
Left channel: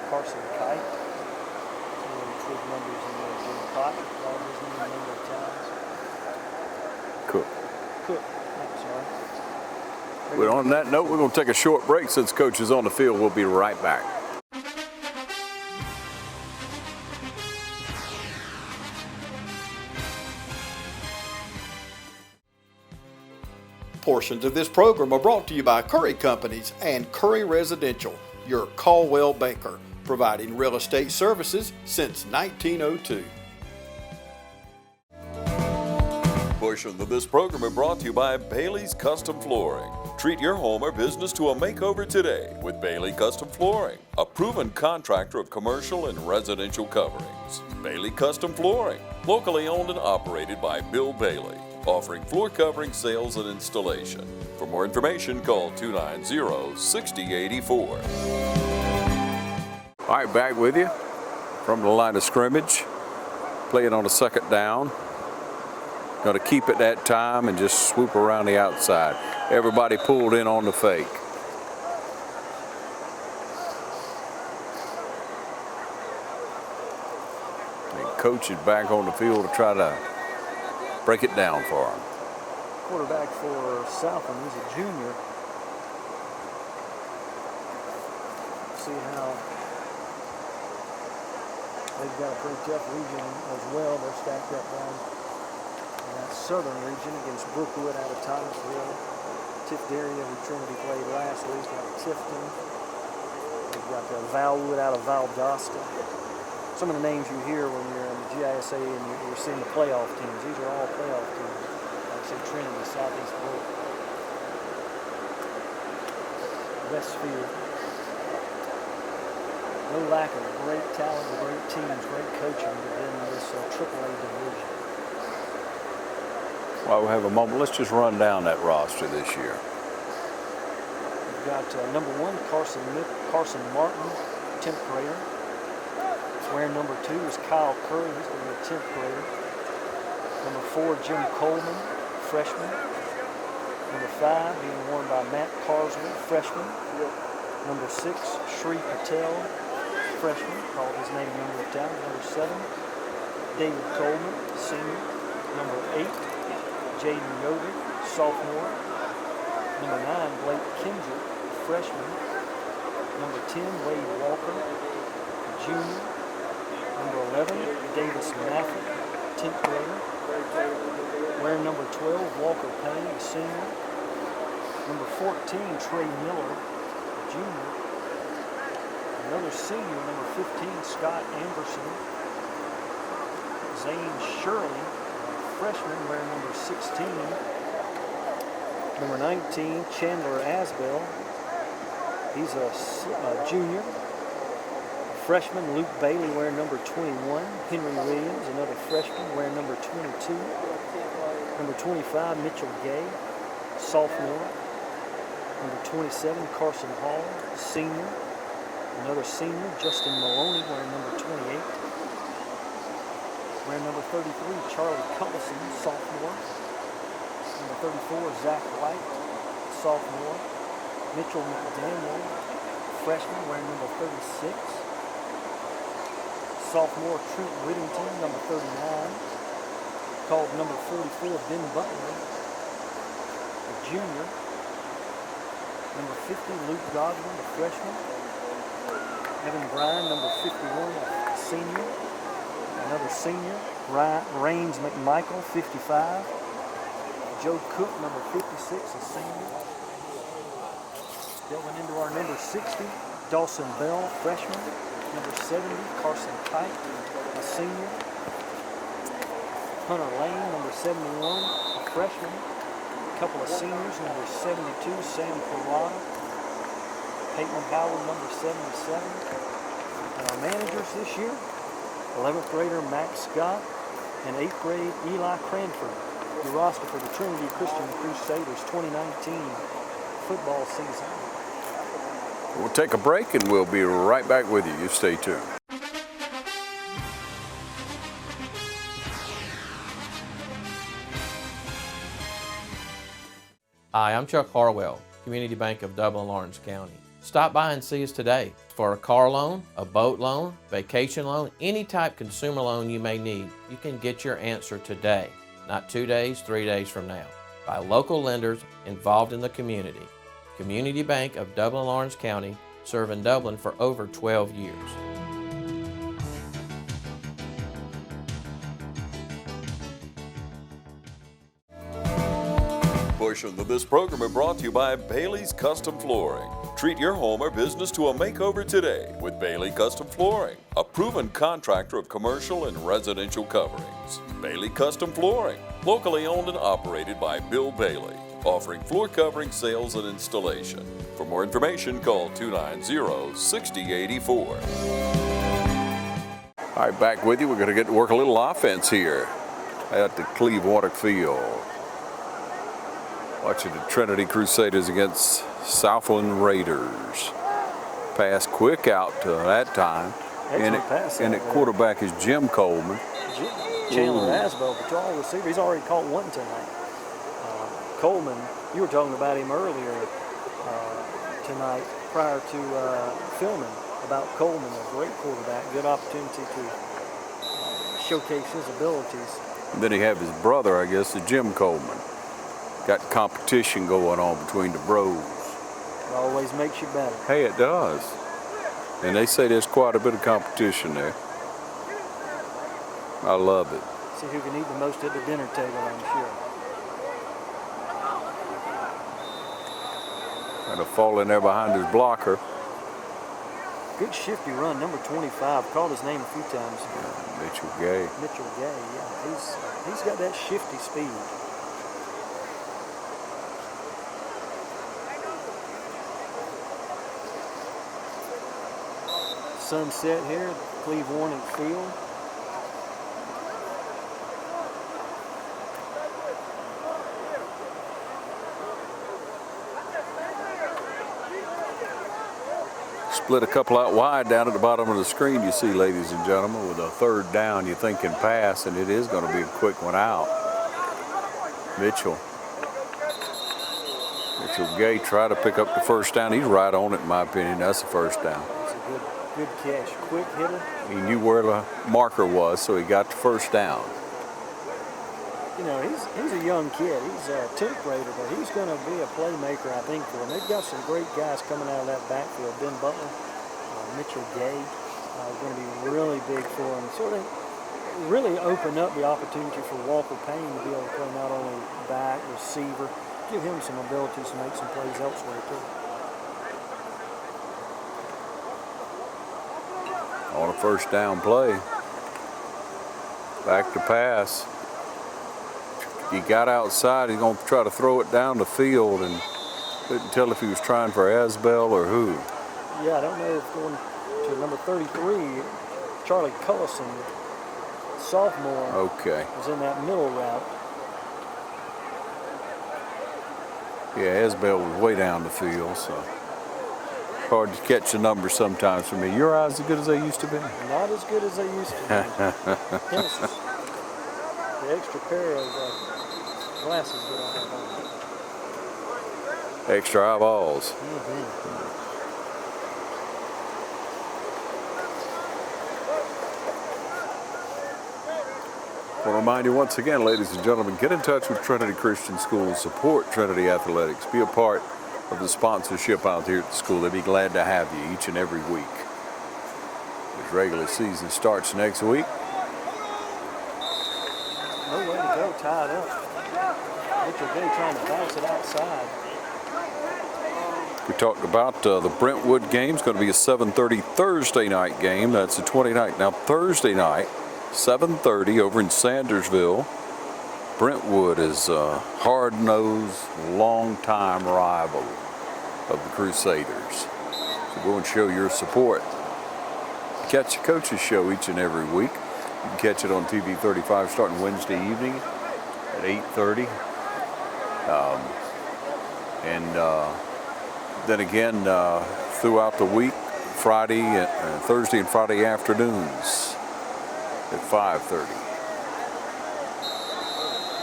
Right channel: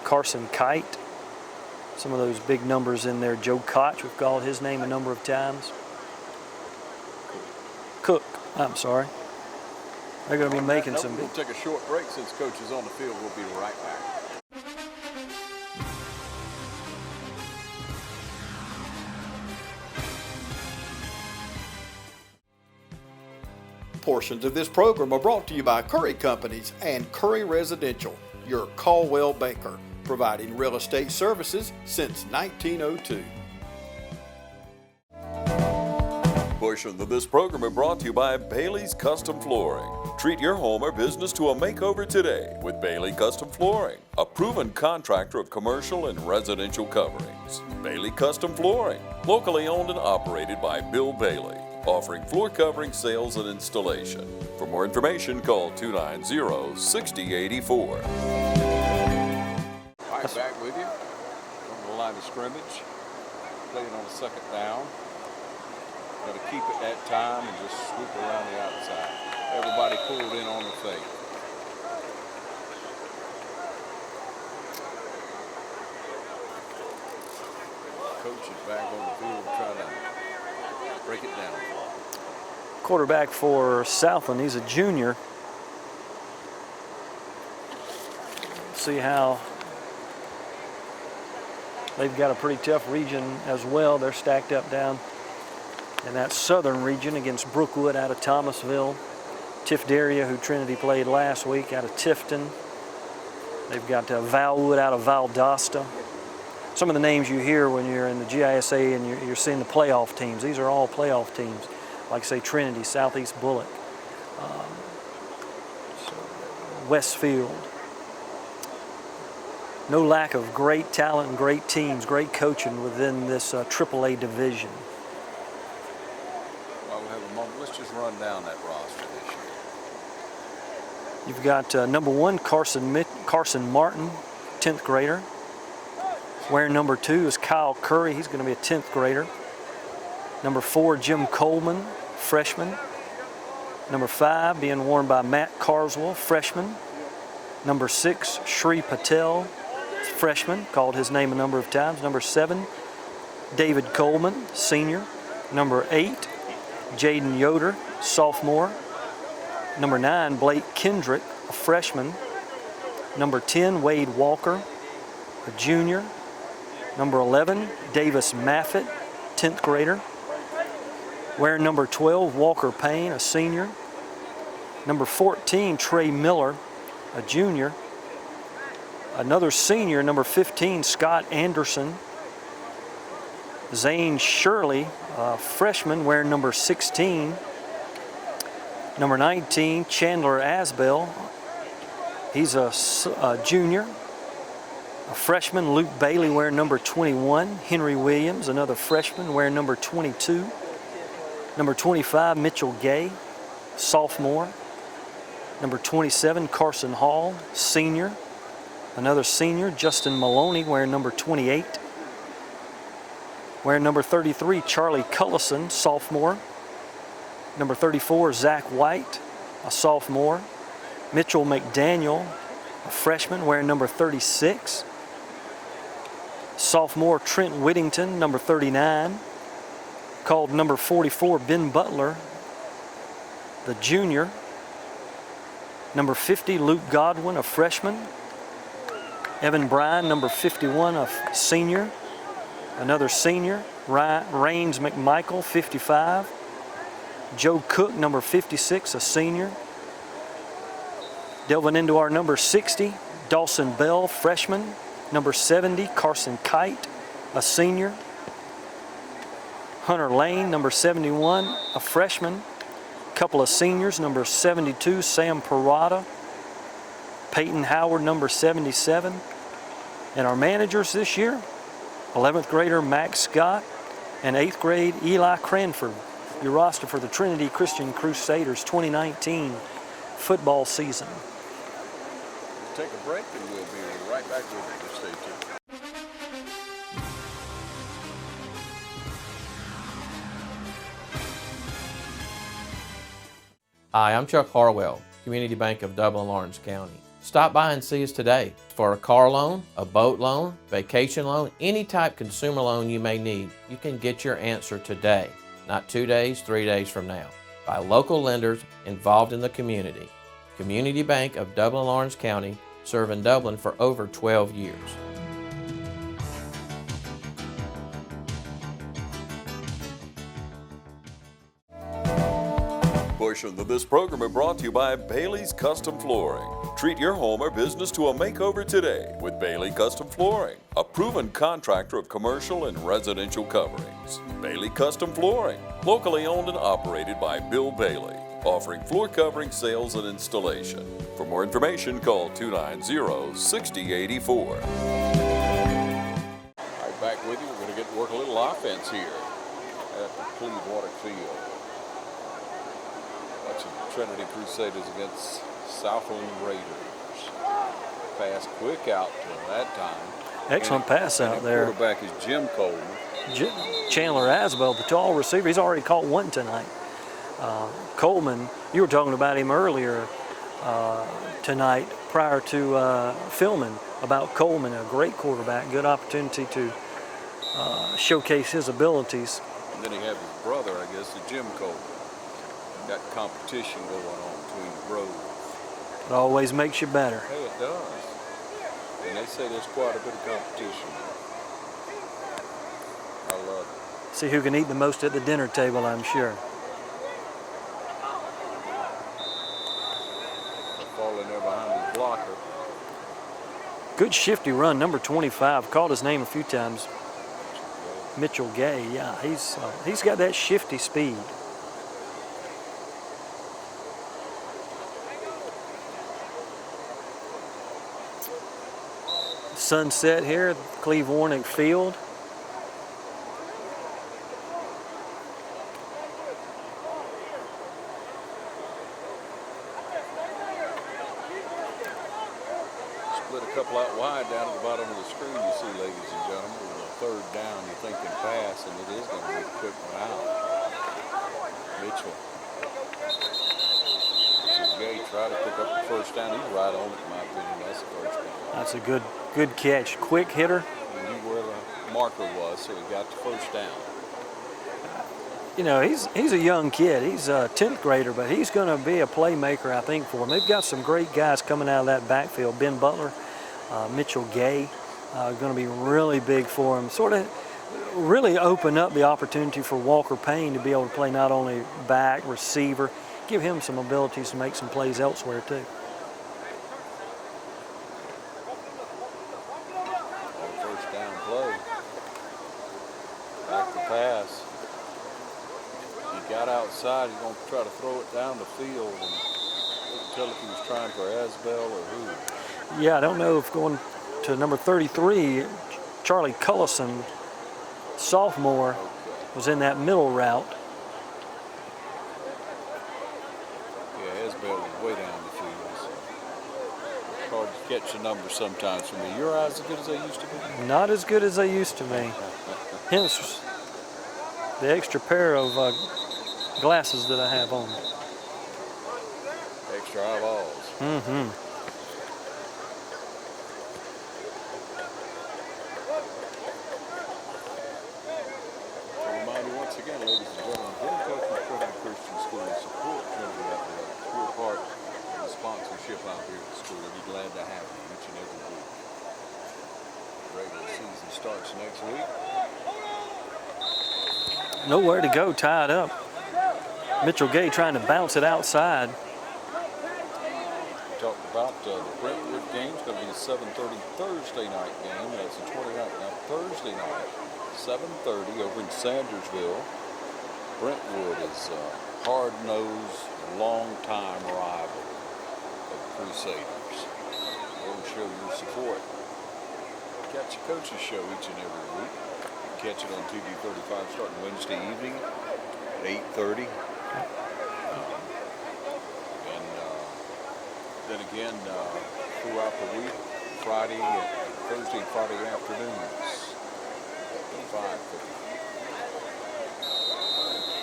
Carson Kite, some of those big numbers in there. Joe Koch, we've called his name a number of times. Cook, I'm sorry. Well, on that note, we're going to take a short break since Coach is on the field. We'll be right back. Portions of this program are brought to you by Curry Companies and Curry Residential, your Caldwell banker, providing real estate services since 1902. Portions of this program are brought to you by Bailey's Custom Flooring. Treat your home or business to a makeover today with Bailey Custom Flooring, a proven contractor of commercial and residential coverings. Bailey Custom Flooring, locally owned and operated by Bill Bailey, offering floor covering sales and installation. For more information, call 290-6084. All right, back with you from the line of scrimmage. Playing on a second down. Going to keep it that time and just swoop around the outside. Everybody pulled in on the fake. And coach is back on the field to try to break it down for him. Quarterback for Southland, he's a junior. See how they've got a pretty tough region as well. They're stacked up down in that southern region against Brookwood out of Thomasville. Tiff Daria, who Trinity played last week, out of Tifton. They've got Valwood out of Valdosta. Some of the names you hear when you're in the GISA and you're seeing the playoff teams. These are all playoff teams, like say Trinity, Southeast Bullock, Westfield. No lack of great talent and great teams, great coaching within this AAA division. While we have a moment, let's just run down that roster this year. You've got number 1, Carson Martin, 10th grader. Wearing number 2 is Kyle Curry. He's going to be a 10th grader. Number 4, Jim Coleman, freshman. Number 5 being worn by Matt Carswell, freshman. Number 6, Shri Patel, freshman. Called his name a number of times. Number 7, David Coleman, senior. Number 8, Jaden Yoder, sophomore. Number 9, Blake Kendrick, a freshman. Number 10, Wade Walker, a junior. Number 11, Davis Maffett, 10th grader. Wearing number 12, Walker Payne, a senior. Number 14, Trey Miller, a junior. Another senior, number 15, Scott Anderson. Zane Shirley, a freshman, wearing number 16. Number 19, Chandler Asbell. He's a junior. A freshman, Luke Bailey, wearing number 21. Henry Williams, another freshman, wearing number 22. Number 25, Mitchell Gay, sophomore. Number 27, Carson Hall, senior. Another senior, Justin Maloney, wearing number 28. Wearing number 33, Charlie Cullison, sophomore. Number 34, Zach White, a sophomore. Mitchell McDaniel, a freshman, wearing number 36. Sophomore, Trent Whittington, number 39. Called number 44, Ben Butler, the junior. Number 50, Luke Godwin, a freshman. Evan Bryan, number 51, a senior. Another senior, Raines McMichael, 55. Joe Cook, number 56, a senior. Delving into our number 60, Dawson Bell, freshman. Number 70, Carson Kite, a senior. Hunter Lane, number 71, a freshman. Couple of seniors, number 72, Sam Parada. Peyton Howard, number 77. And our managers this year, 11th grader Max Scott and 8th grade Eli Cranford. Your roster for the Trinity Christian Crusaders 2019 football season. We'll take a break and we'll be right back with you. You stay tuned. Hi, I'm Chuck Harwell, Community Bank of Dublin, Lawrence County. Stop by and see us today for a car loan, a boat loan, vacation loan, any type consumer loan you may need. You can get your answer today, not 2 days, 3 days from now, by local lenders involved in the community. Community Bank of Dublin, Lawrence County, serving Dublin for over 12 years. Portions of this program are brought to you by Bailey's Custom Flooring. Treat your home or business to a makeover today with Bailey Custom Flooring, a proven contractor of commercial and residential coverings. Bailey Custom Flooring, locally owned and operated by Bill Bailey, offering floor covering sales and installation. For more information, call 290-6084. All right, back with you. We're going to get to work a little offense here at the Clevewater Field. Watching the Trinity Crusaders against Southland Raiders. Pass quick out to that time. Excellent pass out and there. the quarterback is Jim Coleman. Chandler Asbell, the tall receiver. He's already caught one tonight. Coleman, you were talking about him earlier tonight prior to filming about Coleman, a great quarterback, good opportunity to showcase his abilities. And then he have his brother, I guess, is Jim Coleman. Got competition going on between the bros. It always makes you better. Hey, it does. And they say there's quite a bit of competition there. I love it. See who can eat the most at the dinner table, I'm sure. Kind of fall in there behind his blocker. Good shifty run, number 25. Called his name a few times. Mitchell Gay. Mitchell Gay, yeah. He's got that shifty speed. Sunset here at Cleve Warnick Field. Split a couple out wide down at the bottom of the screen, you see, ladies and gentlemen, with a third down, you're thinking pass, and it is going to be a quick one out. Mitchell Gay tried to pick up the first down. He's right on it, in my opinion. That's the first down. That's a good catch. Quick hitter. He knew where the marker was, so he got the first down. You know, he's a young kid. He's a 10th grader, but he's going to be a playmaker, I think, for them. They've got some great guys coming out of that backfield. Ben Butler, Mitchell Gay, going to be really big for them. Sort of really open up the opportunity for Walker Payne to be able to play not only back, receiver, give him some abilities to make some plays elsewhere, too. On a first down play. Back to pass. He got outside. He's going to try to throw it down the field, and couldn't tell if he was trying for Asbell or who. Yeah, I don't know if going to number 33, Charlie Cullison, sophomore, was in that middle route. Yeah, Asbell was way down the field, so hard to catch the numbers sometimes for me. Your eyes as good as they used to be? Not as good as they used to be. Hence the extra pair of glasses that I have on. Extra eyeballs. Mm-hmm. I want to remind you once again, ladies and gentlemen, get in touch with Trinity Christian School and support Trinity Athletics. Be a part of the sponsorship out here at the school. They'd be glad to have you each and every week. regular season starts next week. Nowhere to go, tied up. Mitchell Gay trying to bounce it outside. We talked about the Brentwood game. It's going to be a 7:30 Thursday night game. That's the 29th. Now Thursday night, 7:30 over in Sandersville. Brentwood is a hard-nosed, long-time rival of the Crusaders. So go and show your support. Catch the Coach's Show each and every week. You can catch it on TV 35 starting Wednesday evening at 8:30. Then again, throughout the week, Thursday and Friday afternoons at 5:30.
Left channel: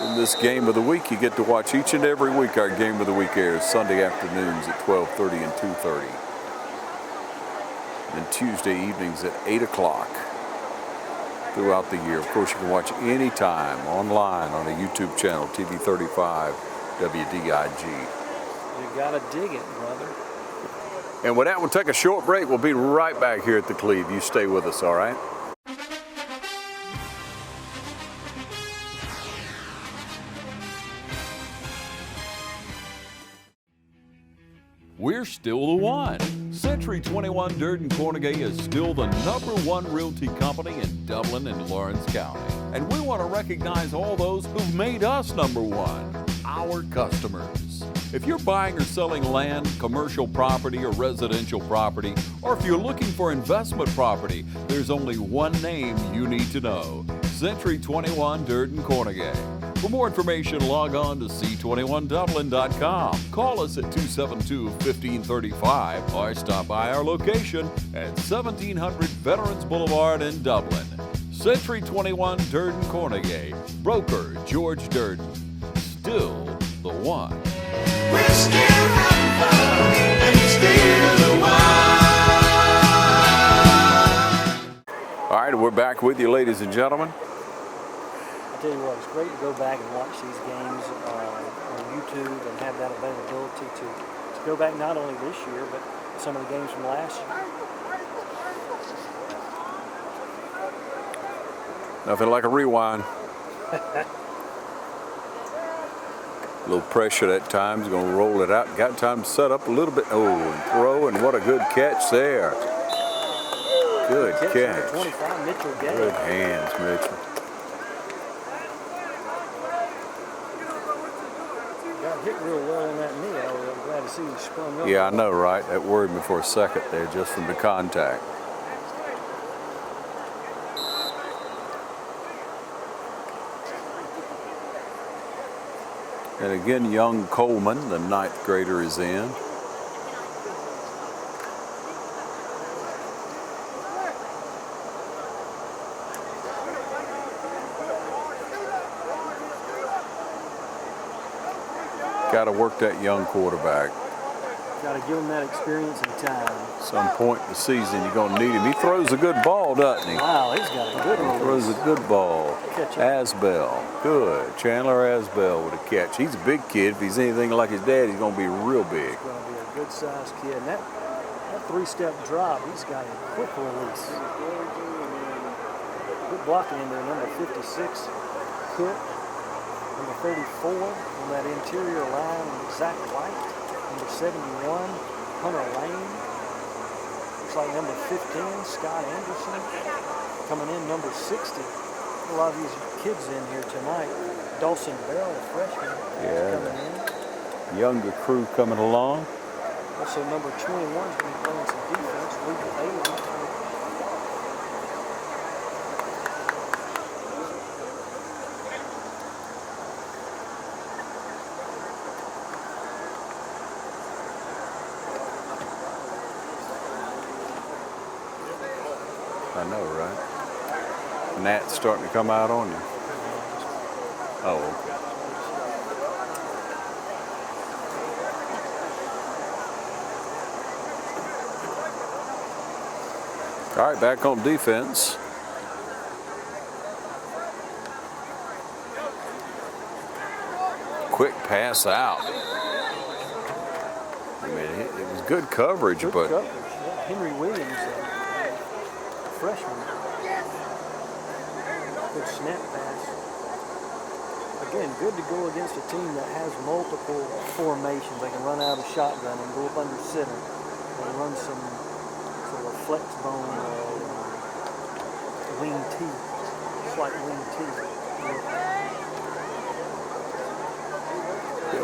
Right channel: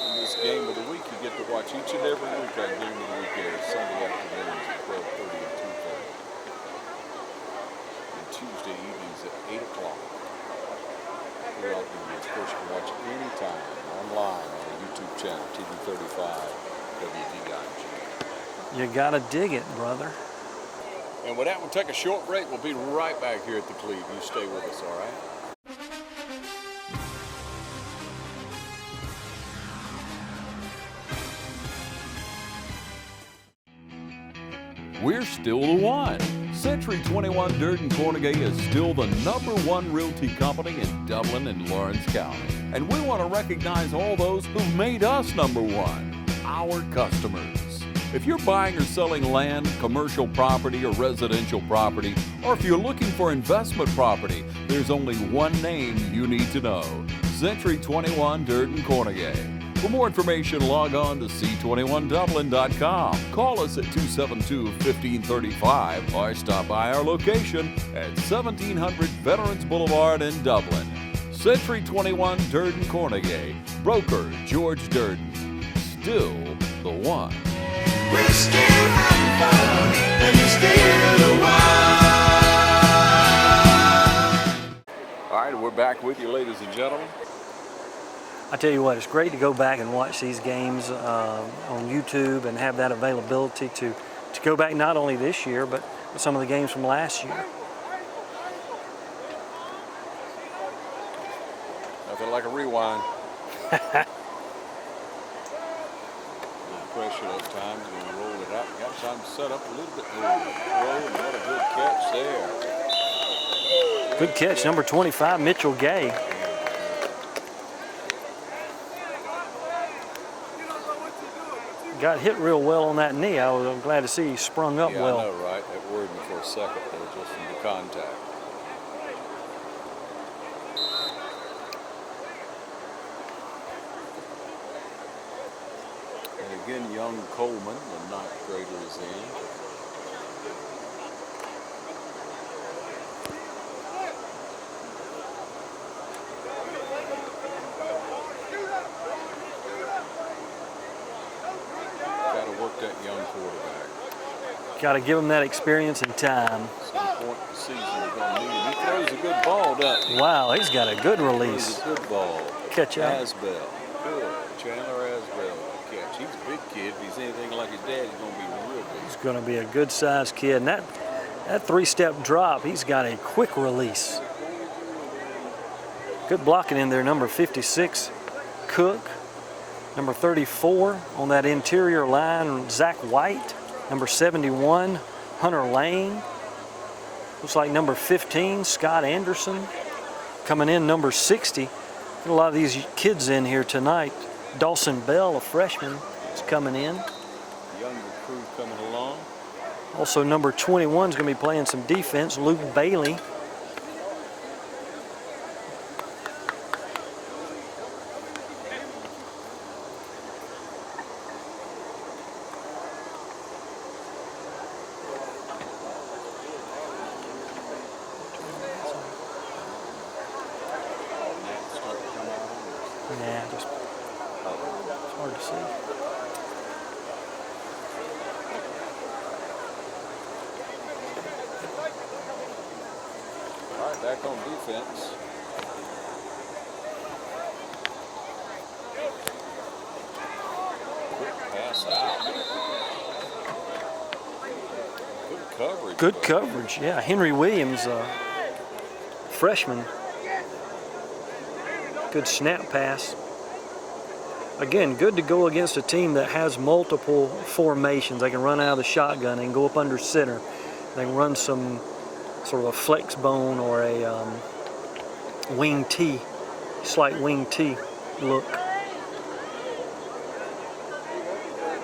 In this game of the week, you get to watch each and every week. Our game of the week airs Sunday afternoons at 12:30 and 2:30. And Tuesday evenings at 8 o'clock throughout the year. Of course, you can watch anytime online on the YouTube channel, TV 35 WDIG. You gotta dig it, brother. And with that, we'll take a short break. We'll be right back here at the Cleve. You stay with us, all right? We're still the one. Century 21 Durden Cornegay is still the #1 realty company in Dublin and Lawrence County. And we want to recognize all those who've made us #1, our customers. If you're buying or selling land, commercial property, or residential property, or if you're looking for investment property, there's only one name you need to know: Century 21 Durden Cornegay. For more information, log on to c21dublin.com. Call us at 272-1535 or stop by our location at 1700 Veterans Boulevard in Dublin. Century 21 Durden Cornegay. Broker George Durden. Still the one. We're still having fun, and we're still the one. All right, we're back with you, ladies and gentlemen. I tell you what, it's great to go back and watch these games on YouTube and have that availability to go back not only this year, but some of the games from last year. Nothing like a rewind. A little pressure at times, going to roll it out. Got time to set up a little bit. Oh, and throw, and what a good catch there. Good catch, number 25, Mitchell Gay. Good hands, Mitchell. Got hit real well on that knee. I'm glad to see he sprung up. Yeah, well. I know, right? That worried me for a second there, just from the contact. And again, young Coleman, the 9th grader, is in. Got to work that young quarterback. Got to give him that experience and time. Some point in the season, you're going to need him. He throws a good ball, doesn't he? Wow, he's got a good release. Throws a good ball. Catch up. Asbell, good. Chandler Asbell with a catch. He's a big kid. If he's anything like his dad, he's going to be real big. He's going to be a good-sized kid. And that 3-step drop, he's got a quick release. Good blocking in there, number 56, Cook. Number 34 on that interior line, Zach White. Number 71, Hunter Lane. Looks like number 15, Scott Anderson. Coming in, number 60. A lot of these kids in here tonight. Dawson Bell, a freshman, is coming in. Younger crew coming along. Also, number 21 is going to be playing some defense, Luke Bailey. I know, right? Nat's starting to come out on you. Oh. All right, back on defense. Quick pass out. I mean, it was good coverage. Good coverage, yeah. Henry Williams freshman. Good snap pass. Again, good to go against a team that has multiple formations. They can run out of the shotgun. They can go up under center. They can run some sort of a flex bone or a wing T, slight wing T look.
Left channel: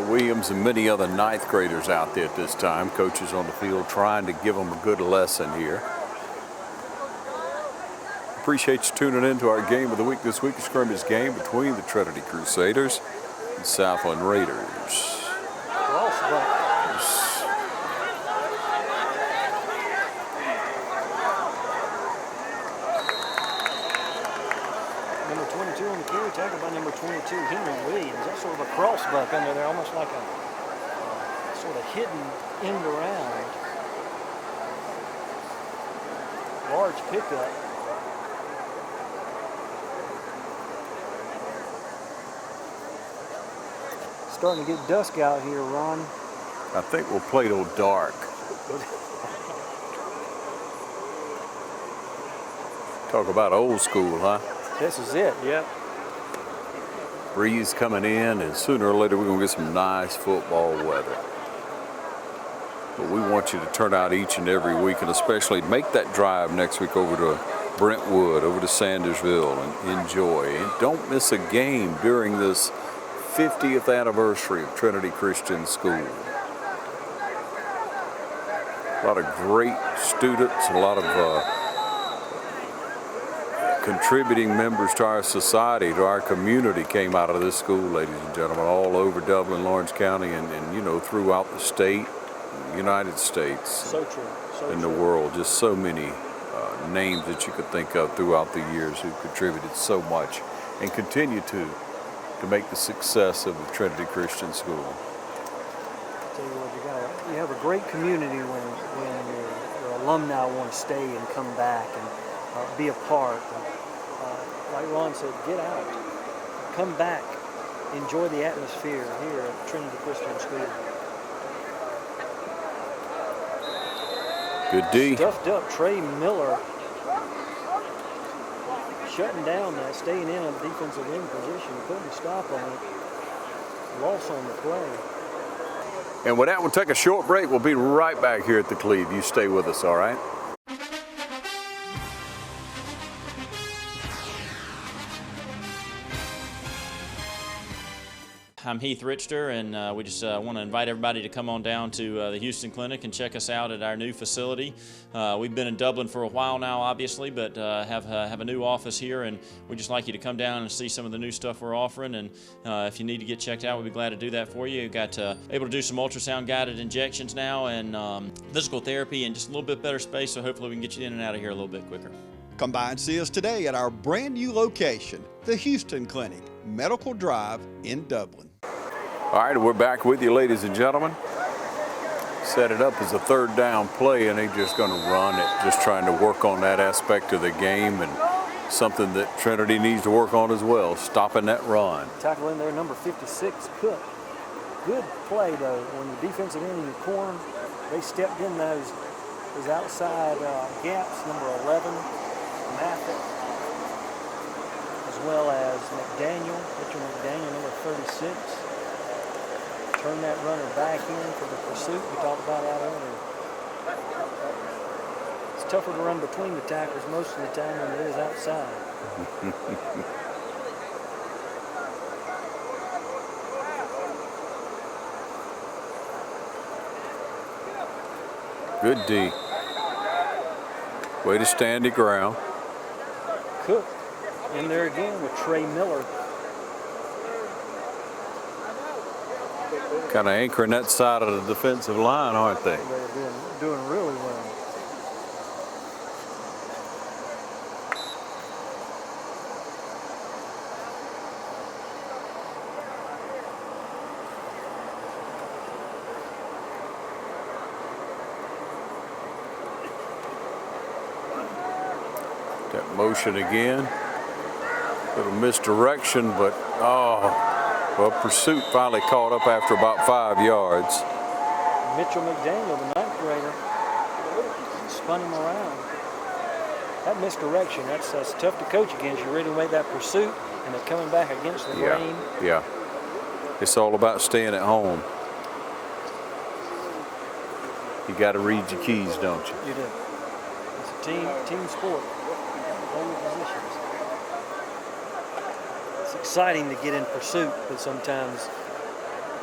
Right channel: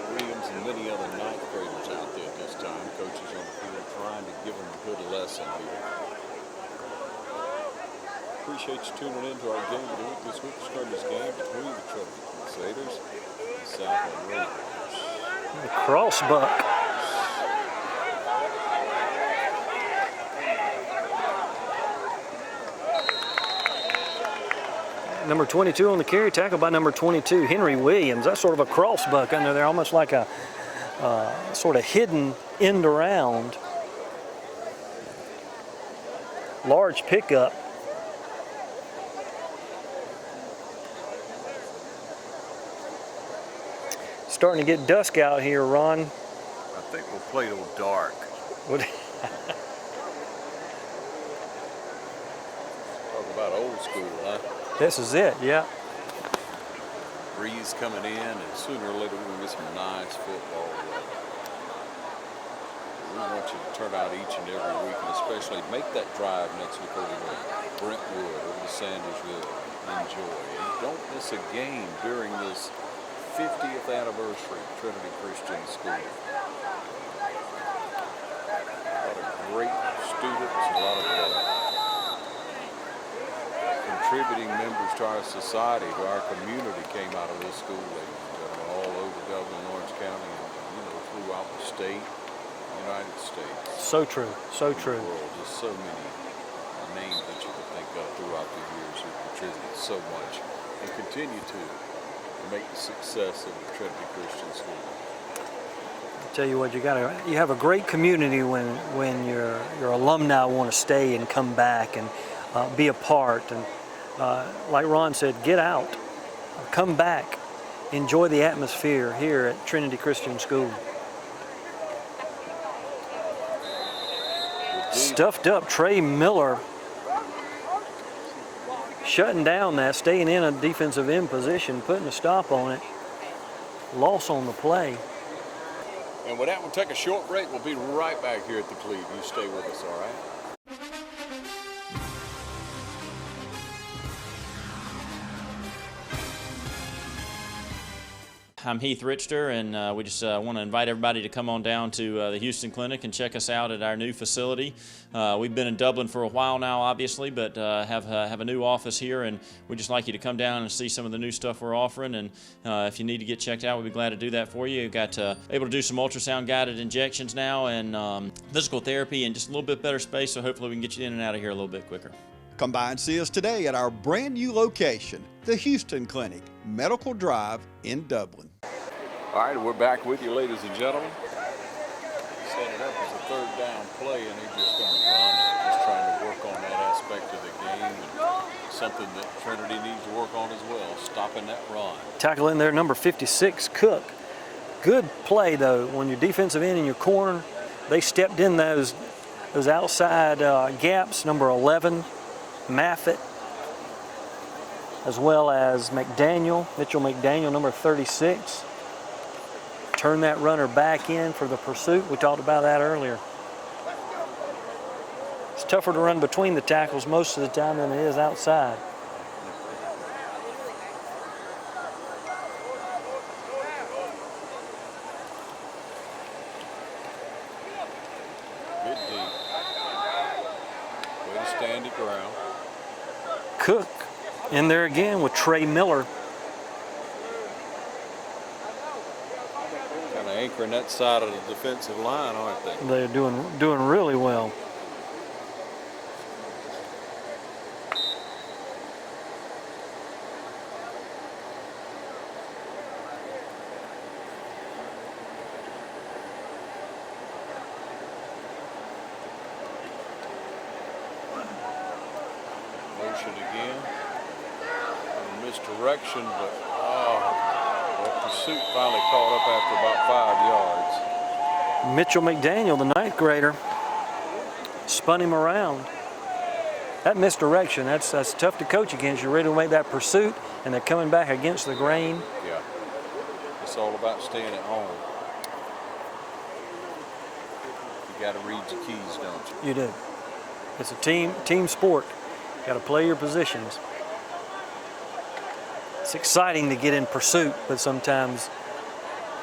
Williams and many other ninth graders out there at this time. Coaches on the field trying to give them a good lesson here. Appreciate you tuning in to our game of the week this week, a scrimmage game between the Trinity Crusaders and Southland Raiders. The crossbuck. Number 22 on the carry, tackled by number 22, Henry Williams. That's sort of a crossbuck under there, almost like a sort of hidden end around. Large pickup. Starting to get dusk out here, Ron. I think we'll play till dark. Talk about old school, huh? This is it, yeah. Breeze coming in, and sooner or later we're going to get some nice football weather. But we want you to turn out each and every week, and especially make that drive next week over to Brentwood, over to Sandersville, and enjoy. And don't miss a game during this 50th anniversary of Trinity Christian School. A lot of great students, a lot of contributing members to our society, to our community came out of this school, ladies and gentlemen, all over Dublin, Lawrence County, and you know, throughout the state, United States. So true, so in true. the world, just so many names that you could think of throughout the years who contributed so much and continue to make the success of the Trinity Christian School. Tell you what, you have a great community when your alumni want to stay and come back and be a part. And like Ron said, get out, come back, enjoy the atmosphere here at Trinity Christian School. Good D. Stuffed up Trey Miller, shutting down that, staying in a defensive end position, putting a stop on it. Loss on the play. And with that, we'll take a short break. We'll be right back here at the Cleve. You stay with us, all right? I'm Heath Richter, and we just want to invite everybody to come on down to the Houston Clinic and check us out at our new facility. We've been in Dublin for a while now, obviously, but have a new office here, and we'd just like you to come down and see some of the new stuff we're offering. And if you need to get checked out, we'd be glad to do that for you. We've got able to do some ultrasound guided injections now, and physical therapy, and just a little bit better space, so hopefully we can get you in and out of here a little bit quicker. Come by and see us today at our brand new location, the Houston Clinic, Medical Drive in Dublin. All right, we're back with you, ladies and gentlemen. Set it up as a third down play, and they're just going to run it, just trying to work on that aspect of the game, and something that Trinity needs to work on as well, stopping that run. Tackle in there, number 56, Cook. Good play, though, when your defensive end in your corner, they stepped in those outside gaps, number 11, Maffett, as well as Mitchell McDaniel, number 36. Turn that runner back in for the pursuit. We talked about that earlier. It's tougher to run between the tackles most of the time than it is outside. Good D. Way to stand the ground. Cook in there again with Trey Miller. Kind of anchoring that side of the defensive line, aren't they? They're doing really well. That motion again. Little misdirection, but well, pursuit finally caught up after about 5 yards. Mitchell McDaniel, the ninth grader, spun him around. that misdirection, that's tough to coach against. You really make that pursuit, and they're coming back against the grain. Yeah. It's all about staying at home. You got to read your keys, don't you? You do. It's a team sport. You got to play your positions. It's exciting to get in pursuit, but sometimes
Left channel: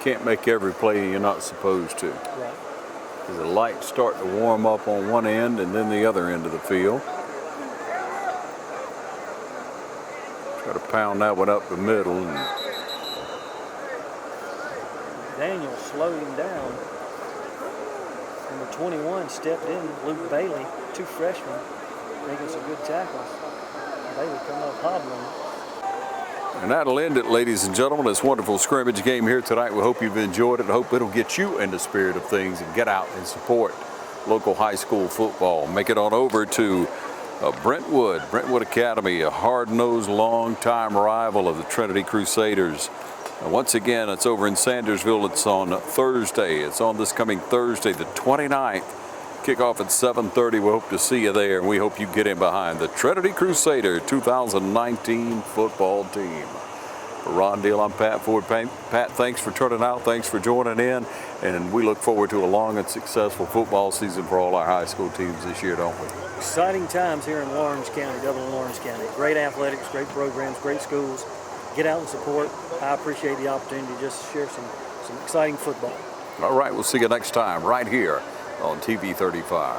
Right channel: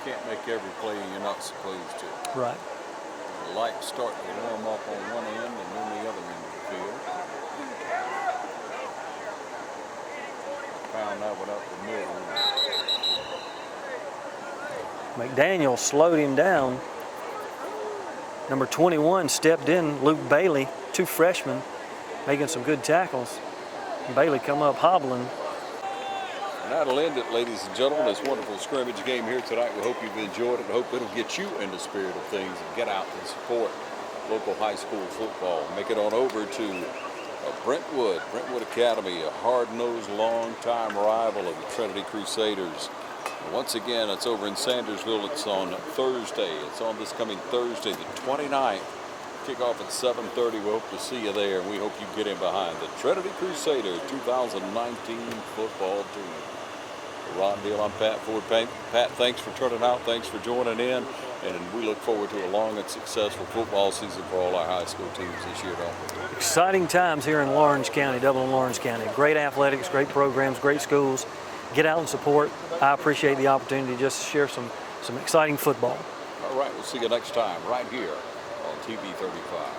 can't make every play you're not supposed to. Right. The lights start to warm up on one end and then the other end of the field. Try to pound that one up the middle. McDaniel slowed him down. Number 21 stepped in, Luke Bailey, 2 freshmen, making some good tackles. Bailey come up hobbling. And that'll end it, ladies and gentlemen. This wonderful scrimmage game here tonight. We hope you've enjoyed it and hope it'll get you in the spirit of things and get out and support local high school football. Make it on over to Brentwood Academy, a hard-nosed, long-time rival of the Trinity Crusaders. And once again, it's over in Sandersville. It's on Thursday. It's on this coming Thursday, the 29th. Kickoff at 7:30. We hope to see you there, and we hope you get in behind the Trinity Crusader 2019 football team. For Ron Deal, I'm Pat Ford. Pat, thanks for turning out. Thanks for joining in, and we look forward to a long and successful football season for all our high school teams this year, don't we? Exciting times here in Lawrence County, Dublin Lawrence County. Great athletics, great programs, great schools. Get out and support. I appreciate the opportunity to just share some exciting football. All right, we'll see you next time right here on TV 35.